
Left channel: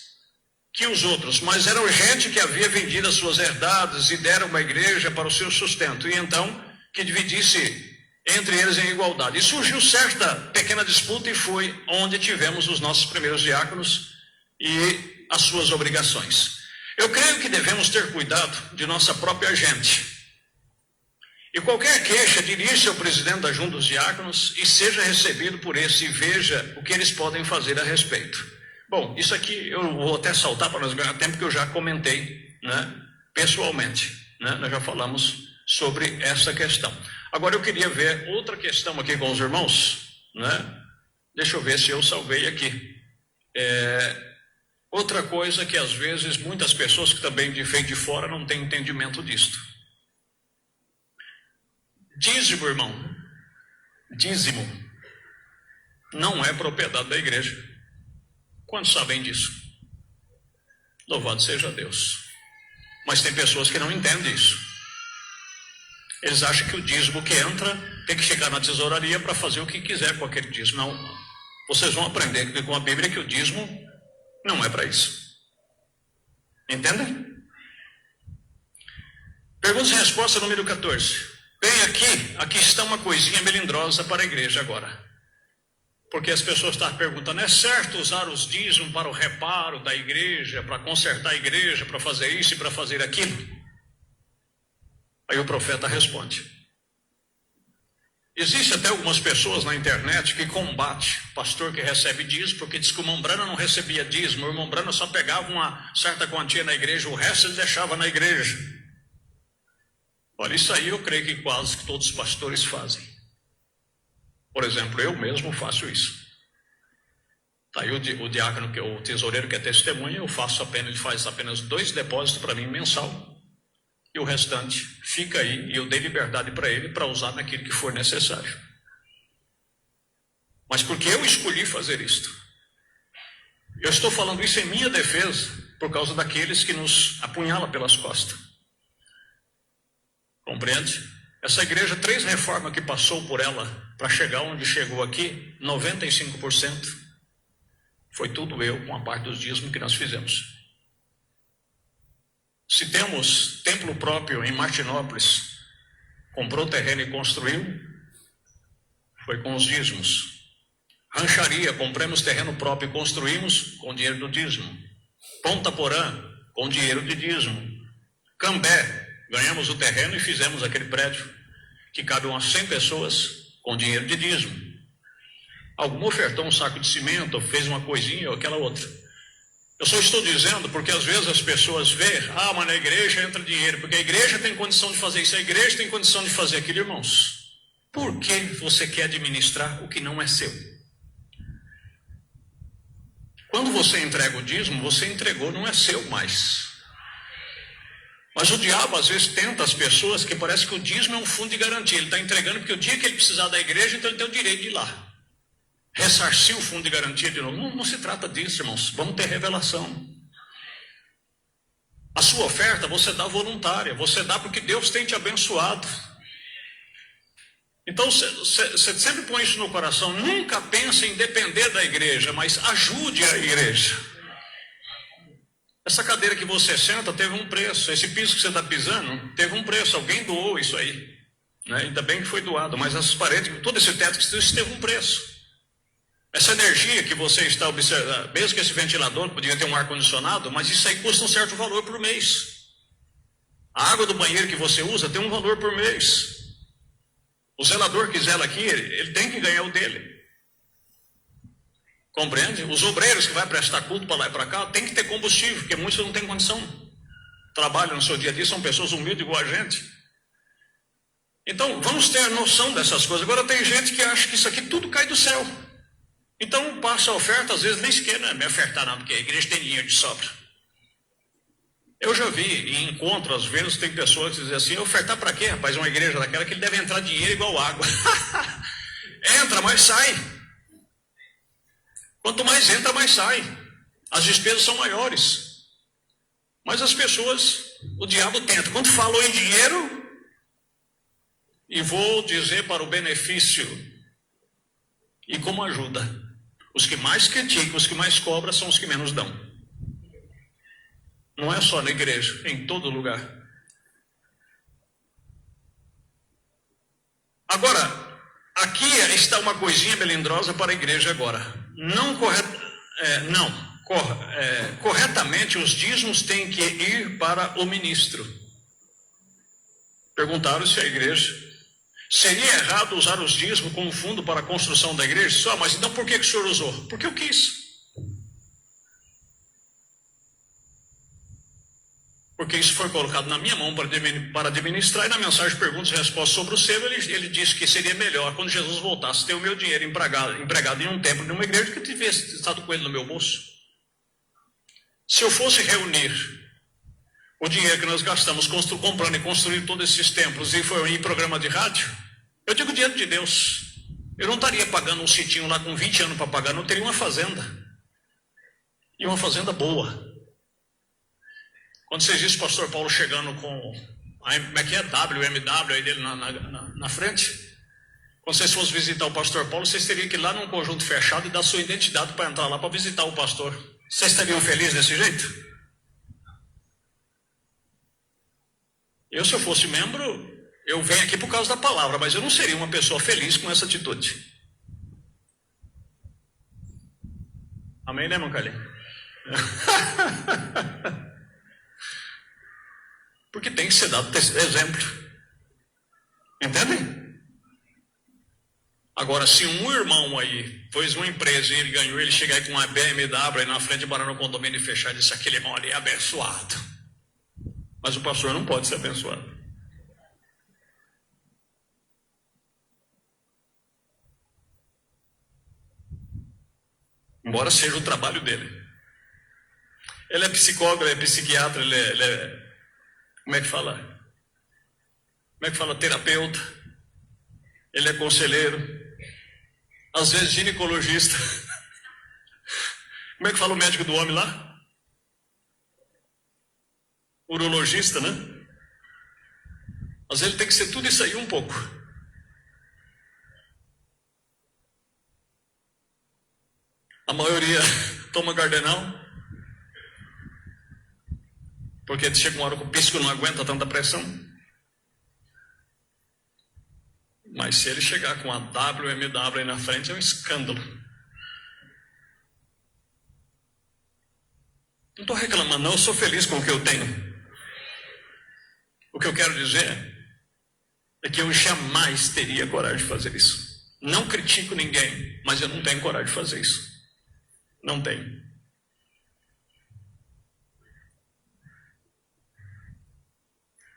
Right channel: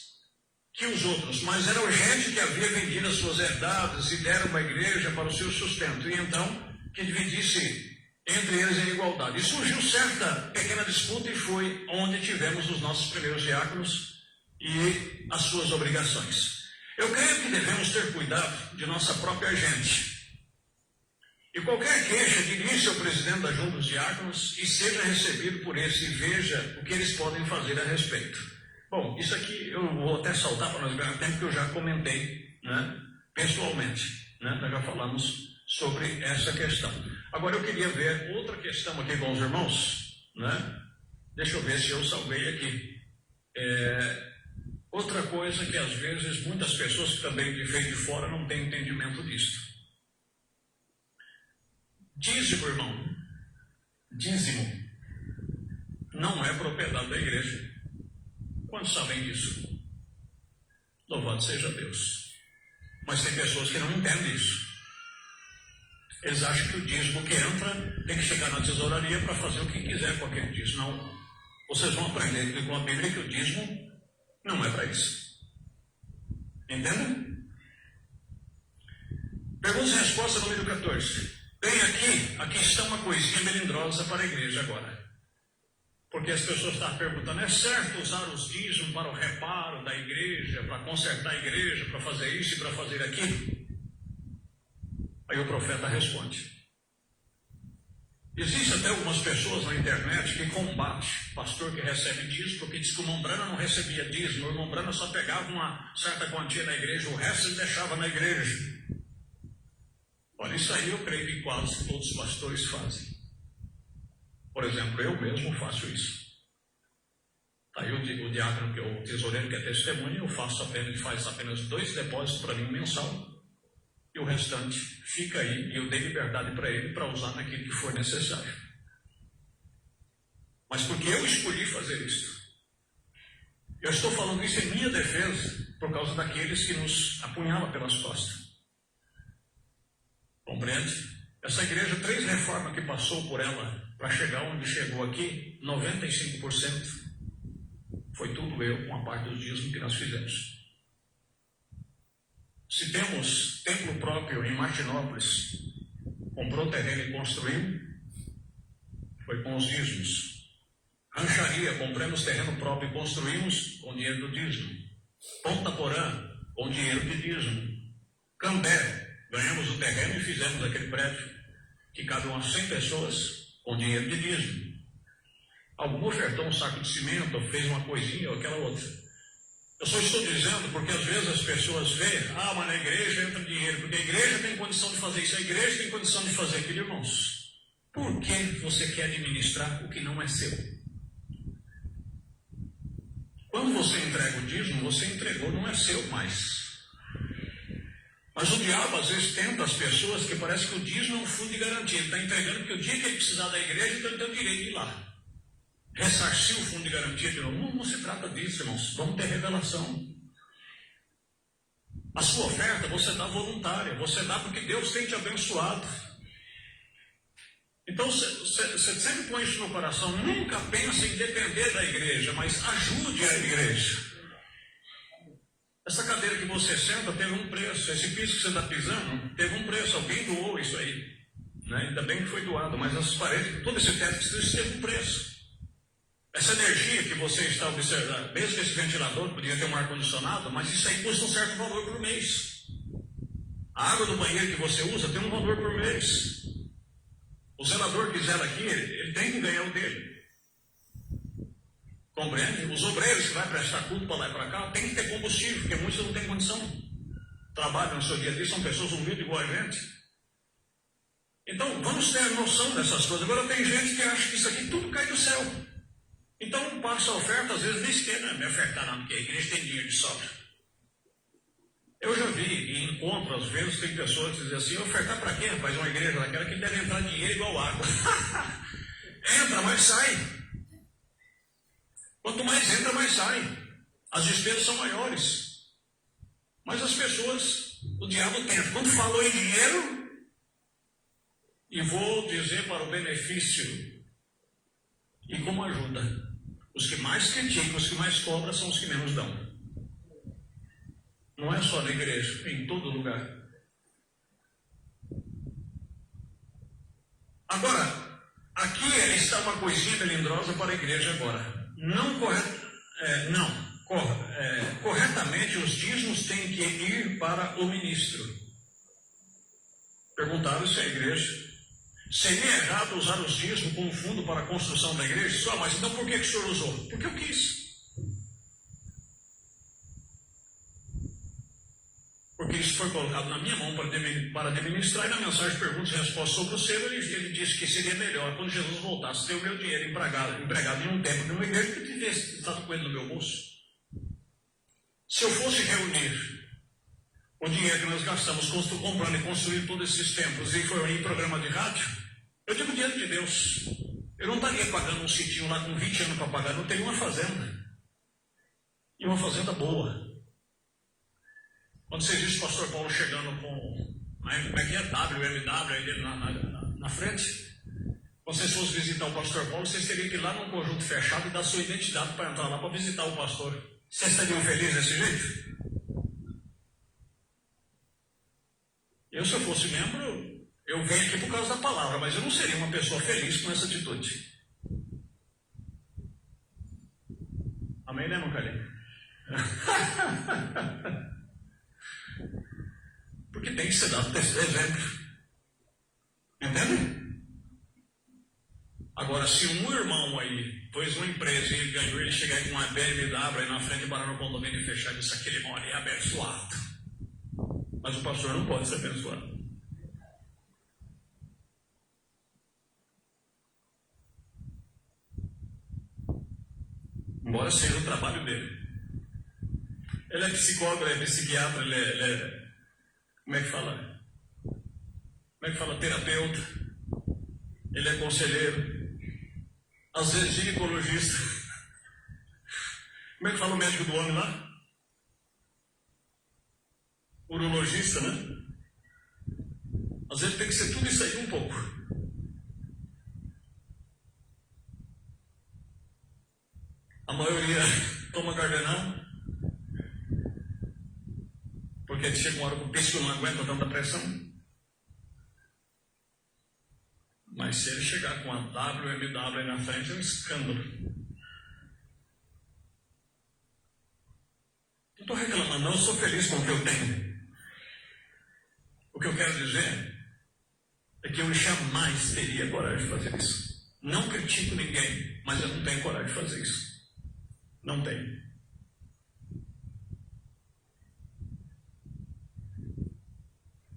que os outros, mas eram gente que havia vendido as suas herdades e deram uma igreja para o seu sustento, e então que dividisse entre eles em igualdade. E surgiu certa pequena disputa e foi onde tivemos os nossos primeiros diáconos e as suas obrigações. Eu creio que devemos ter cuidado de nossa própria gente. E qualquer queixa, dirija-se ao presidente da Junta dos Diáconos e seja recebido por esse e veja o que eles podem fazer a respeito. Bom, isso aqui eu vou até saltar para nós ganhar tempo, que eu já comentei, né, pessoalmente, né, nós já falamos sobre essa questão. Agora eu queria ver outra questão aqui com os irmãos, né? Deixa eu ver se eu salvei aqui. Outra coisa que às vezes muitas pessoas que também vêm de fora não têm entendimento disto. Dízimo, irmão, dízimo não é propriedade da igreja. Quantos sabem disso? Louvado seja Deus. Mas tem pessoas que não entendem isso. Eles acham que o dízimo que entra tem que chegar na tesouraria para fazer o que quiser com aquele dízimo. Não. Vocês vão aprender com a Bíblia que o dízimo não é para isso. Entendem? Pergunta e resposta número 14. Bem, aqui está uma coisinha melindrosa para a igreja agora. Porque as pessoas estão perguntando, é certo usar os dízimos para o reparo da igreja, para consertar a igreja, para fazer isso e para fazer aquilo? Aí o profeta responde. Existe até algumas pessoas na internet que combatem o pastor que recebe dízimo, porque diz que o irmão Brana não recebia dízimo, o irmão Brana só pegava uma certa quantia na igreja, o resto ele deixava na igreja. Olha, isso aí eu creio que quase que todos os pastores fazem. Por exemplo, eu mesmo faço isso. Tá aí o diácono, que é o tesoureiro que é testemunha, ele faz apenas 2 depósitos para mim mensal. E o restante fica aí, e eu dei liberdade para ele para usar naquilo que for necessário. Mas porque eu escolhi fazer isto? Eu estou falando isso em minha defesa, por causa daqueles que nos apunhalam pelas costas. Compreende? Essa igreja, 3 reformas que passou por ela, para chegar onde chegou aqui, 95% foi tudo eu, com a parte dos dízimos que nós fizemos. Se temos templo próprio em Martinópolis, comprou terreno e construiu, foi com os dízimos. Rancharia, compramos terreno próprio e construímos com dinheiro do dízimo. Ponta Porã, com dinheiro de dízimo. Cambé, ganhamos o terreno e fizemos aquele prédio, que cabe umas 100 pessoas, com dinheiro de dízimo. Algum ofertou um saco de cimento, ou fez uma coisinha ou aquela outra. Eu só estou dizendo porque às vezes as pessoas veem, mas na igreja entra dinheiro, porque a igreja tem condição de fazer isso, a igreja tem condição de fazer aquilo, irmãos. Por que você quer administrar o que não é seu? Quando você entrega o dízimo, você entregou, não é seu mais. Mas o diabo às vezes tenta as pessoas que parece que o dízimo é um fundo de garantia. Ele está entregando porque o dia que ele precisar da igreja, então ele tem o direito de ir lá. Ressarcir o fundo de garantia de novo. Não se trata disso, irmãos. Vamos ter revelação. A sua oferta você dá voluntária. Você dá porque Deus tem te abençoado. Então você sempre põe isso no coração. Nunca pense em depender da igreja, mas ajude a igreja. Essa cadeira que você senta teve um preço. Esse piso que você está pisando teve um preço. Alguém doou isso aí, né? Ainda bem que foi doado. Mas essas paredes, todo esse teto, isso teve um preço. Essa energia que você está observando, mesmo que esse ventilador podia ter um ar-condicionado, mas isso aí custa um certo valor por mês. A água do banheiro que você usa tem um valor por mês. O zelador que zela aqui, ele tem que ganhar o dele. Compreende? Os obreiros que vai prestar culto para lá e para cá, tem que ter combustível, porque muitos não têm condição. Trabalham no seu dia a dia, são pessoas humildes igual a gente. Então, vamos ter noção dessas coisas. Agora tem gente que acha que isso aqui tudo cai do céu. Então passa a oferta, às vezes nem sequer me ofertar não, porque a igreja tem dinheiro de sobra. Eu já vi em encontro, às vezes, tem pessoas que dizem assim, ofertar para quê, rapaz? Uma igreja daquela que ele deve entrar dinheiro igual água. Entra, mas sai. Quanto mais entra, mais sai. As despesas são maiores. Mas as pessoas, o diabo tenta. Quando falou em dinheiro, e vou dizer para o benefício e como ajuda. Os que mais criticam, os que mais cobram, são os que menos dão. Não é só na igreja, em todo lugar. Agora, aqui está uma coisinha melindrosa para a igreja agora. Corretamente, os dízimos têm que ir para o ministro. Perguntaram se a igreja... Seria errado usar os dízimos como fundo para a construção da igreja? Só, mas então por que o senhor usou? Porque eu quis. Porque isso foi colocado na minha mão para administrar, e na mensagem perguntas e respostas sobre o selo, ele disse que seria melhor, quando Jesus voltasse, ter o meu dinheiro empregado em um templo de uma igreja, que tivesse estado com ele no meu bolso. Se eu fosse reunir o dinheiro que nós gastamos comprando e construindo todos esses templos e foi em programa de rádio, eu digo dinheiro de Deus. Eu não estaria pagando um sitinho lá com 20 anos para pagar, não teria uma fazenda. E uma fazenda boa. Quando vocês viram o pastor Paulo chegando com, como é que é? WMW aí dele na frente. Quando vocês fossem visitar o pastor Paulo, vocês teriam que ir lá num conjunto fechado e dar sua identidade para entrar lá para visitar o pastor. Vocês estariam felizes desse jeito? Eu, se eu fosse membro, eu venho aqui por causa da palavra, mas eu não seria uma pessoa feliz com essa atitude. Amém, né, irmão Calil? Porque tem que ser dado exemplo. Entendem? Agora, se um irmão aí pôs uma empresa e ele ganhou, ele chegar aí com uma BMW aí na frente de Barão no condomínio e fechar e disse: aquele irmão ali é abençoado. Mas o pastor não pode ser abençoado. Embora seja o trabalho dele. Ele é psicólogo, ele é psiquiatra, ele é como é que fala? Como é que fala? Terapeuta. Ele é conselheiro. Às vezes ginecologista. Como é que fala o médico do homem lá? Urologista, né? Às vezes ele tem que ser tudo isso aí um pouco. A maioria toma cardenal, porque chega uma hora que o psico não aguenta tanta pressão. Mas se ele chegar com a WMW aí na frente, é um escândalo. Não estou reclamando, não, eu sou feliz com o que eu tenho. O que eu quero dizer é que eu jamais teria coragem de fazer isso. Não critico ninguém, mas eu não tenho coragem de fazer isso. Não tenho.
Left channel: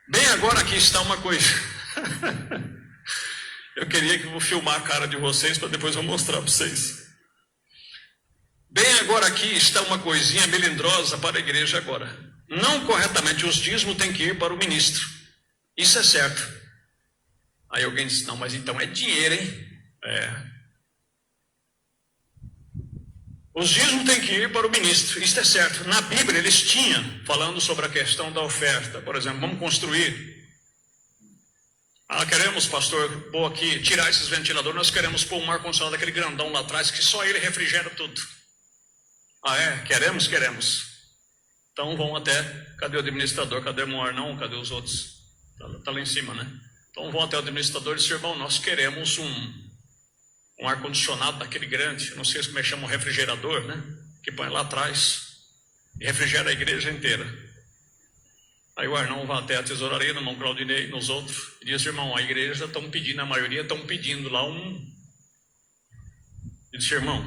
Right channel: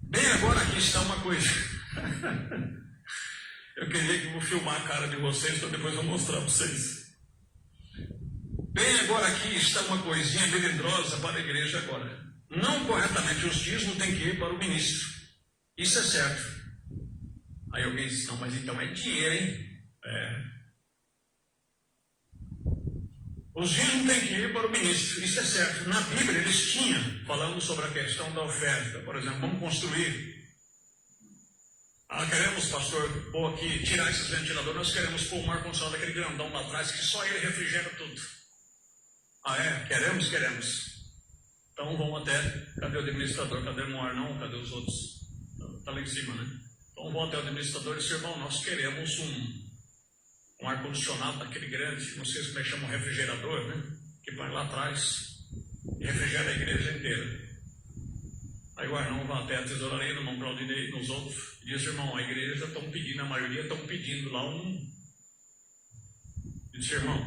Bem, agora aqui está uma coisa. Eu queria que eu vou filmar a cara de vocês para depois eu mostrar para vocês. Bem, agora aqui está uma coisinha melindrosa para a igreja agora. Não corretamente, os dízimos têm que ir para o ministro. Isso é certo. Aí alguém disse: não, mas então é dinheiro, hein? É. Os dízimos têm que ir para o ministro, isso é certo. Na Bíblia eles tinham, falando sobre a questão da oferta. Por exemplo, vamos construir. Queremos, pastor, pôr aqui, tirar esses ventiladores, nós queremos pôr um ar-condicionado daquele grandão lá atrás, que só ele refrigera tudo. Queremos? Queremos. Então vão até, cadê o administrador? Cadê o Arnão? Cadê os outros? Está lá em cima, né? Então vão até o administrador e dizem: irmão, nós queremos um ar-condicionado daquele grande, não sei como é que chama, um refrigerador, né? Que põe lá atrás e refrigera a igreja inteira. Aí o Arnão vai até a tesouraria, no irmão Claudinei, nos outros, e diz: irmão, a igreja estão pedindo, a maioria estão pedindo lá e disse: irmão,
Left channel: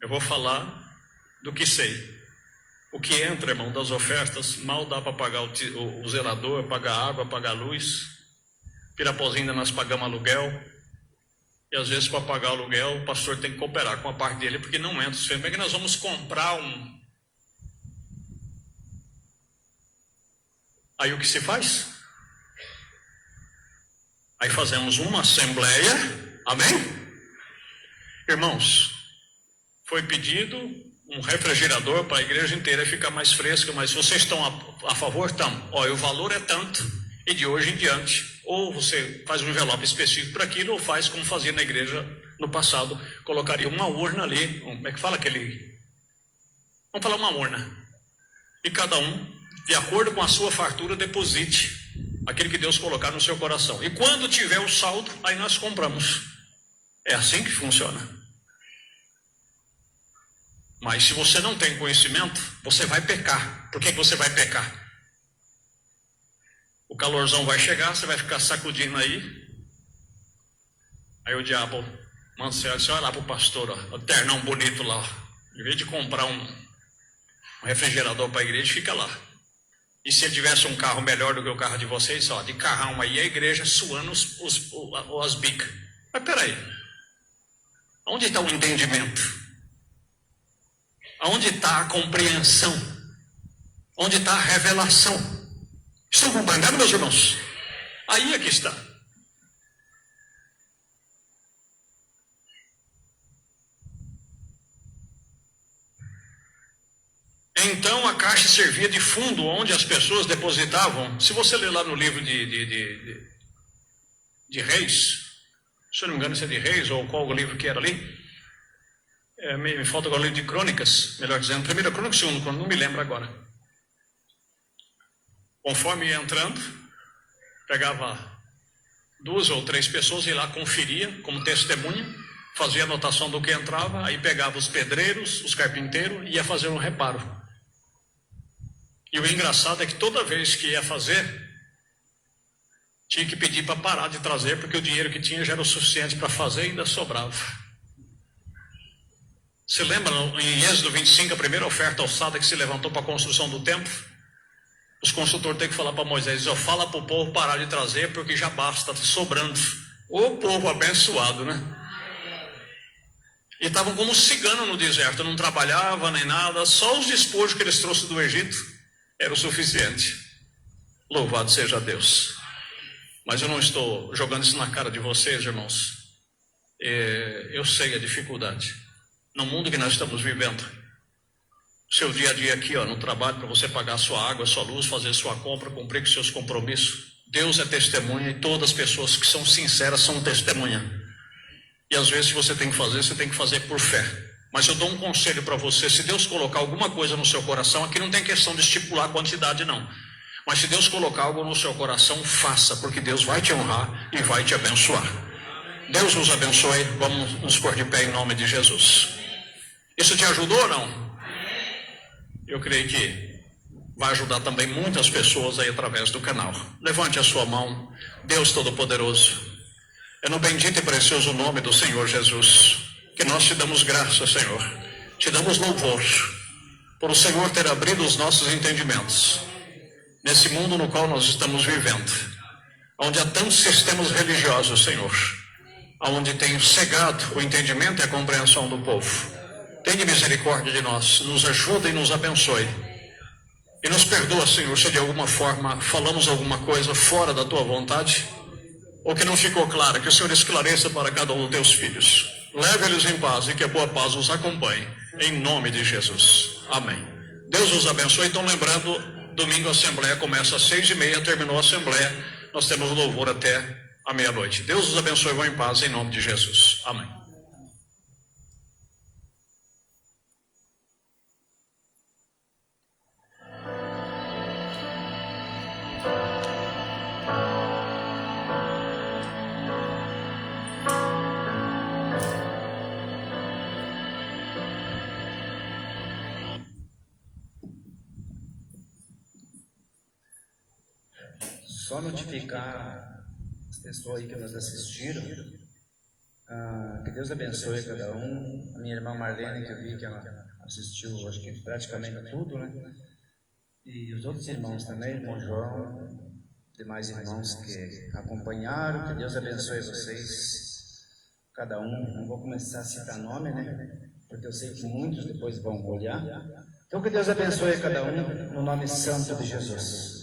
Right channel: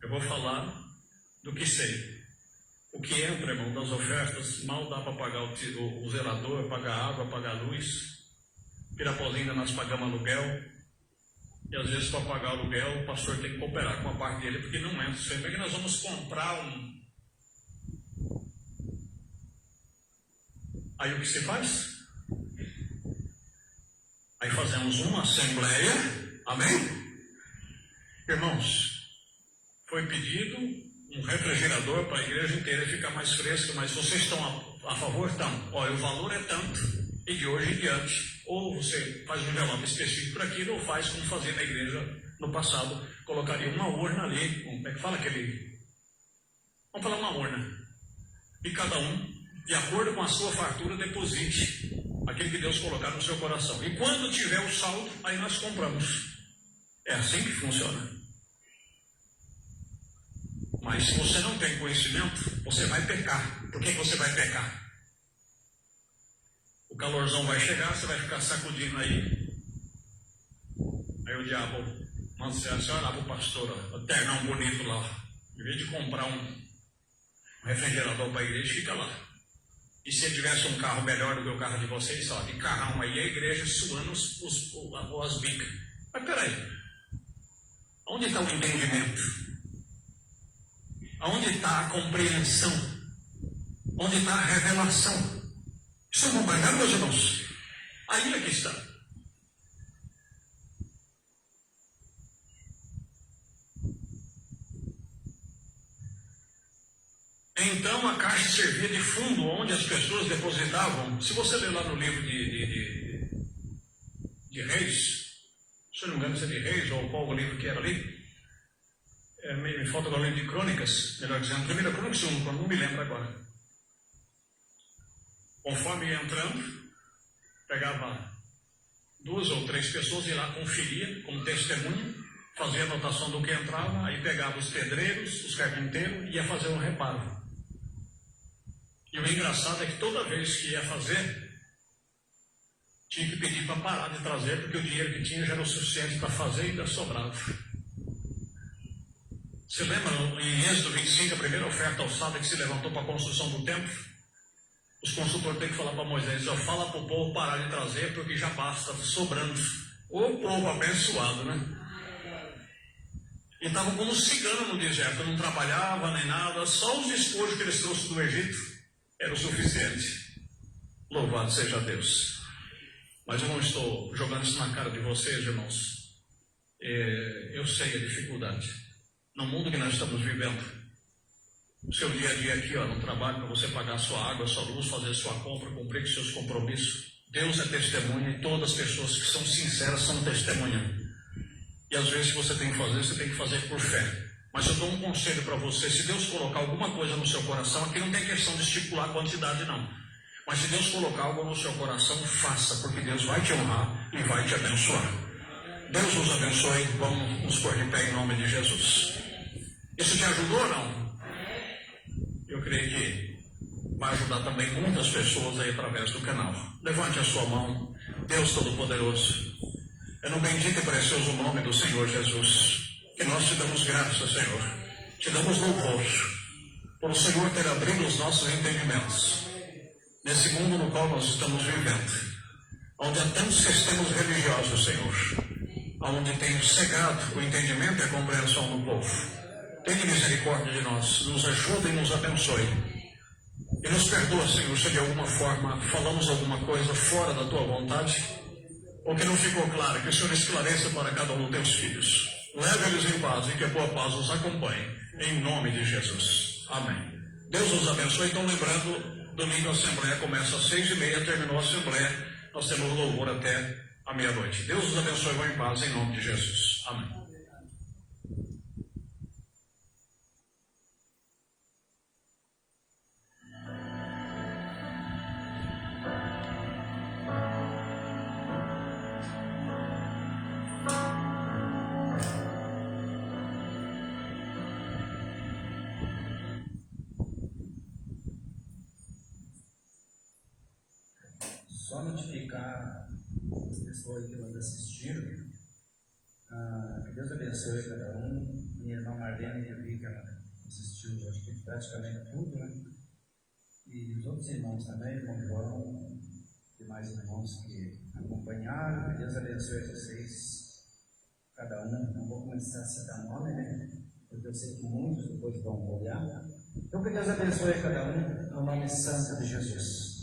eu vou falar do que sei. O que entra, irmão, das ofertas, mal dá para pagar o zelador, pagar água, pagar luz. Pirapozinho nós pagamos aluguel. E às vezes para pagar o aluguel, o pastor tem que cooperar com a parte dele, porque não entra. Como é que nós vamos comprar Aí o que se faz? Aí fazemos uma assembleia. Amém? Irmãos, foi pedido um refrigerador para a igreja inteira ficar mais fresca, mas vocês estão a favor? Estão. Olha, o valor é tanto, e de hoje em diante, ou você faz um envelope específico para aquilo, ou faz como fazia na igreja no passado, colocaria uma urna ali, como é que fala aquele? Vamos falar uma urna. E cada um, de acordo com a sua fartura, deposite aquele que Deus colocar no seu coração. E quando tiver o saldo, aí nós compramos. É assim que funciona. Mas se você não tem conhecimento, você vai pecar. Por que você vai pecar? O calorzão vai chegar, você vai ficar sacudindo aí. Aí o diabo, Mancelo, você vai lá para o pastor, ó, o ternão bonito lá, ó. Em vez de comprar um refrigerador para a igreja, fica lá. E se ele tivesse um carro melhor do que o carro de vocês, ó, de carrão aí, a igreja suando as bicas. Mas peraí, onde está o entendimento? Onde está a compreensão? Onde está a revelação? Estão compreendendo, meus irmãos? Aí é que está. Então a caixa servia de fundo onde as pessoas depositavam. Se você ler lá no livro de Reis, se eu não me engano, se é de Reis ou qual o livro que era ali, me falta agora o livro de Crônicas, melhor dizendo, primeira Crônica, segundo Crônica, não me lembro agora. Conforme ia entrando, pegava 2 ou 3 pessoas e lá conferia como testemunha, fazia anotação do que entrava, aí pegava os pedreiros, os carpinteiros e ia fazer um reparo. E o engraçado é que toda vez que ia fazer, tinha que pedir para parar de trazer, porque o dinheiro que tinha já era o suficiente para fazer e ainda sobrava. Você lembra em Êxodo 25, a primeira oferta alçada que se levantou para a construção do templo? Os construtores têm que falar para Moisés: fala para o povo parar de trazer, porque já basta, está sobrando. O povo abençoado, né? E estavam como cigano no deserto, não trabalhava nem nada, só os despojos que eles trouxeram do Egito era o suficiente. Louvado seja Deus. Mas eu não estou jogando isso na cara de vocês, irmãos. Eu sei a dificuldade. No mundo que nós estamos vivendo, o seu dia a dia aqui, no trabalho, para você pagar a sua água, a sua luz, fazer a sua compra, cumprir com seus compromissos. Deus é testemunha e todas as pessoas que são sinceras são testemunha. E às vezes você tem que fazer por fé. Mas eu dou um conselho para você: se Deus colocar alguma coisa no seu coração, aqui não tem questão de estipular a quantidade não. Mas se Deus colocar algo no seu coração, faça, porque Deus vai te honrar e vai te abençoar. Deus nos abençoe. Vamos nos pôr de pé em nome de Jesus. Isso te ajudou ou não? Eu creio que vai ajudar também muitas pessoas aí através do canal. Levante a sua mão. Deus Todo-Poderoso, é no bendito e precioso nome do Senhor Jesus que nós te damos graça, Senhor. Te damos louvor por o Senhor ter abrido os nossos entendimentos nesse mundo no qual nós estamos vivendo, onde há tantos sistemas religiosos, Senhor, onde tem cegado o entendimento e a compreensão do povo. Tenha misericórdia de nós, nos ajuda e nos abençoe. E nos perdoa, Senhor, se de alguma forma falamos alguma coisa fora da Tua vontade, ou que não ficou clara, que o Senhor esclareça para cada um dos Teus filhos. Leve-los em paz e que a boa paz os acompanhe, em nome de Jesus. Amém. Deus os abençoe. Então, lembrando, domingo a Assembleia começa às 6h30, terminou a Assembleia, nós temos louvor até a meia-noite. Deus os abençoe, vão em paz, em nome de Jesus. Amém. Só notificar as pessoas aí que nos assistiram, que Deus abençoe cada um. A minha irmã Marlene, que eu vi que ela assistiu, acho que praticamente tudo, né? E os outros irmãos também, irmão João, demais irmãos que acompanharam. Que Deus abençoe vocês, cada um. Não vou começar a citar nome, né? Porque eu sei que muitos depois vão olhar. Então que Deus abençoe a cada um, no nome santo de Jesus.